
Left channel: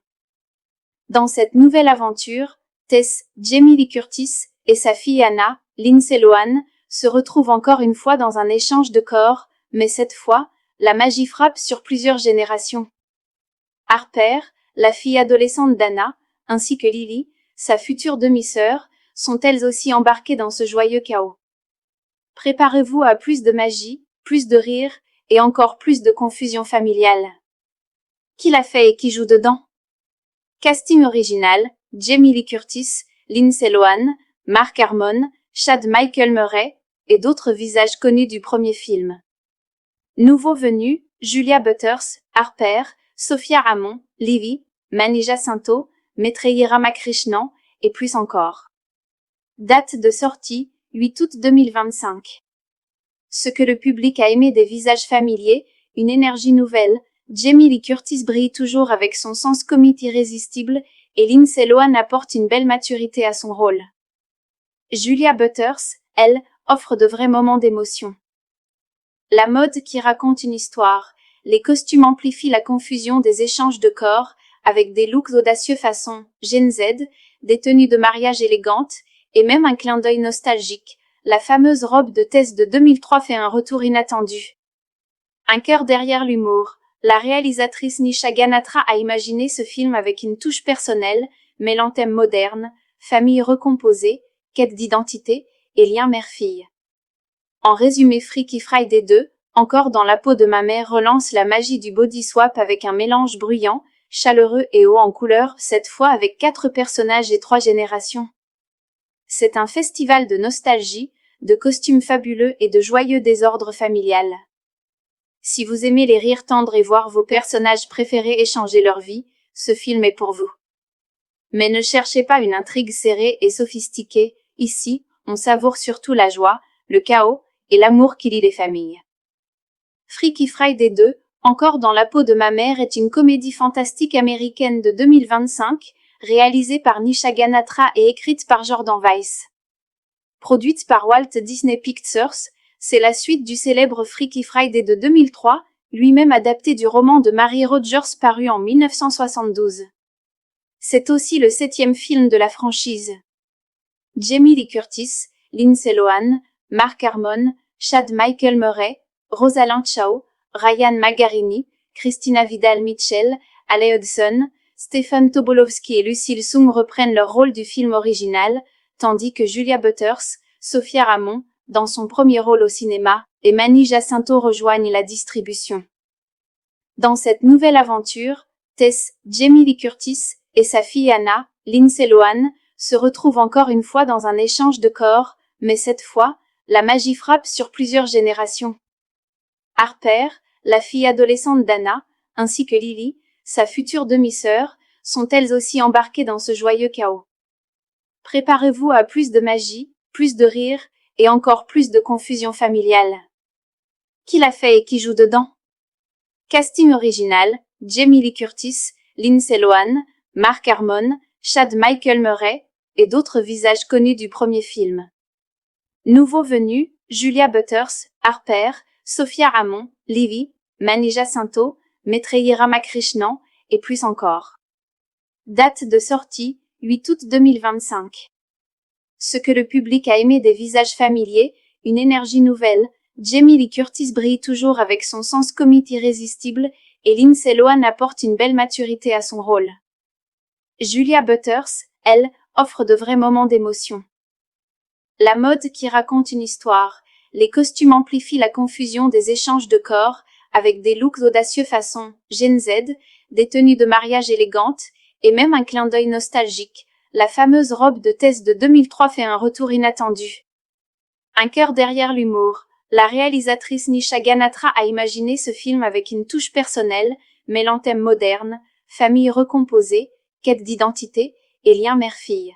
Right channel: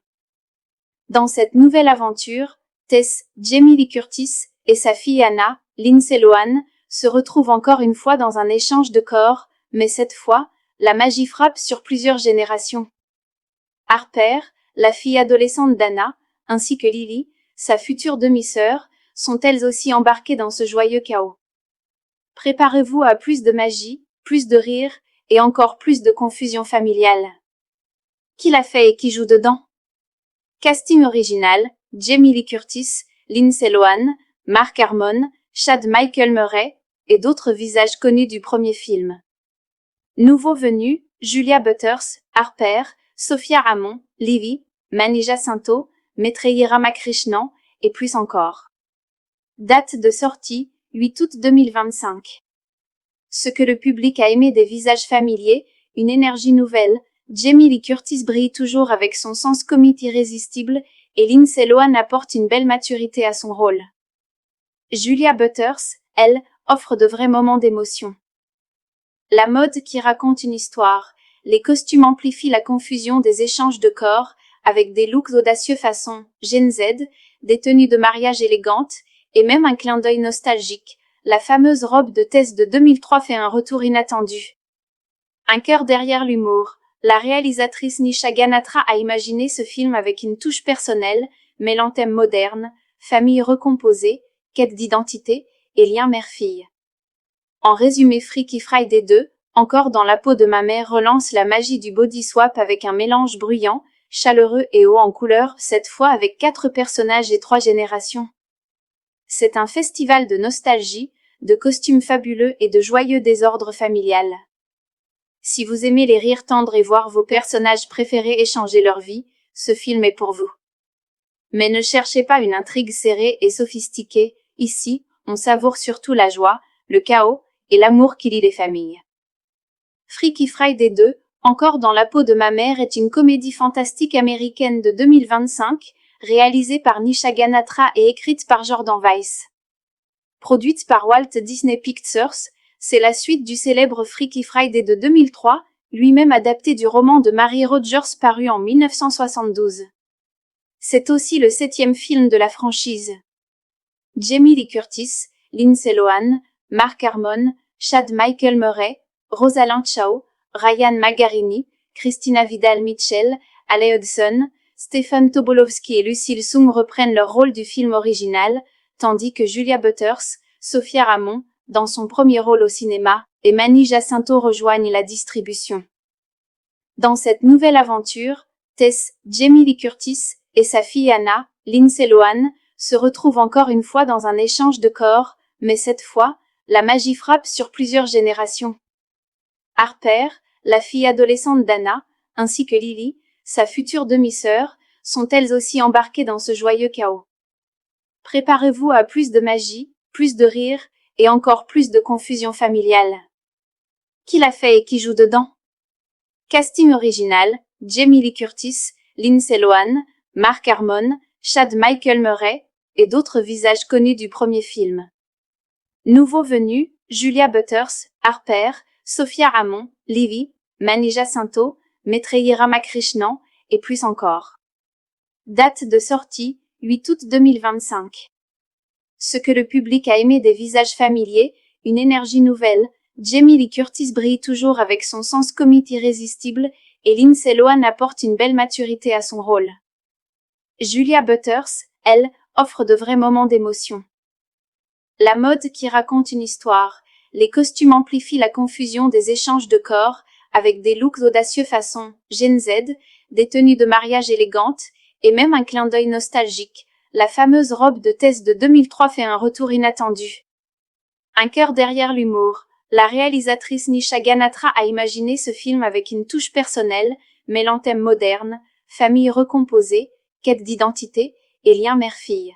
Dans cette nouvelle aventure, Tess, Jamie Lee Curtis et sa fille Anna, Lindsay Lohan, se retrouvent encore une fois dans un échange de corps, mais cette fois, la magie frappe sur plusieurs générations. Harper, la fille adolescente d'Anna, ainsi que Lily, sa future demi-sœur, sont elles aussi embarquées dans ce joyeux chaos. Préparez-vous à plus de magie, plus de rire et encore plus de confusion familiale. Qui l'a fait et qui joue dedans? Casting original, Jamie Lee Curtis, Lindsay Lohan, Mark Harmon, Chad Michael Murray et d'autres visages connus du premier film. Nouveaux venus, Julia Butters, Harper, Sophia Ramon, Livy, Manny Jacinto, Maitreyi Ramakrishnan et plus encore. Date de sortie, 8 août 2025. Ce que le public a aimé des visages familiers, une énergie nouvelle, Jamie Lee Curtis brille toujours avec son sens comique irrésistible et Lindsay Lohan apporte une belle maturité à son rôle. Julia Butters, elle, offre de vrais moments d'émotion. La mode qui raconte une histoire, les costumes amplifient la confusion des échanges de corps avec des looks audacieux façon Gen Z, des tenues de mariage élégantes et même un clin d'œil nostalgique. La fameuse robe de Tess de 2003 fait un retour inattendu. Un cœur derrière l'humour. La réalisatrice Nisha Ganatra a imaginé ce film avec une touche personnelle, mêlant thèmes modernes, famille recomposée, quête d'identité et lien mère-fille. En résumé, Freaky Friday 2, encore dans la peau de ma mère, relance la magie du body swap avec un mélange bruyant, chaleureux et haut en couleur, cette fois avec 4 personnages et 3 générations. C'est un festival de nostalgie, de costumes fabuleux et de joyeux désordre familial. Si vous aimez les rires tendres et voir vos personnages préférés échanger leur vie, ce film est pour vous. Mais ne cherchez pas une intrigue serrée et sophistiquée, ici, on savoure surtout la joie, le chaos et l'amour qui lie les familles. Freaky Friday 2, encore dans la peau de ma mère, est une comédie fantastique américaine de 2025, réalisée par Nisha Ganatra et écrite par Jordan Weiss. Produite par Walt Disney Pictures, c'est la suite du célèbre Freaky Friday de 2003, lui-même adapté du roman de Mary Rogers paru en 1972. C'est aussi le 7e film de la franchise. Jamie Lee Curtis, Lindsay Lohan, Mark Harmon, Chad Michael Murray, Rosalind Chao, Ryan Margarini, Christina Vidal-Mitchell, Alec Hudson, Stephen Tobolowsky et Lucille Soong reprennent leur rôle du film original, tandis que Julia Butters, Sophia Ramon, dans son premier rôle au cinéma, et Manny Jacinto rejoignent la distribution. Dans cette nouvelle aventure, Tess, Jamie Lee Curtis et sa fille Anna, Lindsay Lohan, se retrouvent encore une fois dans un échange de corps, mais cette fois, la magie frappe sur plusieurs générations. Harper, la fille adolescente d'Anna, ainsi que Lily, sa future demi-sœur, sont elles aussi embarquées dans ce joyeux chaos. Préparez-vous à plus de magie, plus de rire et encore plus de confusion familiale. Qui l'a fait et qui joue dedans? Casting original, Jamie Lee Curtis, Lindsay Lohan, Mark Harmon, Chad Michael Murray et d'autres visages connus du premier film. Nouveaux venus, Julia Butters, Harper, Sophia Ramon, Livy, Manny Jacinto, Maitreyi Ramakrishnan et plus encore. Date de sortie, 8 août 2025. Ce que le public a aimé des visages familiers, une énergie nouvelle, Jamie Lee Curtis brille toujours avec son sens comique irrésistible et Lindsay Lohan apporte une belle maturité à son rôle. Julia Butters, elle, offre de vrais moments d'émotion. La mode qui raconte une histoire, les costumes amplifient la confusion des échanges de corps avec des looks audacieux façon Gen Z, des tenues de mariage élégantes et même un clin d'œil nostalgique. La fameuse robe de Tess de 2003 fait un retour inattendu. Un cœur derrière l'humour. La réalisatrice Nisha Ganatra a imaginé ce film avec une touche personnelle, mêlant thèmes modernes, famille recomposée, quête d'identité et lien mère-fille.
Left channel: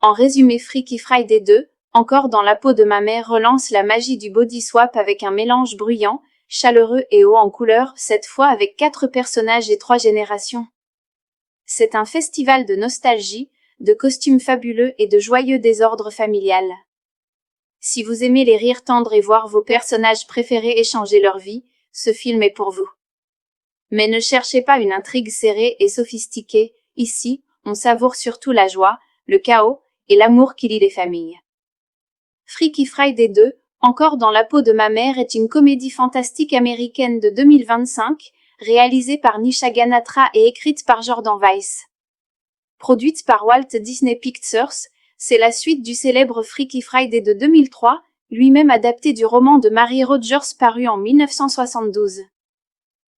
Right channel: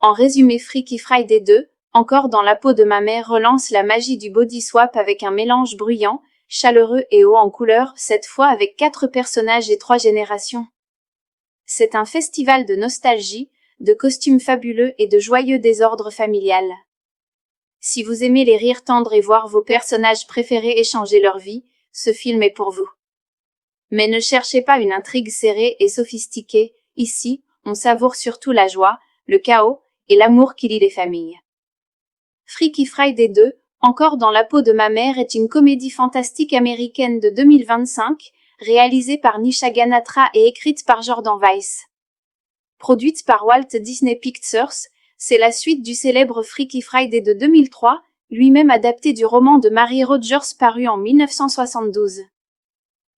En résumé, Freaky Friday 2, encore dans la peau de ma mère, relance la magie du body swap avec un mélange bruyant, chaleureux et haut en couleur, cette fois avec 4 personnages et 3 générations. C'est un festival de nostalgie, de costumes fabuleux et de joyeux désordre familial. Si vous aimez les rires tendres et voir vos personnages préférés échanger leur vie, ce film est pour vous. Mais ne cherchez pas une intrigue serrée et sophistiquée, ici, on savoure surtout la joie, le chaos et l'amour qui lie les familles. Freaky Friday 2, encore dans la peau de ma mère, est une comédie fantastique américaine de 2025, réalisée par Nisha Ganatra et écrite par Jordan Weiss. Produite par Walt Disney Pictures, c'est la suite du célèbre Freaky Friday de 2003, lui-même adapté du roman de Mary Rogers paru en 1972.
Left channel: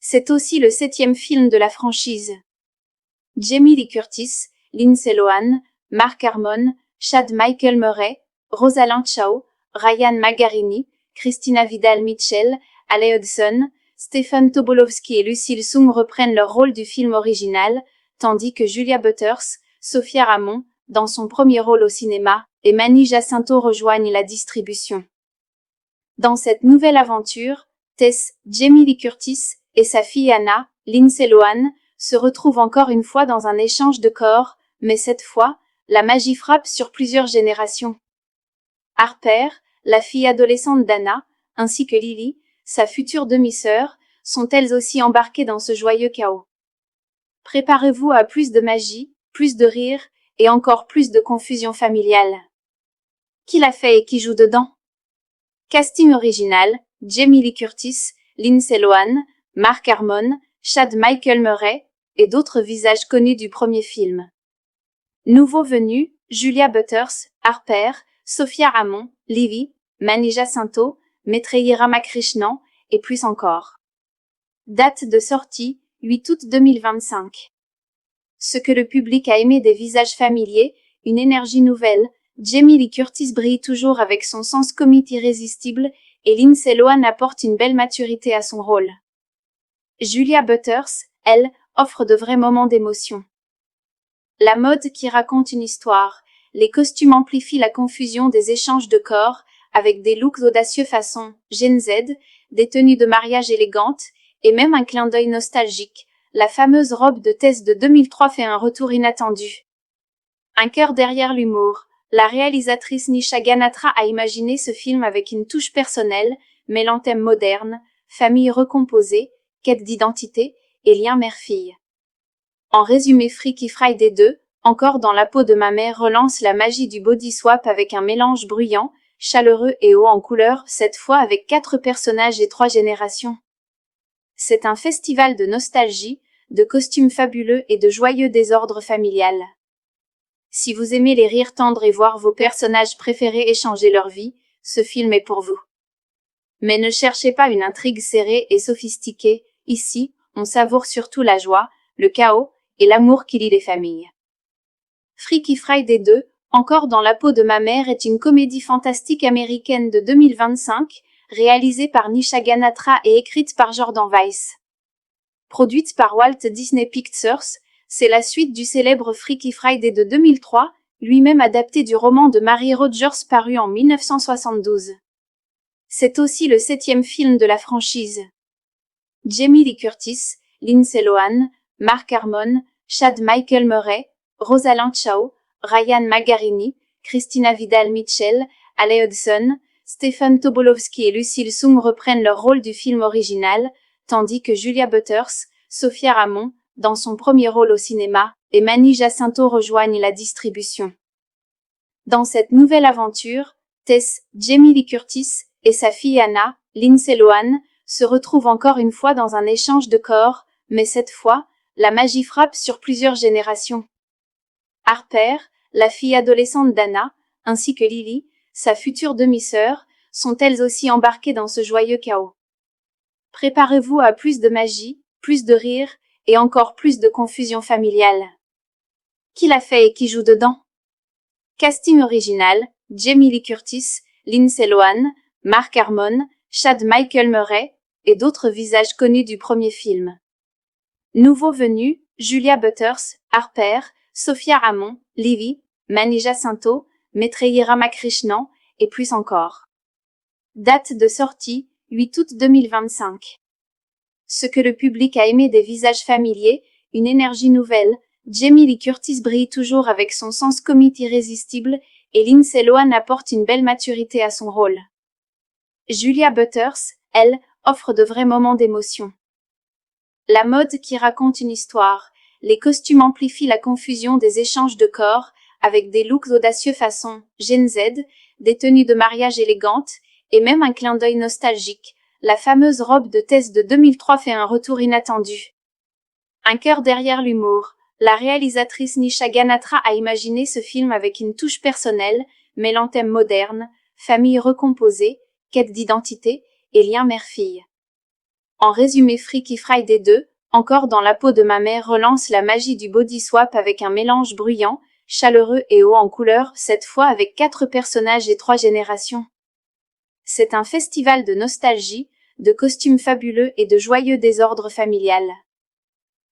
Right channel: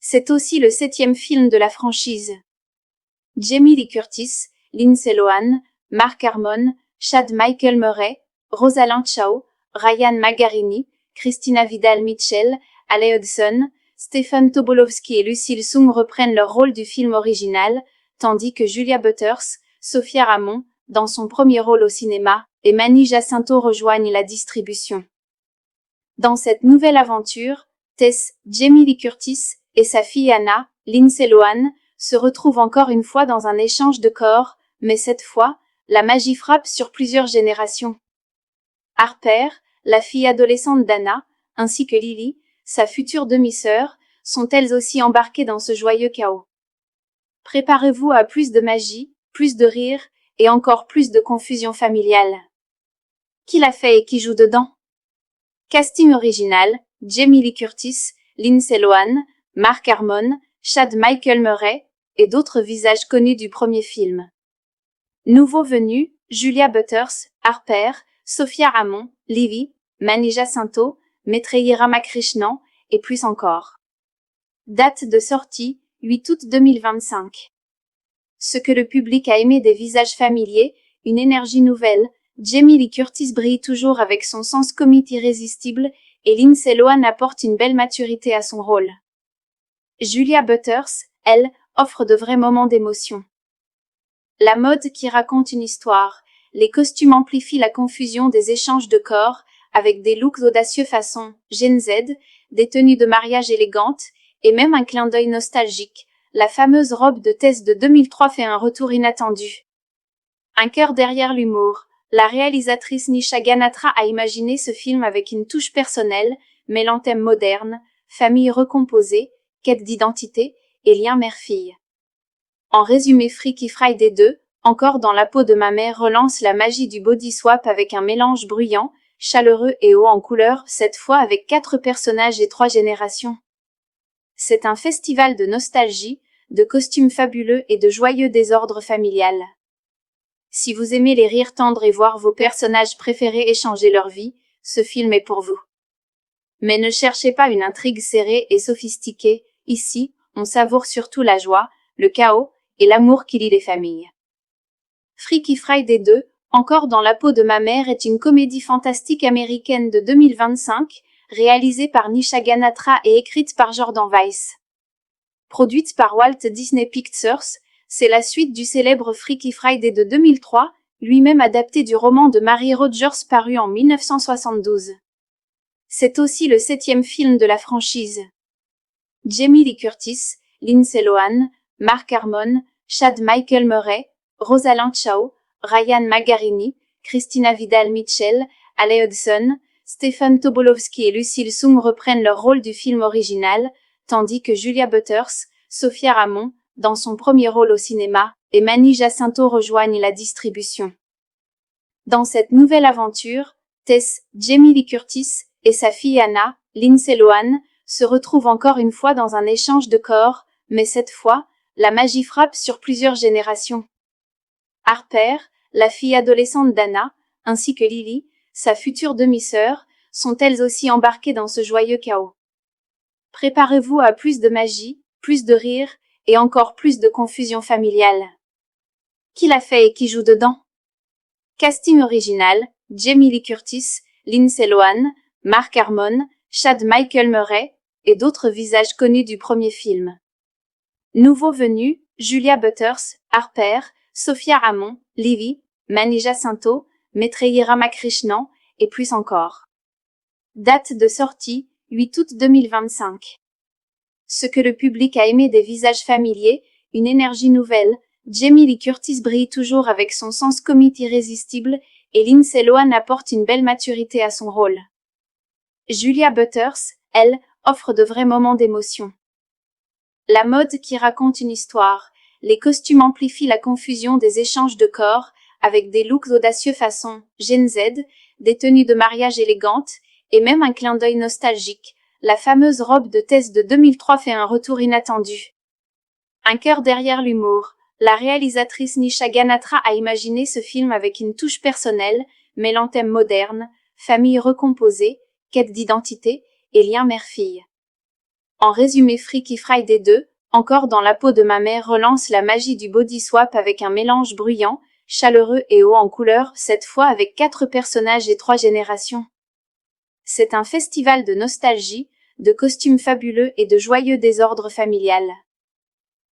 C'est aussi le 7e film de la franchise. Jamie Lee Curtis, Lindsay Lohan, Mark Harmon, Chad Michael Murray, Rosalind Chao, Ryan Magarini, Christina Vidal-Mitchell, Ale Hudson, Stephen Tobolowsky et Lucille Sung reprennent leur rôle du film original, tandis que Julia Butters, Sophia Ramon, dans son premier rôle au cinéma, et Manny Jacinto rejoignent la distribution. Dans cette nouvelle aventure, Tess, Jamie Lee Curtis, et sa fille Anna, Lindsay Lohan, se retrouvent encore une fois dans un échange de corps, mais cette fois, la magie frappe sur plusieurs générations. Harper, la fille adolescente d'Anna, ainsi que Lily, sa future demi-sœur, sont elles aussi embarquées dans ce joyeux chaos. Préparez-vous à plus de magie, plus de rire, et encore plus de confusion familiale. Qui l'a fait et qui joue dedans? Casting original, Jamie Lee Curtis, Lindsay Lohan, Mark Harmon, Chad Michael Murray, et d'autres visages connus du premier film. Nouveaux venus, Julia Butters, Harper, Sophia Ramon, Livy, Manny Jacinto, Maitreyi Ramakrishnan, et plus encore. Date de sortie, 8 août 2025. Ce que le public a aimé des visages familiers, une énergie nouvelle, Jamie Lee Curtis brille toujours avec son sens comique irrésistible et Lindsay Lohan apporte une belle maturité à son rôle. Julia Butters, elle, offre de vrais moments d'émotion. La mode qui raconte une histoire, les costumes amplifient la confusion des échanges de corps avec des looks audacieux façon Gen Z, des tenues de mariage élégantes et même un clin d'œil nostalgique. La fameuse robe de Tess de 2003 fait un retour inattendu. Un cœur derrière l'humour. La réalisatrice Nisha Ganatra a imaginé ce film avec une touche personnelle, mêlant thèmes modernes, famille recomposée, quête d'identité et lien mère-fille. En résumé, Freaky Friday 2, encore dans la peau de ma mère, relance la magie du body swap avec un mélange bruyant, chaleureux et haut en couleur, cette fois avec 4 personnages et 3 générations. C'est un festival de nostalgie, de costumes fabuleux et de joyeux désordre familial. Si vous aimez les rires tendres et voir vos personnages préférés échanger leur vie, ce film est pour vous. Mais ne cherchez pas une intrigue serrée et sophistiquée, ici, on savoure surtout la joie, le chaos et l'amour qui lie les familles. Freaky Friday 2, encore dans la peau de ma mère, est une comédie fantastique américaine de 2025, réalisée par Nisha Ganatra et écrite par Jordan Weiss. Produite par Walt Disney Pictures, c'est la suite du célèbre Freaky Friday de 2003, lui-même adapté du roman de Mary Rogers paru en 1972. C'est aussi le 7e film de la franchise. Jamie Lee Curtis, Lindsay Lohan, Mark Harmon, Chad Michael Murray, Rosalind Chao, Ryan Magarini, Christina Vidal-Mitchell, Ale Hudson, Stephen Tobolowsky et Lucille Sung reprennent leur rôle du film original, tandis que Julia Butters, Sophia Ramon, dans son premier rôle au cinéma, et Manny Jacinto rejoignent la distribution. Dans cette nouvelle aventure, Tess, Jamie Lee Curtis et sa fille Anna, Lindsay Lohan, se retrouvent encore une fois dans un échange de corps, mais cette fois, la magie frappe sur plusieurs générations. Harper, la fille adolescente d'Anna, ainsi que Lily, sa future demi-sœur, sont elles aussi embarquées dans ce joyeux chaos. Préparez-vous à plus de magie, plus de rire et encore plus de confusion familiale. Qui l'a fait et qui joue dedans? Casting original, Jamie Lee Curtis, Lindsay Lohan, Mark Harmon, Chad Michael Murray et d'autres visages connus du premier film. Nouveaux venus, Julia Butters, Harper, Sophia Ramon, Livy, Mani Jacinto, Maitreyi Ramakrishnan, et plus encore. Date de sortie, 8 août 2025. Ce que le public a aimé des visages familiers, une énergie nouvelle, Jamie Lee Curtis brille toujours avec son sens comique irrésistible, et Lindsay Lohan apporte une belle maturité à son rôle. Julia Butters, elle, offre de vrais moments d'émotion. La mode qui raconte une histoire, les costumes amplifient la confusion des échanges de corps, avec des looks audacieux façon Gen Z, des tenues de mariage élégantes, et même un clin d'œil nostalgique. La fameuse robe de Tess de 2003 fait un retour inattendu. Un cœur derrière l'humour. La réalisatrice Nisha Ganatra a imaginé ce film avec une touche personnelle, mêlant thèmes modernes, famille recomposée, quête d'identité et lien mère-fille. En résumé, Freaky Friday 2, encore dans la peau de ma mère, relance la magie du body swap avec un mélange bruyant, chaleureux et haut en couleur, cette fois avec 4 personnages et 3 générations. C'est un festival de nostalgie, de costumes fabuleux et de joyeux désordre familial.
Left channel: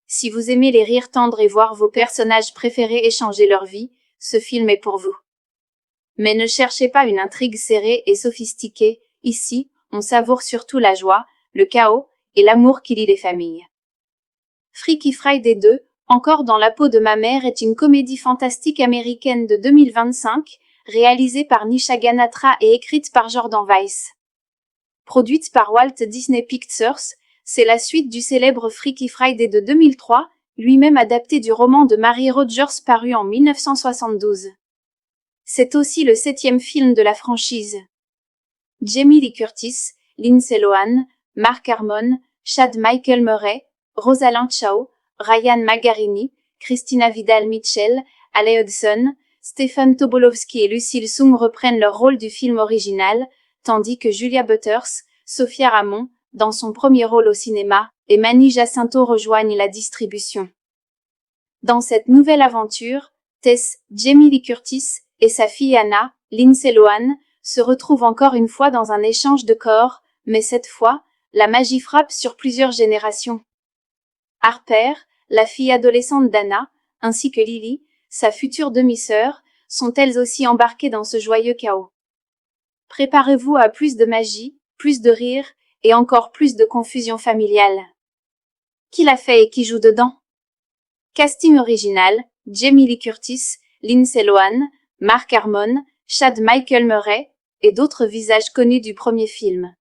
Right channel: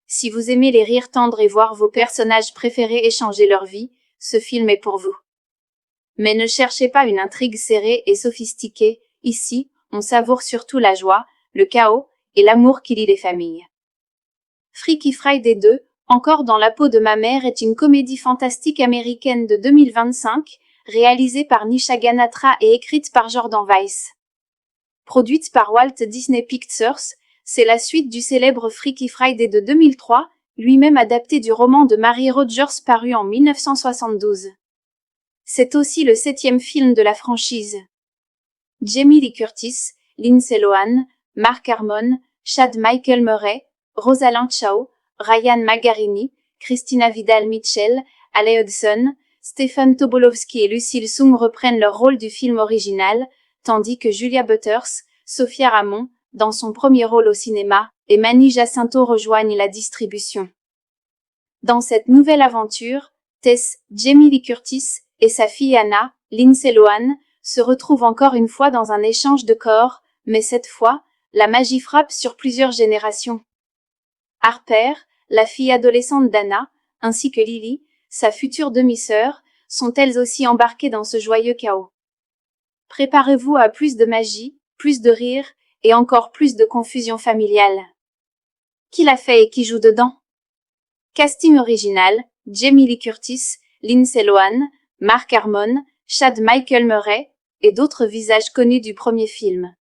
Si vous aimez les rires tendres et voir vos personnages préférés échanger leur vie, ce film est pour vous. Mais ne cherchez pas une intrigue serrée et sophistiquée, ici, on savoure surtout la joie, le chaos et l'amour qui lie les familles. Freaky Friday 2, encore dans la peau de ma mère, est une comédie fantastique américaine de 2025, réalisée par Nisha Ganatra et écrite par Jordan Weiss. Produite par Walt Disney Pictures, c'est la suite du célèbre Freaky Friday de 2003, lui-même adapté du roman de Mary Rogers paru en 1972. C'est aussi le 7e film de la franchise. Jamie Lee Curtis, Lindsay Lohan, Mark Harmon, Chad Michael Murray, Rosalind Chao, Ryan Magarini, Christina Vidal-Mitchell, Ale Hudson, Stephen Tobolowsky et Lucille Sung reprennent leur rôle du film original, tandis que Julia Butters, Sophia Ramon, dans son premier rôle au cinéma, et Mani Jacinto rejoignent la distribution. Dans cette nouvelle aventure, Tess, Jamie Lee Curtis et sa fille Anna, Lindsay Lohan, se retrouvent encore une fois dans un échange de corps, mais cette fois, la magie frappe sur plusieurs générations. Harper, la fille adolescente d'Anna, ainsi que Lily, sa future demi-sœur, sont elles aussi embarquées dans ce joyeux chaos. Préparez-vous à plus de magie, plus de rire, et encore plus de confusion familiale. Qui l'a fait et qui joue dedans? Casting original, Jamie Lee Curtis, Lindsay Lohan, Mark Harmon, Chad Michael Murray, et d'autres visages connus du premier film.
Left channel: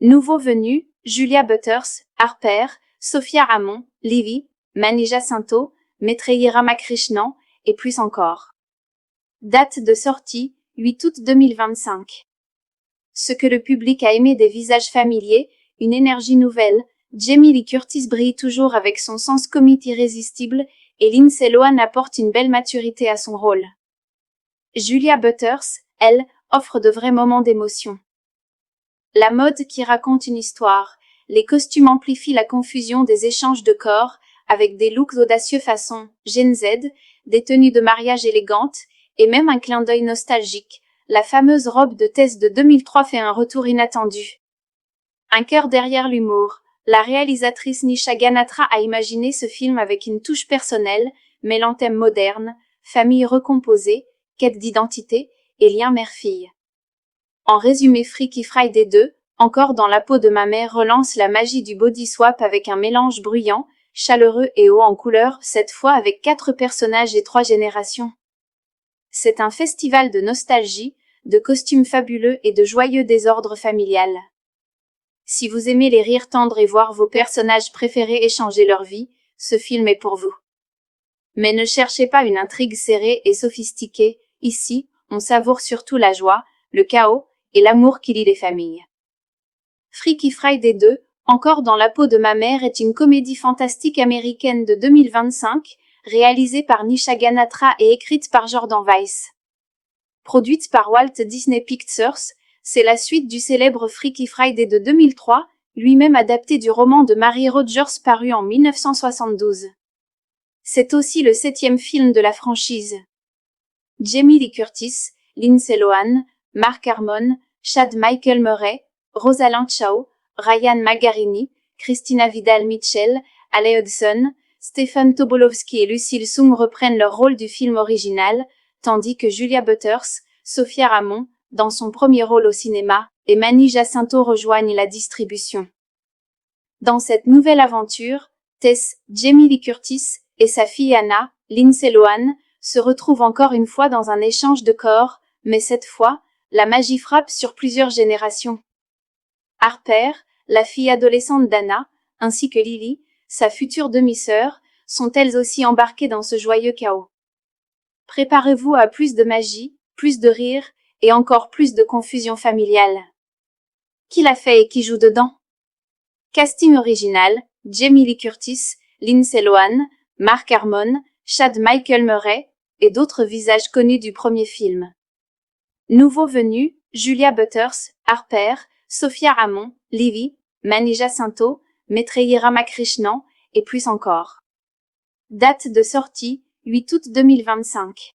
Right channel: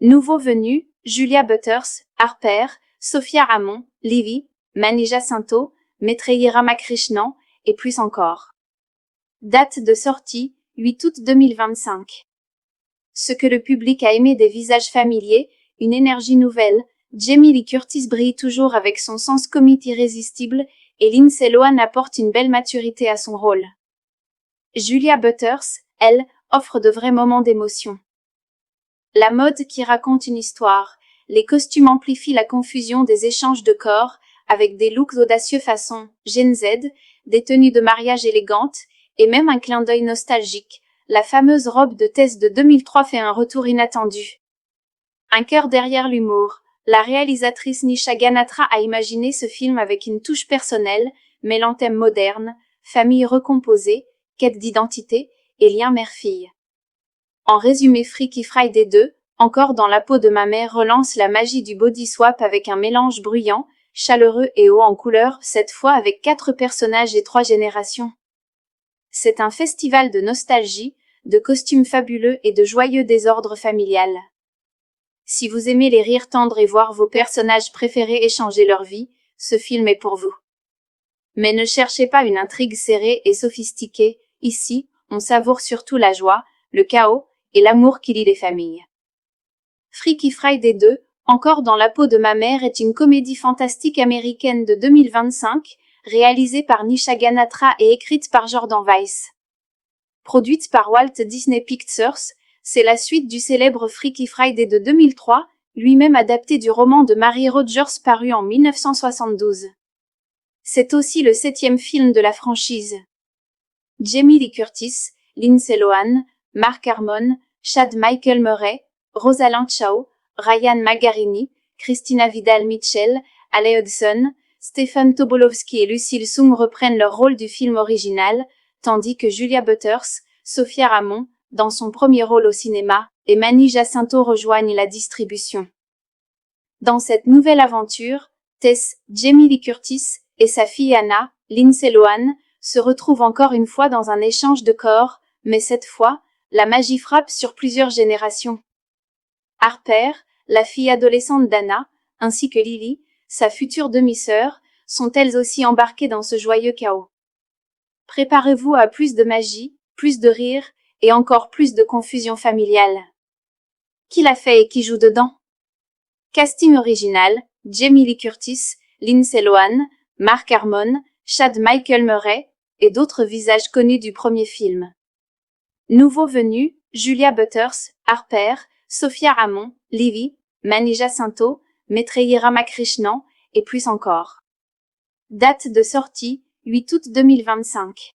Nouveaux venus, Julia Butters, Harper, Sophia Ramon, Livy, Mani Jacinto, Maitreyi Ramakrishnan, et plus encore. Date de sortie, 8 août 2025. Ce que le public a aimé des visages familiers, une énergie nouvelle, Jamie Lee Curtis brille toujours avec son sens comique irrésistible, et Lindsay Lohan apporte une belle maturité à son rôle. Julia Butters, elle, offre de vrais moments d'émotion. La mode qui raconte une histoire, les costumes amplifient la confusion des échanges de corps, avec des looks audacieux façon Gen Z, des tenues de mariage élégantes, et même un clin d'œil nostalgique. La fameuse robe de Tess de 2003 fait un retour inattendu. Un cœur derrière l'humour. La réalisatrice Nisha Ganatra a imaginé ce film avec une touche personnelle, mêlant thèmes modernes, famille recomposée, quête d'identité et lien mère-fille. En résumé, Freaky Friday 2, encore dans la peau de ma mère, relance la magie du body swap avec un mélange bruyant, chaleureux et haut en couleur, cette fois avec 4 personnages et 3 générations. C'est un festival de nostalgie, de costumes fabuleux et de joyeux désordre familial. Si vous aimez les rires tendres et voir vos personnages préférés échanger leur vie, ce film est pour vous. Mais ne cherchez pas une intrigue serrée et sophistiquée, ici, on savoure surtout la joie, le chaos et l'amour qui lie les familles. Freaky Friday 2, encore dans la peau de ma mère, est une comédie fantastique américaine de 2025, réalisée par Nisha Ganatra et écrite par Jordan Weiss. Produite par Walt Disney Pictures, c'est la suite du célèbre Freaky Friday de 2003, lui-même adapté du roman de Mary Rogers paru en 1972. C'est aussi le 7e film de la franchise. Jamie Lee Curtis, Lindsay Lohan, Mark Harmon, Chad Michael Murray, Rosalind Chao, Ryan Magarini, Christina Vidal-Mitchell, Ale Hudson, Stefan Tobolowsky et Lucille Sung reprennent leur rôle du film original, tandis que Julia Butters, Sophia Ramon, dans son premier rôle au cinéma, et Manny Jacinto rejoignent la distribution. Dans cette nouvelle aventure, Tess, Jamie Lee Curtis, et sa fille Anna, Lindsay Lohan, se retrouvent encore une fois dans un échange de corps, mais cette fois, la magie frappe sur plusieurs générations. Harper, la fille adolescente d'Anna, ainsi que Lily, sa future demi-sœur, sont elles aussi embarquées dans ce joyeux chaos. Préparez-vous à plus de magie, plus de rire, et encore plus de confusion familiale. Qui l'a fait et qui joue dedans? Casting original, Jamie Lee Curtis, Lindsay Lohan, Mark Harmon, Chad Michael Murray, et d'autres visages connus du premier film. Nouveaux venus, Julia Butters, Harper, Sophia Ramon, Livy, Manny Jacinto, Maitreyi Ramakrishnan, et plus encore. Date de sortie, 8 août 2025.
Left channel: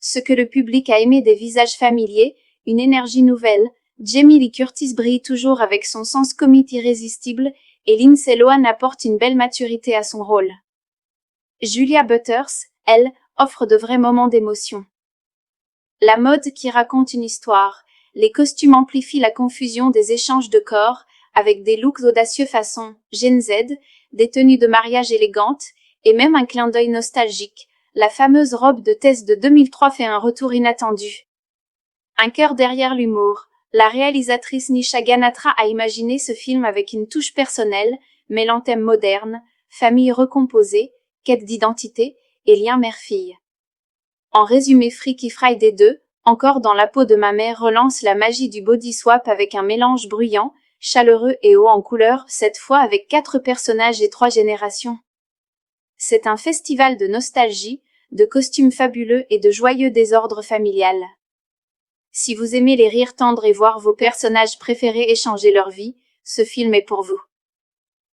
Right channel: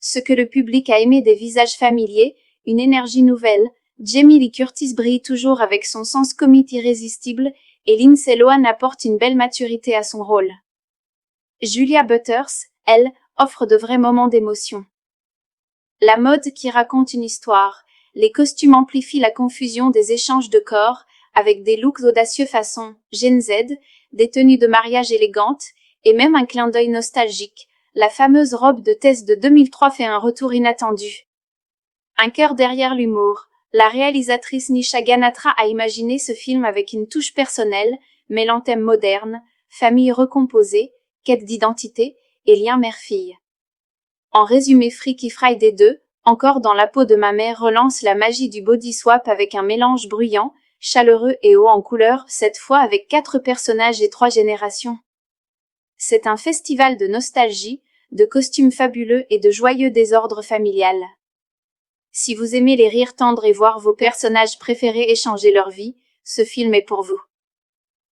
Ce que le public a aimé des visages familiers, une énergie nouvelle, Jamie Lee Curtis brille toujours avec son sens comique irrésistible, et Lindsay Lohan apporte une belle maturité à son rôle. Julia Butters, elle, offre de vrais moments d'émotion. La mode qui raconte une histoire, les costumes amplifient la confusion des échanges de corps, avec des looks audacieux façon Gen Z, des tenues de mariage élégantes, et même un clin d'œil nostalgique. La fameuse robe de Tess de 2003 fait un retour inattendu. Un cœur derrière l'humour. La réalisatrice Nisha Ganatra a imaginé ce film avec une touche personnelle, mêlant thèmes modernes, famille recomposée, quête d'identité et lien mère-fille. En résumé, Freaky Friday 2, encore dans la peau de ma mère, relance la magie du body swap avec un mélange bruyant, chaleureux et haut en couleur, cette fois avec 4 personnages et 3 générations. C'est un festival de nostalgie, de costumes fabuleux et de joyeux désordre familial. Si vous aimez les rires tendres et voir vos personnages préférés échanger leur vie, ce film est pour vous.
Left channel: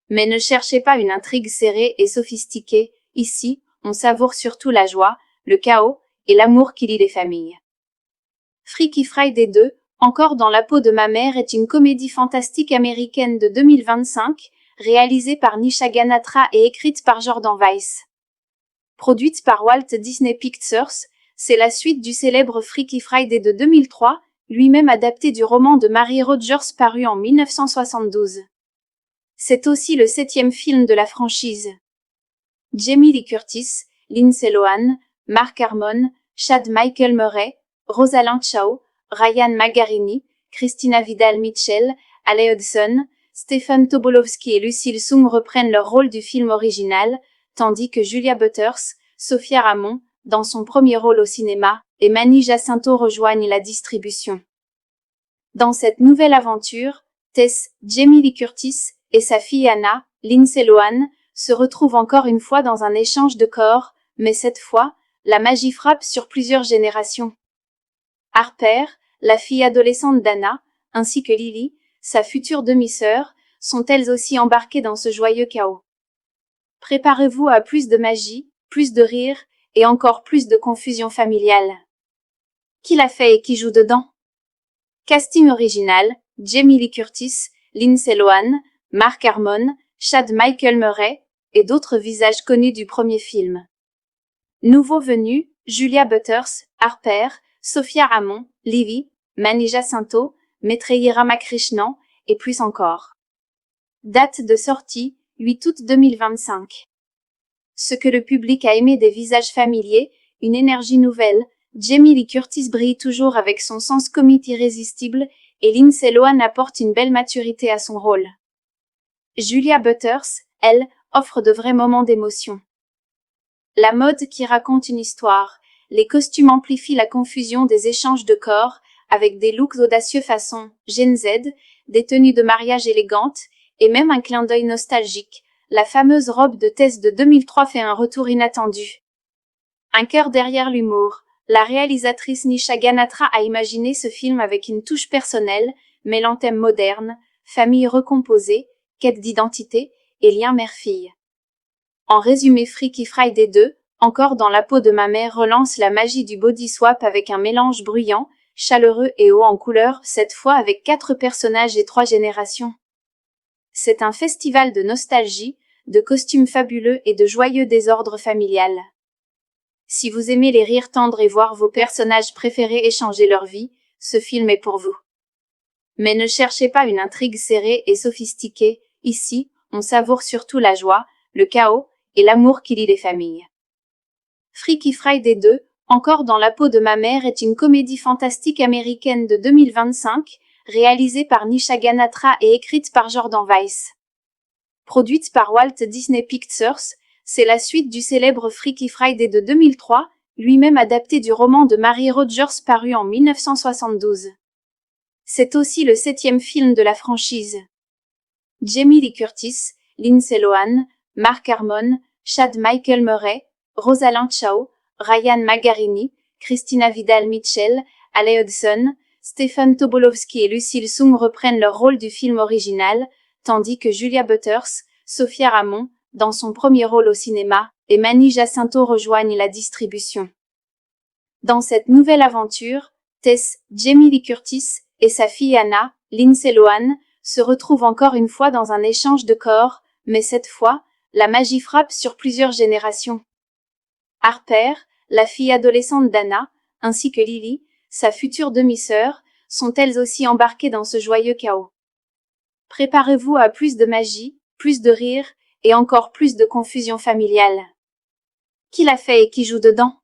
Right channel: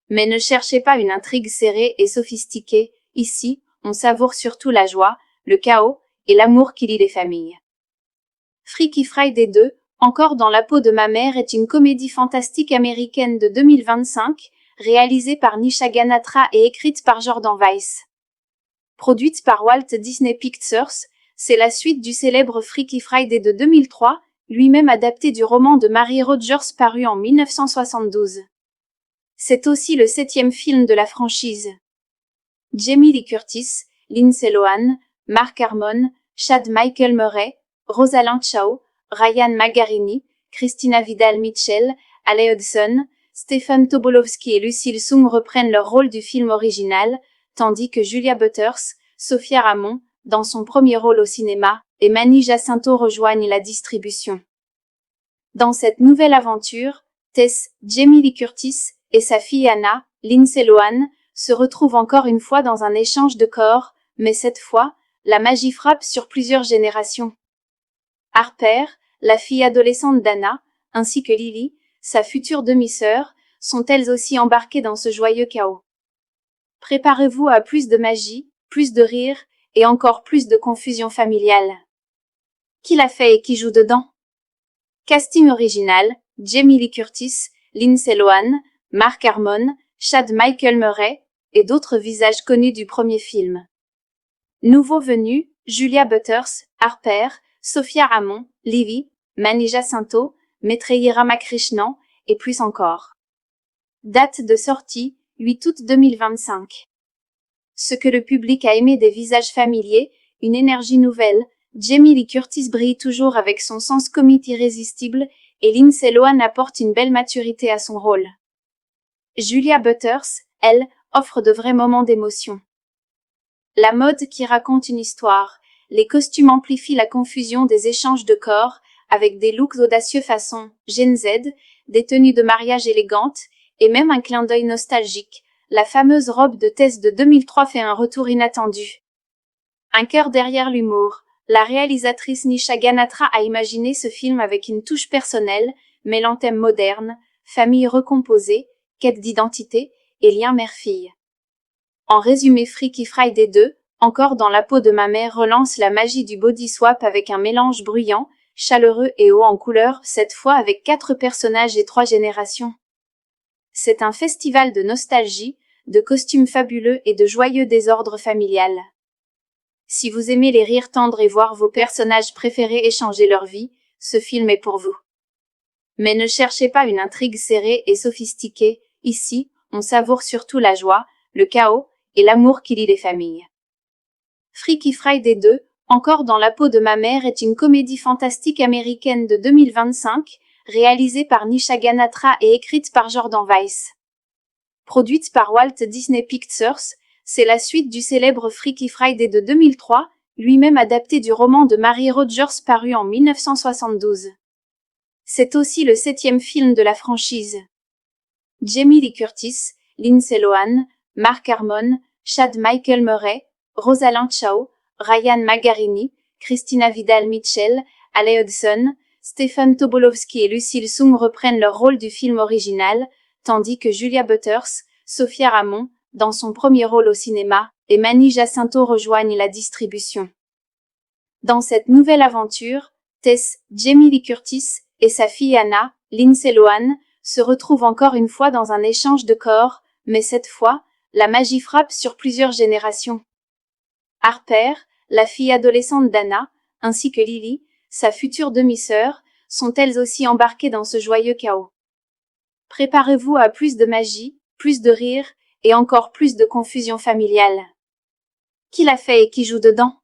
Mais ne cherchez pas une intrigue serrée et sophistiquée, ici, on savoure surtout la joie, le chaos et l'amour qui lie les familles. Freaky Friday 2, encore dans la peau de ma mère, est une comédie fantastique américaine de 2025, réalisée par Nisha Ganatra et écrite par Jordan Weiss. Produite par Walt Disney Pictures, c'est la suite du célèbre Freaky Friday de 2003, lui-même adapté du roman de Mary Rogers paru en 1972. C'est aussi le 7e film de la franchise. Jamie Lee Curtis, Lindsay Lohan, Mark Harmon, Chad Michael Murray, Rosalind Chao, Ryan Magarini, Christina Vidal-Mitchell, Ale Hudson, Stefan Tobolowsky et Lucille Sung reprennent leur rôle du film original, tandis que Julia Butters, Sophia Ramon, dans son premier rôle au cinéma, et Manny Jacinto rejoignent la distribution. Dans cette nouvelle aventure, Tess, Jamie Lee Curtis, et sa fille Anna, Lindsay Lohan, se retrouvent encore une fois dans un échange de corps, mais cette fois, la magie frappe sur plusieurs générations. Harper, la fille adolescente d'Anna, ainsi que Lily, sa future demi-sœur, sont elles aussi embarquées dans ce joyeux chaos. Préparez-vous à plus de magie, plus de rire, et encore plus de confusion familiale. Qui l'a fait et qui joue dedans? Casting original, Jamie Lee Curtis, Lindsay Lohan, Mark Harmon, Chad Michael Murray, et d'autres visages connus du premier film. Nouveaux venus, Julia Butters, Harper, Sophia Ramon, Lily, Manny Jacinto, Maitreyi Ramakrishnan, et plus encore. Date de sortie, 8 août 2025. Ce que le public a aimé des visages familiers, une énergie nouvelle, Jamie Lee Curtis brille toujours avec son sens comique irrésistible, et Lindsay Lohan apporte une belle maturité à son rôle. Julia Butters, elle, offre de vrais moments d'émotion. La mode qui raconte une histoire, les costumes amplifient la confusion des échanges de corps, avec des looks audacieux façon Gen Z, des tenues de mariage élégantes, et même un clin d'œil nostalgique. La fameuse robe de Tess de 2003 fait un retour inattendu. Un cœur derrière l'humour. La réalisatrice Nisha Ganatra a imaginé ce film avec une touche personnelle, mêlant thèmes modernes, famille recomposée, quête d'identité et lien mère-fille. En résumé, Freaky Friday 2, encore dans la peau de ma mère, relance la magie du body swap avec un mélange bruyant, chaleureux et haut en couleur, cette fois avec 4 personnages et 3 générations. C'est un festival de nostalgie, de costumes fabuleux et de joyeux désordre familial. Si vous aimez les rires tendres et voir vos personnages préférés échanger leur vie, ce film est pour vous. Mais ne cherchez pas une intrigue serrée et sophistiquée, ici, on savoure surtout la joie, le chaos et l'amour qui lie les familles. Freaky Friday 2, Encore dans la peau de ma mère est une comédie fantastique américaine de 2025, réalisée par Nisha Ganatra et écrite par Jordan Weiss. Produite par Walt Disney Pictures, c'est la suite du célèbre Freaky Friday de 2003, lui-même adapté du roman de Mary Rogers paru en 1972. C'est aussi le 7e film de la franchise. Jamie Lee Curtis, Lindsay Lohan, Mark Harmon, Chad Michael Murray, Rosalind Chao, Ryan Magarini, Christina Vidal-Mitchell, Ale Hudson, Stephen Tobolowsky et Lucille Sung reprennent leur rôle du film original, tandis que Julia Butters, Sophia Ramon, dans son premier rôle au cinéma, et Manny Jacinto rejoignent la distribution. Dans cette nouvelle aventure, Tess, Jamie Lee Curtis et sa fille Anna, Lindsay Lohan, se retrouvent encore une fois dans un échange de corps, mais cette fois, la magie frappe sur plusieurs générations. Harper, la fille adolescente d'Anna, ainsi que Lily, sa future demi-sœur, sont elles aussi embarquées dans ce joyeux chaos. Préparez-vous à plus de magie, plus de rire et encore plus de confusion familiale. Qui l'a fait et qui joue dedans?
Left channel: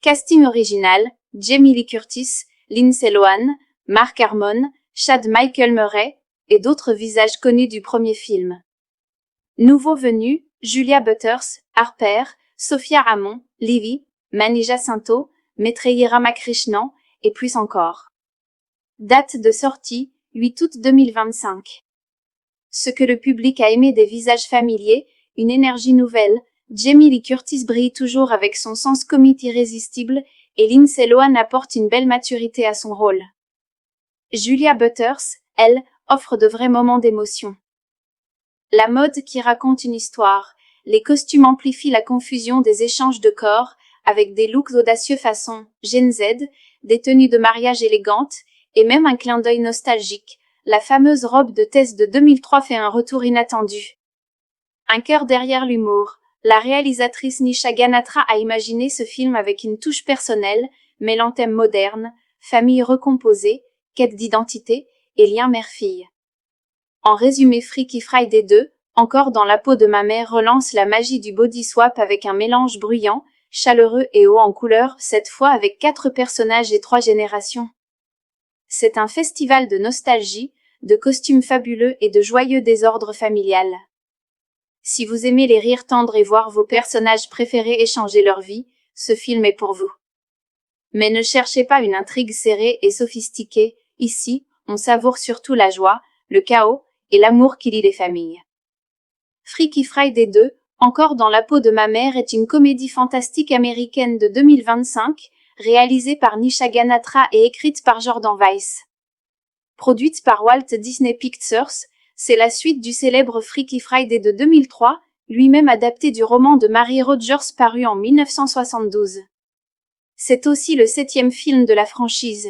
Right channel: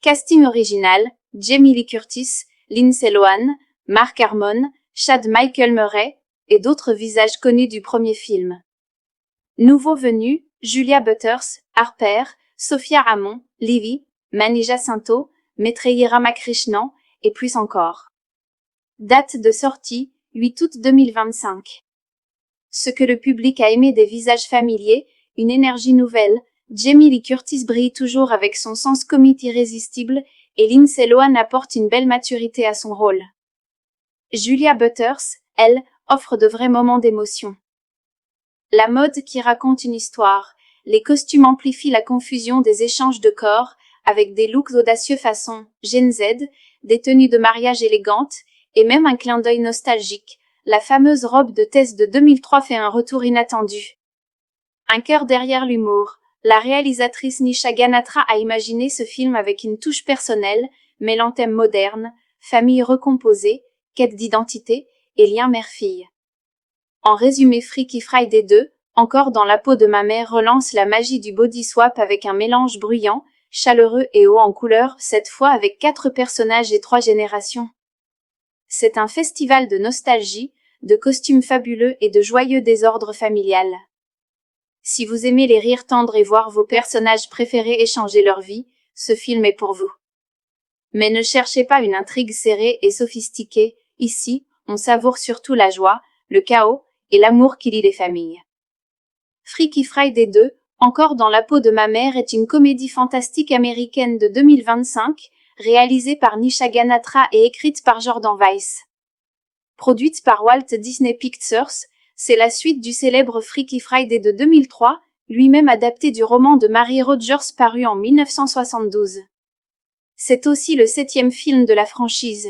Casting original, Jamie Lee Curtis, Lindsay Lohan, Mark Harmon, Chad Michael Murray et d'autres visages connus du premier film. Nouveaux venus, Julia Butters, Harper, Sophia Ramon, Livy, Manny Jacinto, Maitreyi Ramakrishnan et plus encore. Date de sortie, 8 août 2025. Ce que le public a aimé des visages familiers, une énergie nouvelle, Jamie Lee Curtis brille toujours avec son sens comique irrésistible et Lindsay Lohan apporte une belle maturité à son rôle. Julia Butters, elle, offre de vrais moments d'émotion. La mode qui raconte une histoire, les costumes amplifient la confusion des échanges de corps avec des looks audacieux façon Gen Z, des tenues de mariage élégantes et même un clin d'œil nostalgique. La fameuse robe de Tess de 2003 fait un retour inattendu. Un cœur derrière l'humour. La réalisatrice Nisha Ganatra a imaginé ce film avec une touche personnelle, mêlant thèmes modernes, famille recomposée, quête d'identité et lien mère-fille. En résumé, Freaky Friday 2, Encore dans la peau de ma mère relance la magie du body swap avec un mélange bruyant, chaleureux et haut en couleur, cette fois avec 4 personnages et 3 générations. C'est un festival de nostalgie, de costumes fabuleux et de joyeux désordre familial. Si vous aimez les rires tendres et voir vos personnages préférés échanger leur vie, ce film est pour vous. Mais ne cherchez pas une intrigue serrée et sophistiquée, ici, on savoure surtout la joie, le chaos et l'amour qui lie les familles. Freaky Friday 2, Encore dans la peau de ma mère est une comédie fantastique américaine de 2025, réalisée par Nisha Ganatra et écrite par Jordan Weiss. Produite par Walt Disney Pictures, c'est la suite du célèbre Freaky Friday de 2003, lui-même adapté du roman de Mary Rogers paru en 1972. C'est aussi le 7e film de la franchise.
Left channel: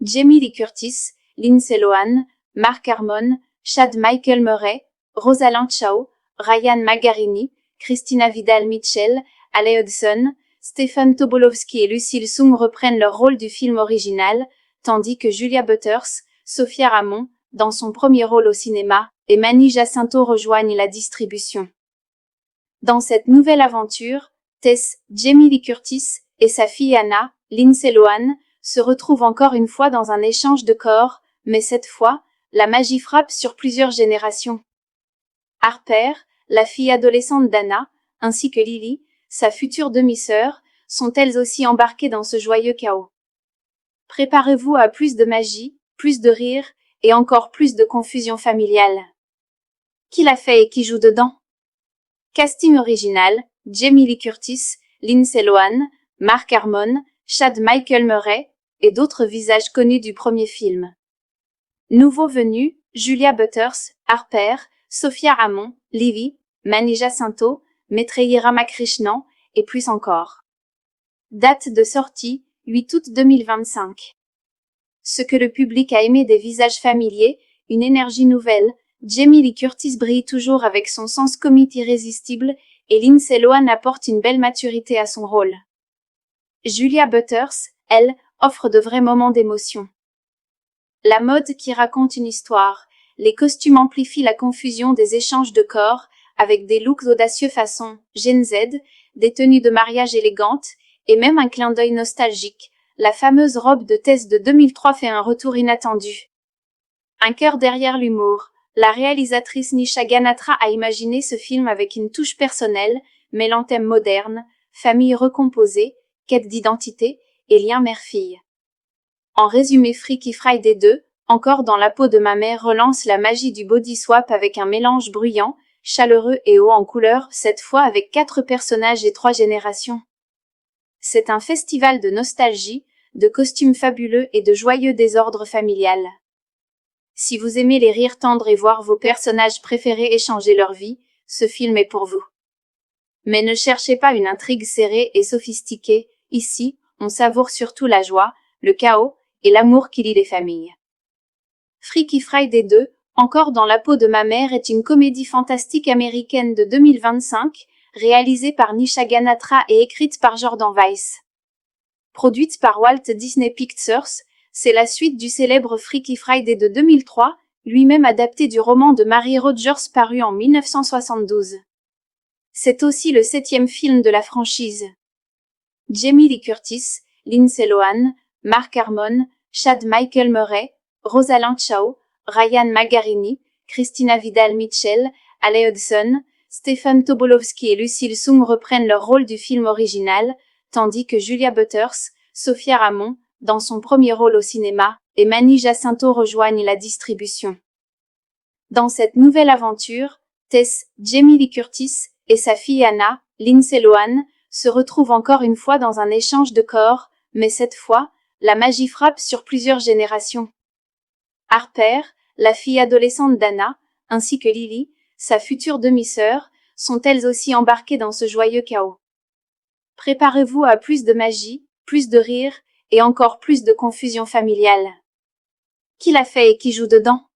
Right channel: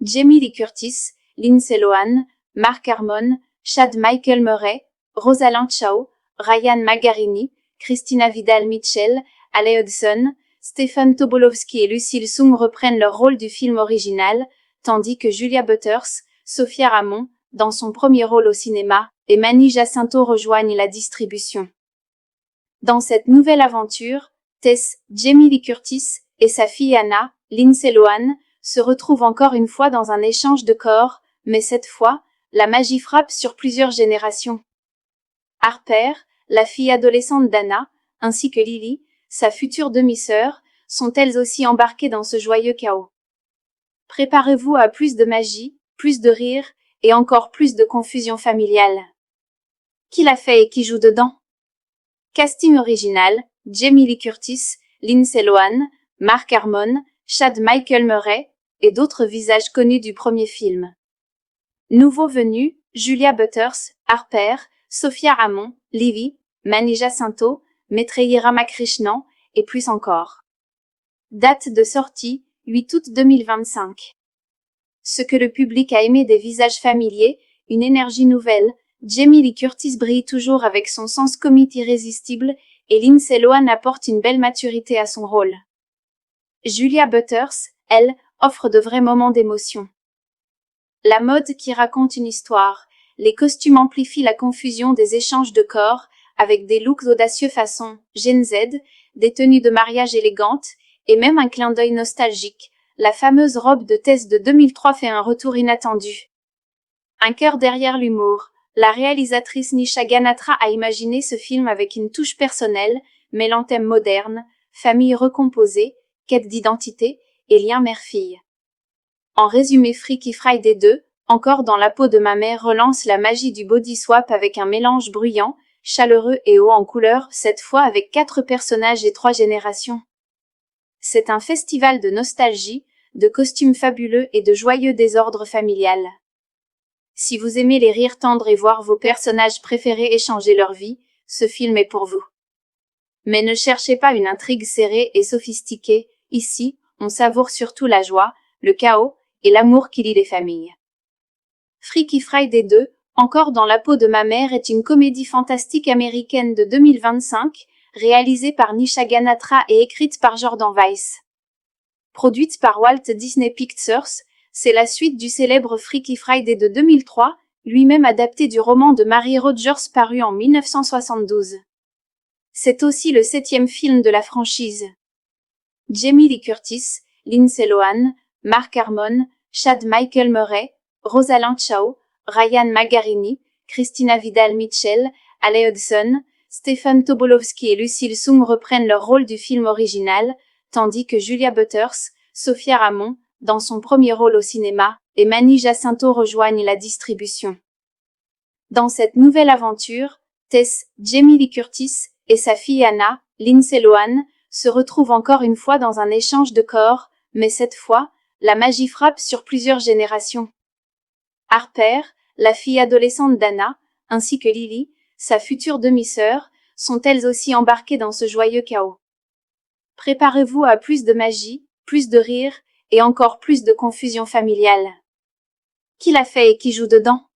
Jamie Lee Curtis, Lindsay Lohan, Mark Harmon, Chad Michael Murray, Rosalind Chao, Ryan Magarini, Christina Vidal-Mitchell, Ale Hudson, Stephen Tobolowsky et Lucille Sung reprennent leur rôle du film original, tandis que Julia Butters, Sophia Ramon, dans son premier rôle au cinéma, et Manny Jacinto rejoignent la distribution. Dans cette nouvelle aventure, Tess, Jamie Lee Curtis et sa fille Anna, Lindsay Lohan, se retrouvent encore une fois dans un échange de corps, mais cette fois, la magie frappe sur plusieurs générations. Harper, la fille adolescente d'Anna, ainsi que Lily, sa future demi-sœur, sont elles aussi embarquées dans ce joyeux chaos. Préparez-vous à plus de magie, plus de rire et encore plus de confusion familiale. Qui l'a fait et qui joue dedans? Casting original, Jamie Lee Curtis, Lindsay Lohan, Mark Harmon, Chad Michael Murray et d'autres visages connus du premier film. Nouveaux venus, Julia Butters, Harper, Sophia Ramon, Livy, Manny Jacinto, Maitreyi Ramakrishnan et plus encore. Date de sortie, 8 août 2025. Ce que le public a aimé des visages familiers, une énergie nouvelle, Jamie Lee Curtis brille toujours avec son sens comique irrésistible, et Lindsay Lohan apporte une belle maturité à son rôle. Julia Butters, elle, offre de vrais moments d'émotion. La mode qui raconte une histoire. Les costumes amplifient la confusion des échanges de corps, avec des looks audacieux façon Gen Z, des tenues de mariage élégantes, et même un clin d'œil nostalgique. La fameuse robe de Tess de 2003 fait un retour inattendu. Un cœur derrière l'humour. La réalisatrice Nisha Ganatra a imaginé ce film avec une touche personnelle, mêlant thèmes modernes, famille recomposée, quête d'identité et lien mère-fille. En résumé, Freaky Friday 2, encore dans la peau de ma mère, relance la magie du body swap avec un mélange bruyant, chaleureux et haut en couleur, cette fois avec 4 personnages et 3 générations. C'est un festival de nostalgie, de costumes fabuleux et de joyeux désordre familial. Si vous aimez les rires tendres et voir vos personnages préférés échanger leur vie, ce film est pour vous. Mais ne cherchez pas une intrigue serrée et sophistiquée, ici, on savoure surtout la joie, le chaos et l'amour qui lie les familles. Freaky Friday 2, encore dans la peau de ma mère, est une comédie fantastique américaine de 2025, réalisée par Nisha Ganatra et écrite par Jordan Weiss. Produite par Walt Disney Pictures, c'est la suite du célèbre Freaky Friday de 2003, lui-même adapté du roman de Mary Rogers paru en 1972. C'est aussi le 7e film de la franchise. Jamie Lee Curtis, Lindsay Lohan, Mark Harmon, Chad Michael Murray, Rosalind Chao, Ryan Magarini, Christina Vidal-Mitchell, Ale Hudson, Stephen Tobolowsky et Lucille Soong reprennent leur rôle du film original, tandis que Julia Butters, Sophia Ramon, dans son premier rôle au cinéma, et Manny Jacinto rejoignent la distribution. Dans cette nouvelle aventure, Tess, Jamie Lee Curtis, et sa fille Anna, Lindsay Lohan, se retrouvent encore une fois dans un échange de corps, mais cette fois, la magie frappe sur plusieurs générations. Harper, la fille adolescente d'Anna, ainsi que Lily, sa future demi-sœur, sont elles aussi embarquées dans ce joyeux chaos. Préparez-vous à plus de magie, plus de rire et encore plus de confusion familiale. Qui l'a fait et qui joue dedans?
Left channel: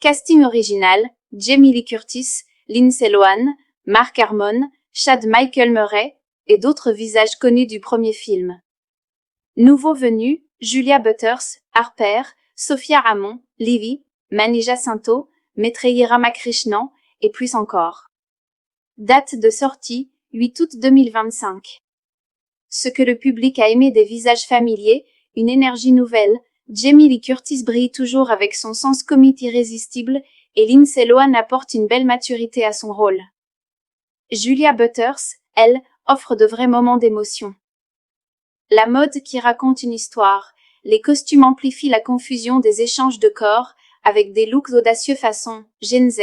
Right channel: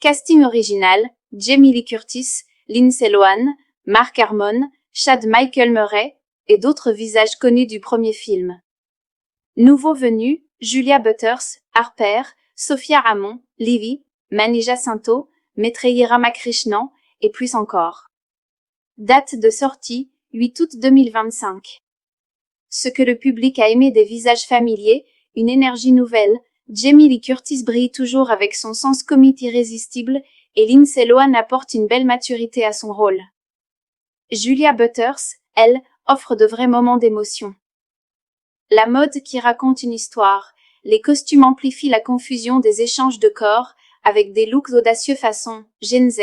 Casting original, Jamie Lee Curtis, Lindsay Lohan, Mark Harmon, Chad Michael Murray et d'autres visages connus du premier film. Nouveaux venus, Julia Butters, Harper, Sophia Ramon, Lily, Manny Jacinto, Maitreyi Ramakrishnan et plus encore. Date de sortie, 8 août 2025. Ce que le public a aimé des visages familiers, une énergie nouvelle, Jamie Lee Curtis brille toujours avec son sens comique irrésistible et Lindsay Lohan apporte une belle maturité à son rôle. Julia Butters, elle, offre de vrais moments d'émotion. La mode qui raconte une histoire. Les costumes amplifient la confusion des échanges de corps, avec des looks audacieux façon Gen Z,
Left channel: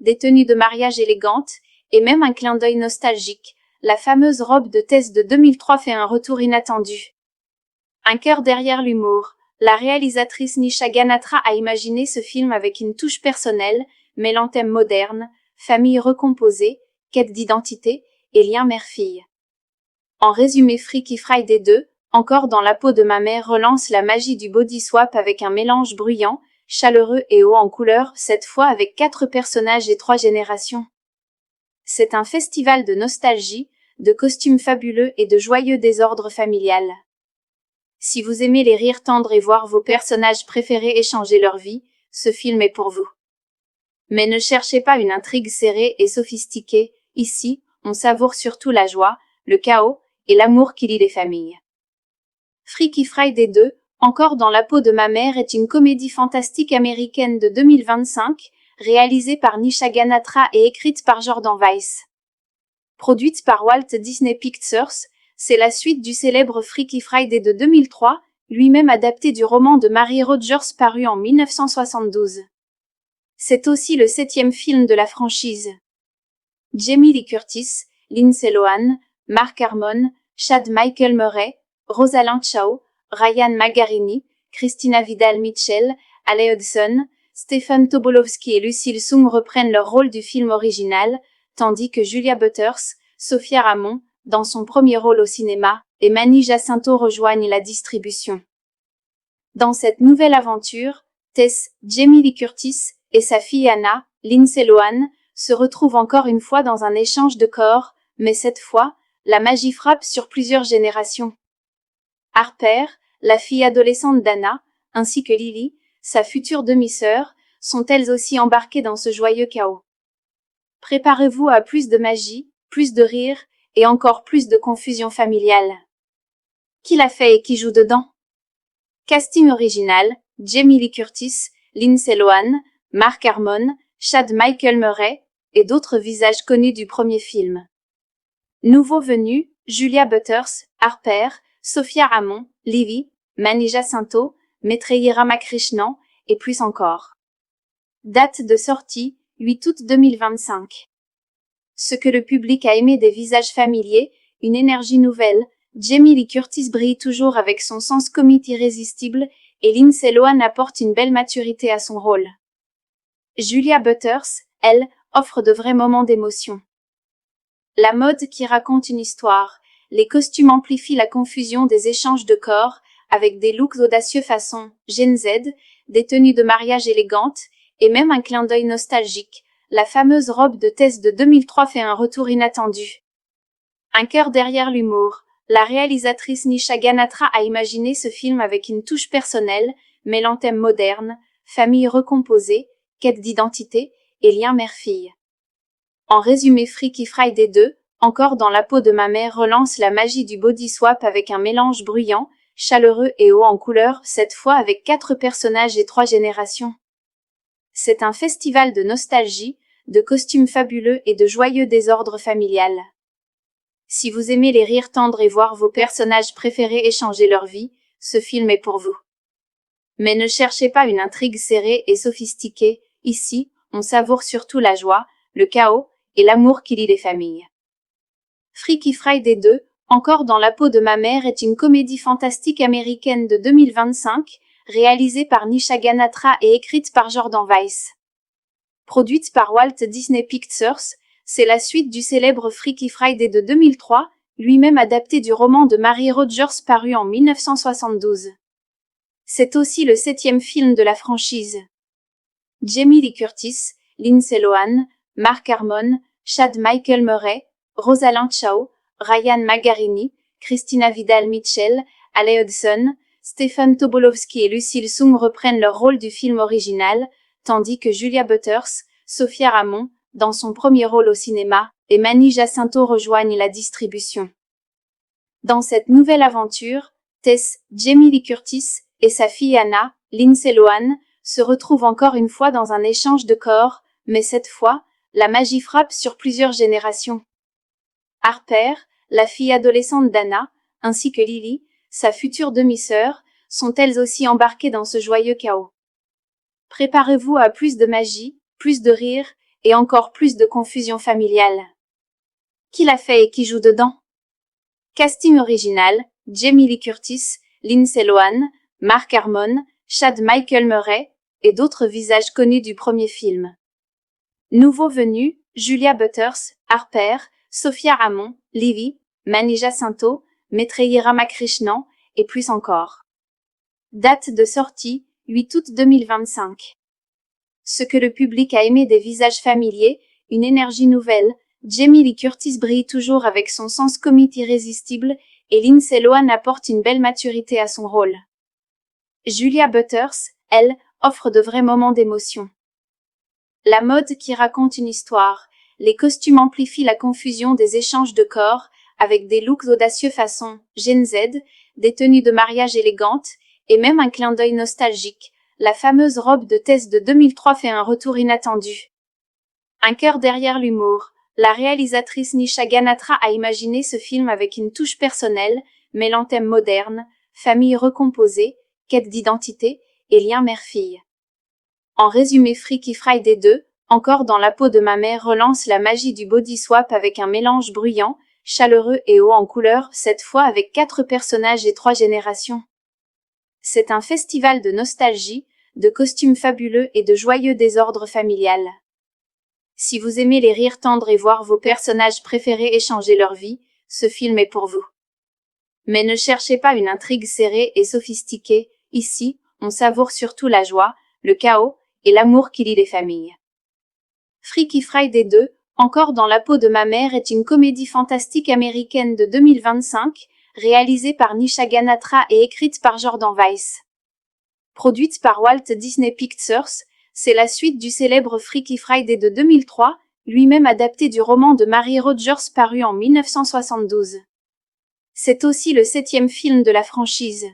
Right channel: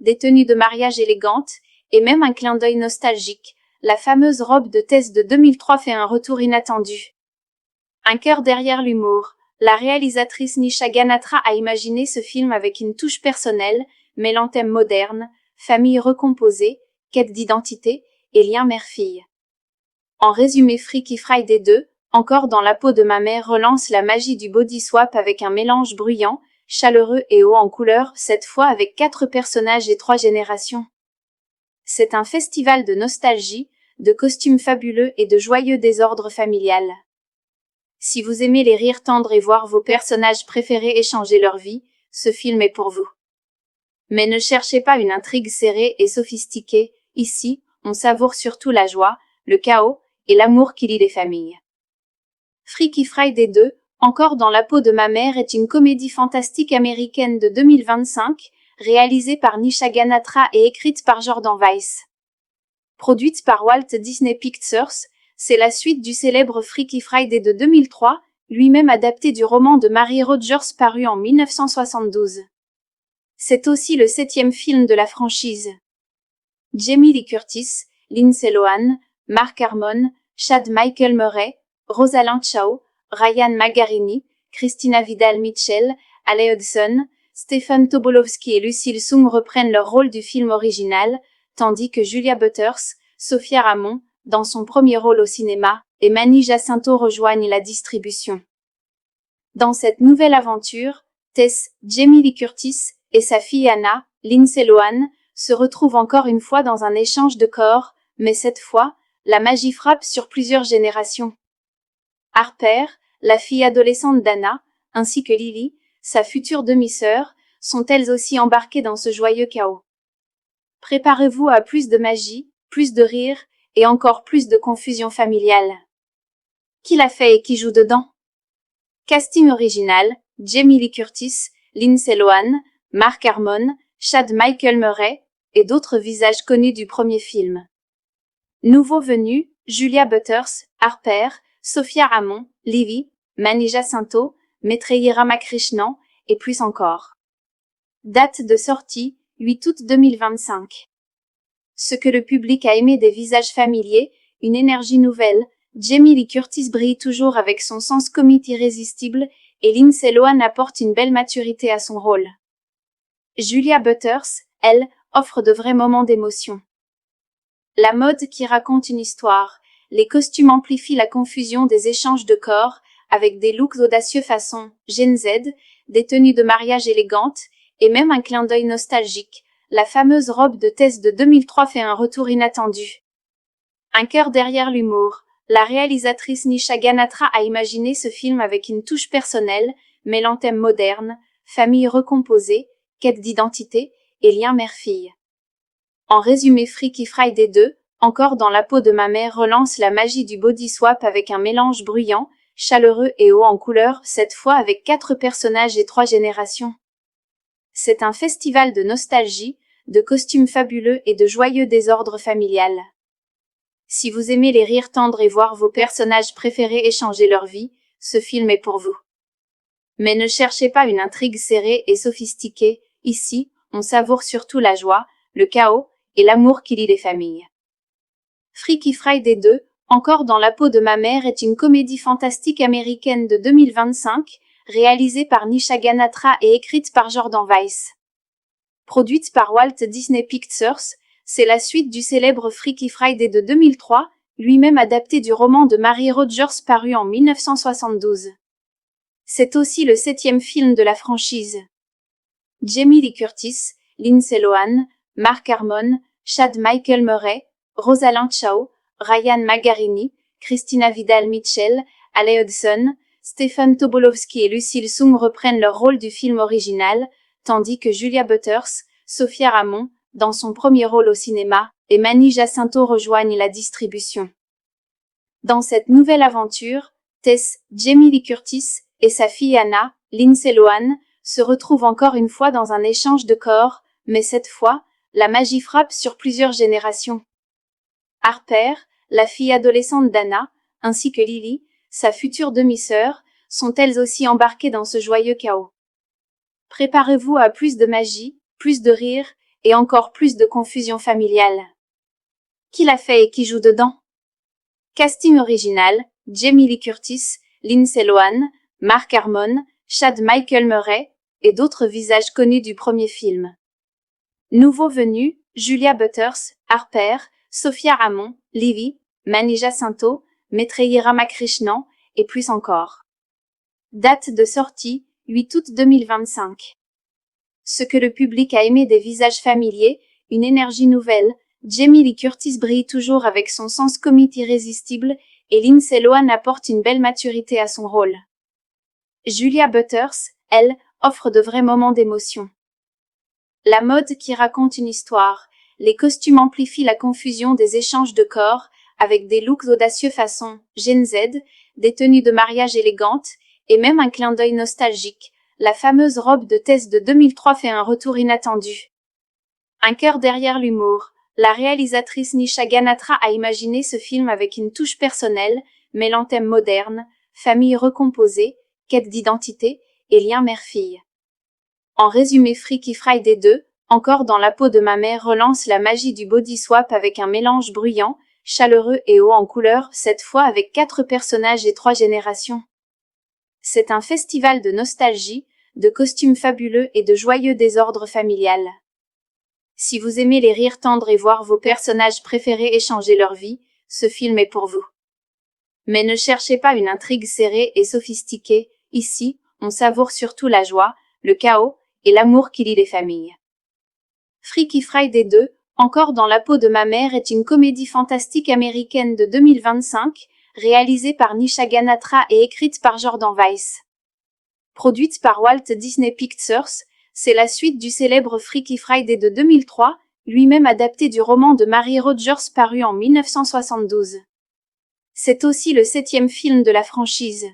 des tenues de mariage élégantes, et même un clin d'œil nostalgique. La fameuse robe de Tess de 2003 fait un retour inattendu. Un cœur derrière l'humour. La réalisatrice Nisha Ganatra a imaginé ce film avec une touche personnelle, mêlant thèmes modernes, famille recomposée, quête d'identité et lien mère-fille. En résumé, Freaky Friday 2, encore dans la peau de ma mère, relance la magie du body swap avec un mélange bruyant, chaleureux et haut en couleur, cette fois avec 4 personnages et 3 générations. C'est un festival de nostalgie, de costumes fabuleux et de joyeux désordre familial. Si vous aimez les rires tendres et voir vos personnages préférés échanger leur vie, ce film est pour vous. Mais ne cherchez pas une intrigue serrée et sophistiquée, ici, on savoure surtout la joie, le chaos et l'amour qui lie les familles. Freaky Friday 2, encore dans la peau de ma mère, est une comédie fantastique américaine de 2025, réalisée par Nisha Ganatra et écrite par Jordan Weiss. Produite par Walt Disney Pictures, c'est la suite du célèbre Freaky Friday de 2003, lui-même adapté du roman de Mary Rogers paru en 1972. C'est aussi le 7e film de la franchise. Jamie Lee Curtis, Lindsay Lohan, Mark Harmon, Chad Michael Murray, Rosalind Chao, Ryan Magarini, Christina Vidal-Mitchell, Ale Hudson, Stephen Tobolowsky et Lucille Soong reprennent leur rôle du film original, tandis que Julia Butters, Sophia Ramon, dans son premier rôle au cinéma, et Manny Jacinto rejoignent la distribution. Dans cette nouvelle aventure, Tess, Jamie Lee Curtis, et sa fille Anna, Lindsay Lohan, se retrouvent encore une fois dans un échange de corps, mais cette fois, la magie frappe sur plusieurs générations. Harper, la fille adolescente d'Anna, ainsi que Lily, sa future demi-sœur, sont elles aussi embarquées dans ce joyeux chaos. Préparez-vous à plus de magie, plus de rire, et encore plus de confusion familiale. Qui l'a fait et qui joue dedans? Casting original, Jamie Lee Curtis, Lindsay Lohan, Mark Harmon, Chad Michael Murray, et d'autres visages connus du premier film. Nouveaux venus, Julia Butters, Harper, Sophia Ramon, Livy, Mani Jacinto, Maitreyi Ramakrishnan, et plus encore. Date de sortie, 8 août 2025. Ce que le public a aimé des visages familiers, une énergie nouvelle, Jamie Lee Curtis brille toujours avec son sens comique irrésistible, et Lindsay Lohan apporte une belle maturité à son rôle. Julia Butters, elle, offre de vrais moments d'émotion. La mode qui raconte une histoire, les costumes amplifient la confusion des échanges de corps, avec des looks audacieux façon Gen Z, des tenues de mariage élégantes, et même un clin d'œil nostalgique. La fameuse robe de Tess de 2003 fait un retour inattendu. Un cœur derrière l'humour. La réalisatrice Nisha Ganatra a imaginé ce film avec une touche personnelle, mêlant thèmes modernes, famille recomposée, quête d'identité et lien mère-fille. En résumé, Freaky Friday 2, encore dans la peau de ma mère, relance la magie du body swap avec un mélange bruyant, chaleureux et haut en couleur, cette fois avec 4 personnages et 3 générations. C'est un festival de nostalgie, de costumes fabuleux et de joyeux désordre familial. Si vous aimez les rires tendres et voir vos personnages préférés échanger leur vie, ce film est pour vous. Mais ne cherchez pas une intrigue serrée et sophistiquée, ici, on savoure surtout la joie, le chaos et l'amour qui lie les familles. Freaky Friday 2, encore dans la peau de ma mère, est une comédie fantastique américaine de 2025, réalisée par Nisha Ganatra et écrite par Jordan Weiss. Produite par Walt Disney Pictures, c'est la suite du célèbre Freaky Friday de 2003, lui-même adapté du roman de Mary Rogers paru en 1972. C'est aussi le 7e film de la franchise. Jamie Lee Curtis, Lindsay Lohan, Mark Harmon, Chad Michael Murray, Rosalind Chao, Ryan Magarini, Christina Vidal-Mitchell, Ale Hudson, Stephen Tobolowsky et Lucille Sung reprennent leur rôle du film original, tandis que Julia Butters, Sophia Ramon, dans son premier rôle au cinéma, et Mani Jacinto rejoignent la distribution. Dans cette nouvelle aventure, Tess, Jamie Lee Curtis et sa fille Anna, Lindsay Lohan, se retrouvent encore une fois dans un échange de corps, mais cette fois, la magie frappe sur plusieurs générations. Harper, la fille adolescente d'Anna, ainsi que Lily, sa future demi-sœur, sont elles aussi embarquées dans ce joyeux chaos. Préparez-vous à plus de magie, plus de rire, et encore plus de confusion familiale. Qui l'a fait et qui joue dedans? Casting original, Jamie Lee Curtis, Lindsay Lohan, Mark Harmon, Chad Michael Murray, et d'autres visages connus du premier film. Nouveaux venus, Julia Butters, Harper, Sophia Ramon, Livy, Mani Jacinto, Maitreyi Ramakrishnan, et plus encore. Date de sortie, 8 août 2025. Ce que le public a aimé des visages familiers, une énergie nouvelle, Jamie Lee Curtis brille toujours avec son sens comique irrésistible, et Lindsay Lohan apporte une belle maturité à son rôle. Julia Butters, elle, offre de vrais moments d'émotion. La mode qui raconte une histoire, les costumes amplifient la confusion des échanges de corps, avec des looks audacieux façon Gen Z, des tenues de mariage élégantes, et même un clin d'œil nostalgique. La fameuse robe de Tess de 2003 fait un retour inattendu. Un cœur derrière l'humour. La réalisatrice Nisha Ganatra a imaginé ce film avec une touche personnelle, mêlant thèmes modernes, famille recomposée, quête d'identité et lien mère-fille. En résumé, Freaky Friday 2, encore dans la peau de ma mère, relance la magie du body swap avec un mélange bruyant, chaleureux et haut en couleur, cette fois avec 4 personnages et 3 générations. C'est un festival de nostalgie, de costumes fabuleux et de joyeux désordre familial. Si vous aimez les rires tendres et voir vos personnages préférés échanger leur vie, ce film est pour vous. Mais ne cherchez pas une intrigue serrée et sophistiquée, ici, on savoure surtout la joie, le chaos et l'amour qui lie les familles. Freaky Friday 2, Encore dans la peau de ma mère est une comédie fantastique américaine de 2025, réalisée par Nisha Ganatra et écrite par Jordan Weiss. Produite par Walt Disney Pictures, c'est la suite du célèbre Freaky Friday de 2003, lui-même adapté du roman de Mary Rogers paru en 1972. C'est aussi le 7e film de la franchise.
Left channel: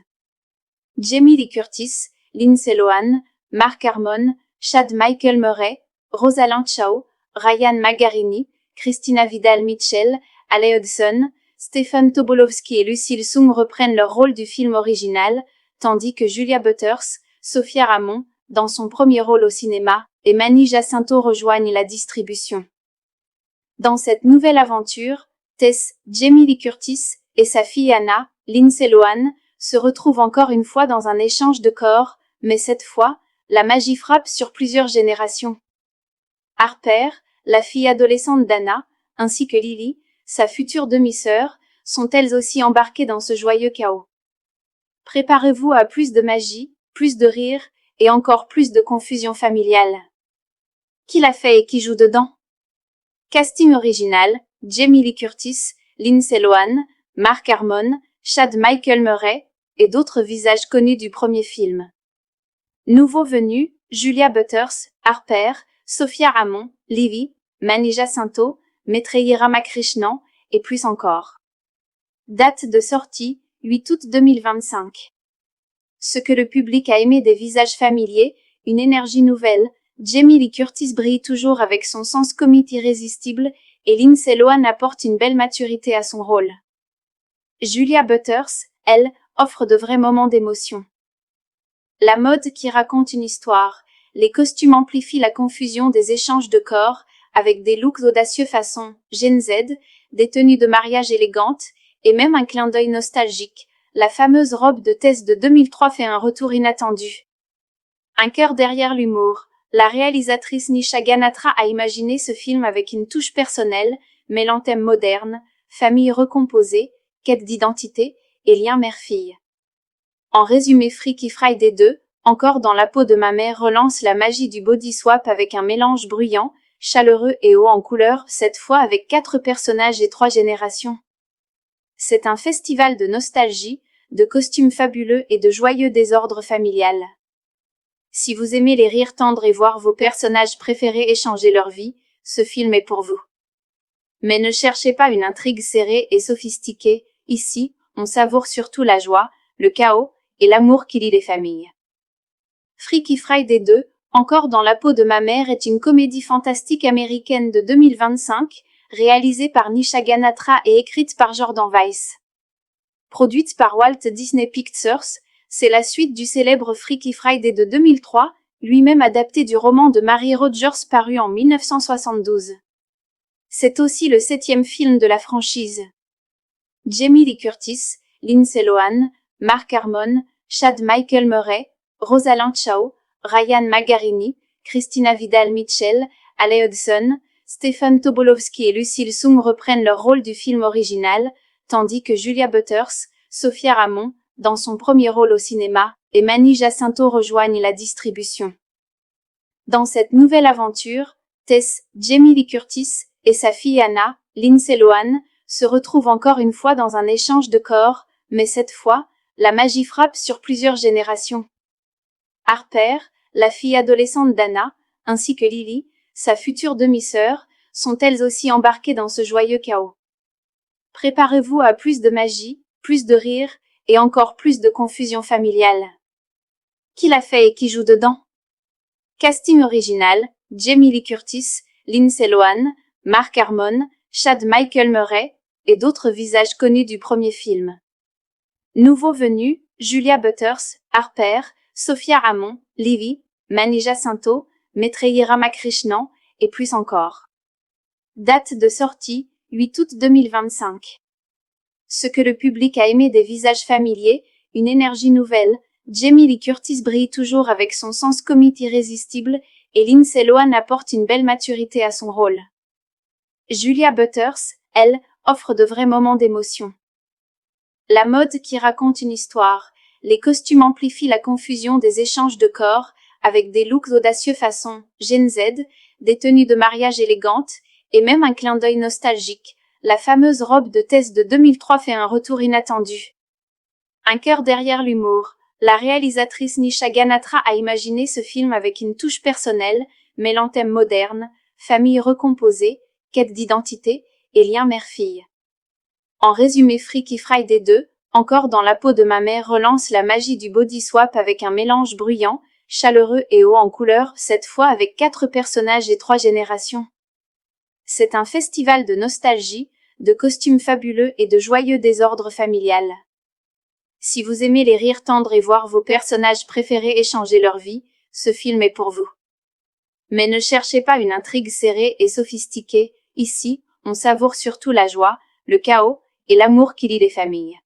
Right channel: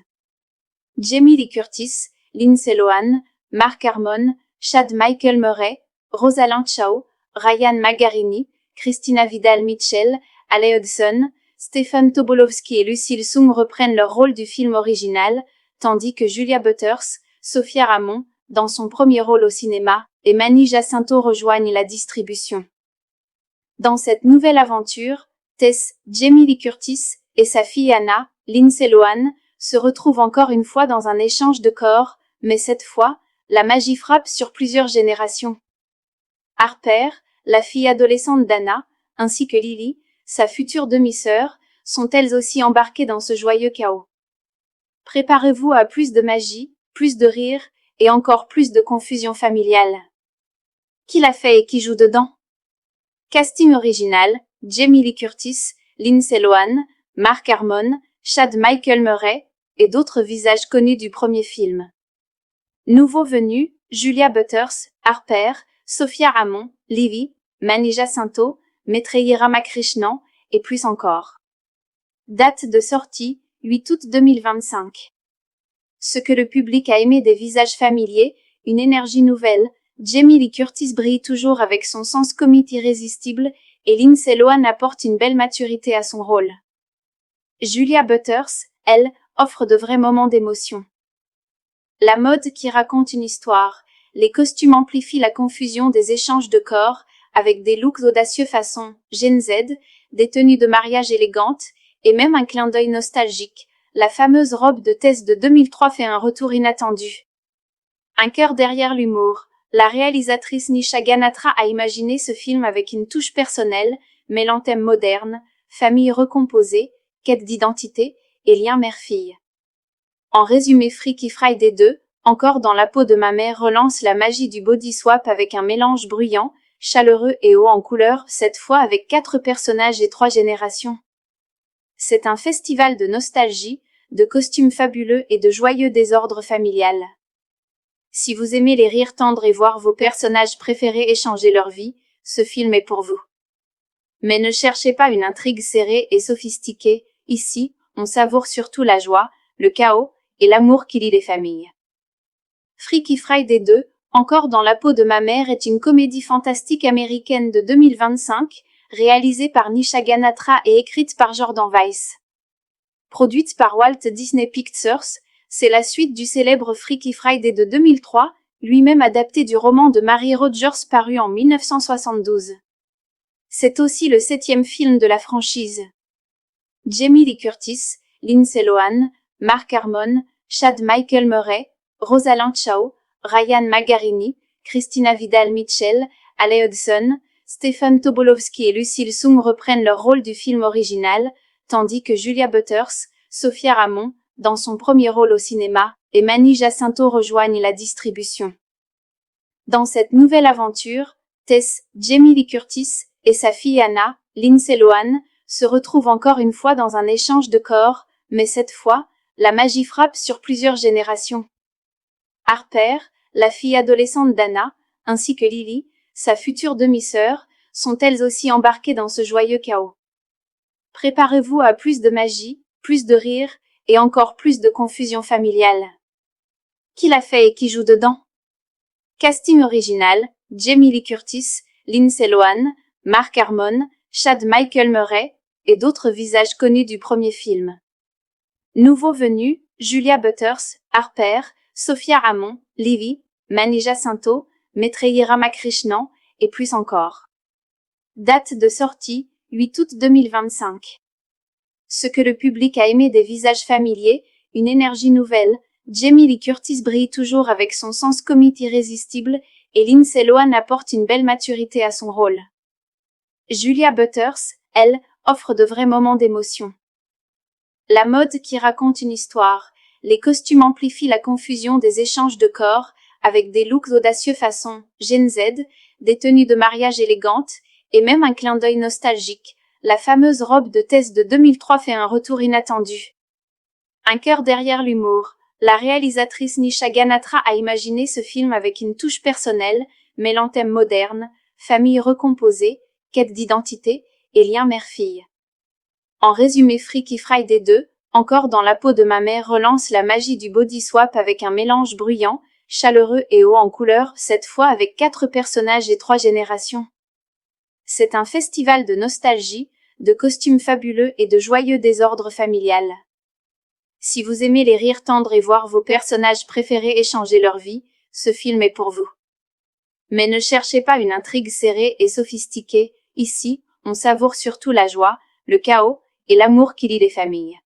Jamie Lee Curtis, Lindsay Lohan, Mark Harmon, Chad Michael Murray, Rosalind Chao, Ryan Magarini, Christina Vidal-Mitchell, Ale Hudson, Stephen Tobolowsky et Lucille Sung reprennent leur rôle du film original, tandis que Julia Butters, Sophia Ramon, dans son premier rôle au cinéma, et Manny Jacinto rejoignent la distribution. Dans cette nouvelle aventure, Tess, Jamie Lee Curtis, et sa fille Anna, Lindsay Lohan, se retrouvent encore une fois dans un échange de corps, mais cette fois, la magie frappe sur plusieurs générations. Harper, la fille adolescente d'Anna, ainsi que Lily, sa future demi-sœur, sont elles aussi embarquées dans ce joyeux chaos. Préparez-vous à plus de magie, plus de rire et encore plus de confusion familiale. Qui l'a fait et qui joue dedans? Casting original, Jamie Lee Curtis, Lindsay Lohan, Mark Harmon, Chad Michael Murray et d'autres visages connus du premier film. Nouveaux venus, Julia Butters, Harper, Sophia Ramon, Lily, Manny Jacinto, Maitreyi Ramakrishnan et plus encore. Date de sortie, 8 août 2025. Ce que le public a aimé des visages familiers, une énergie nouvelle, Jamie Lee Curtis brille toujours avec son sens comique irrésistible et Lindsay Lohan apporte une belle maturité à son rôle. Julia Butters, elle, offre de vrais moments d'émotion. La mode qui raconte une histoire, les costumes amplifient la confusion des échanges de corps avec des looks audacieux façon Gen Z, des tenues de mariage élégantes et même un clin d'œil nostalgique. La fameuse robe de Tess de 2003 fait un retour inattendu. Un cœur derrière l'humour. La réalisatrice Nisha Ganatra a imaginé ce film avec une touche personnelle, mêlant thèmes modernes, famille recomposée, quête d'identité et lien mère-fille. En résumé, Freaky Friday 2, Encore dans la peau de ma mère relance la magie du body swap avec un mélange bruyant, chaleureux et haut en couleur, cette fois avec 4 personnages et 3 générations. C'est un festival de nostalgie, de costumes fabuleux et de joyeux désordre familial. Si vous aimez les rires tendres et voir vos personnages préférés échanger leur vie, ce film est pour vous. Mais ne cherchez pas une intrigue serrée et sophistiquée, ici, on savoure surtout la joie, le chaos et l'amour qui lie les familles. Freaky Friday 2, Encore dans la peau de ma mère est une comédie fantastique américaine de 2025, réalisée par Nisha Ganatra et écrite par Jordan Weiss. Produite par Walt Disney Pictures, c'est la suite du célèbre Freaky Friday de 2003, lui-même adapté du roman de Mary Rogers paru en 1972. C'est aussi le 7e film de la franchise. Jamie Lee Curtis, Lindsay Lohan, Mark Harmon, Chad Michael Murray, Rosalind Chao, Ryan Magarini, Christina Vidal-Mitchell, Ale Hudson, Stephen Tobolowsky et Lucille Sung reprennent leur rôle du film original, tandis que Julia Butters, Sophia Ramon, dans son premier rôle au cinéma, et Manny Jacinto rejoignent la distribution. Dans cette nouvelle aventure, Tess, Jamie Lee Curtis et sa fille Anna, Lindsay Lohan, se retrouvent encore une fois dans un échange de corps, mais cette fois, la magie frappe sur plusieurs générations. Harper, la fille adolescente d'Anna, ainsi que Lily, sa future demi-sœur, sont elles aussi embarquées dans ce joyeux chaos. Préparez-vous à plus de magie, plus de rire et encore plus de confusion familiale. Qui l'a fait et qui joue dedans? Casting original, Jamie Lee Curtis, Lindsay Lohan, Mark Harmon, Chad Michael Murray et d'autres visages connus du premier film. Nouveaux venus, Julia Butters, Harper, Sophia Ramon, Lily, Manny Jacinto, Maitreyi Ramakrishnan et plus encore. Date de sortie, 8 août 2025. Ce que le public a aimé des visages familiers, une énergie nouvelle, Jamie Lee Curtis brille toujours avec son sens comique irrésistible et Lindsay Lohan apporte une belle maturité à son rôle. Julia Butters, elle, offre de vrais moments d'émotion. La mode qui raconte une histoire, les costumes amplifient la confusion des échanges de corps avec des looks audacieux façon Gen Z, des tenues de mariage élégantes, et même un clin d'œil nostalgique. La fameuse robe de Tess de 2003 fait un retour inattendu. Un cœur derrière l'humour. La réalisatrice Nisha Ganatra a imaginé ce film avec une touche personnelle, mêlant thèmes modernes, famille recomposée, quête d'identité et lien mère-fille. En résumé, Freaky Friday 2, encore dans la peau de ma mère, relance la magie du body swap avec un mélange bruyant, chaleureux et haut en couleur, cette fois avec 4 personnages et 3 générations. C'est un festival de nostalgie, de costumes fabuleux et de joyeux désordre familial. Si vous aimez les rires tendres et voir vos personnages préférés échanger leur vie, ce film est pour vous. Mais ne cherchez pas une intrigue serrée et sophistiquée, ici, on savoure surtout la joie, le chaos et l'amour qui lie les familles.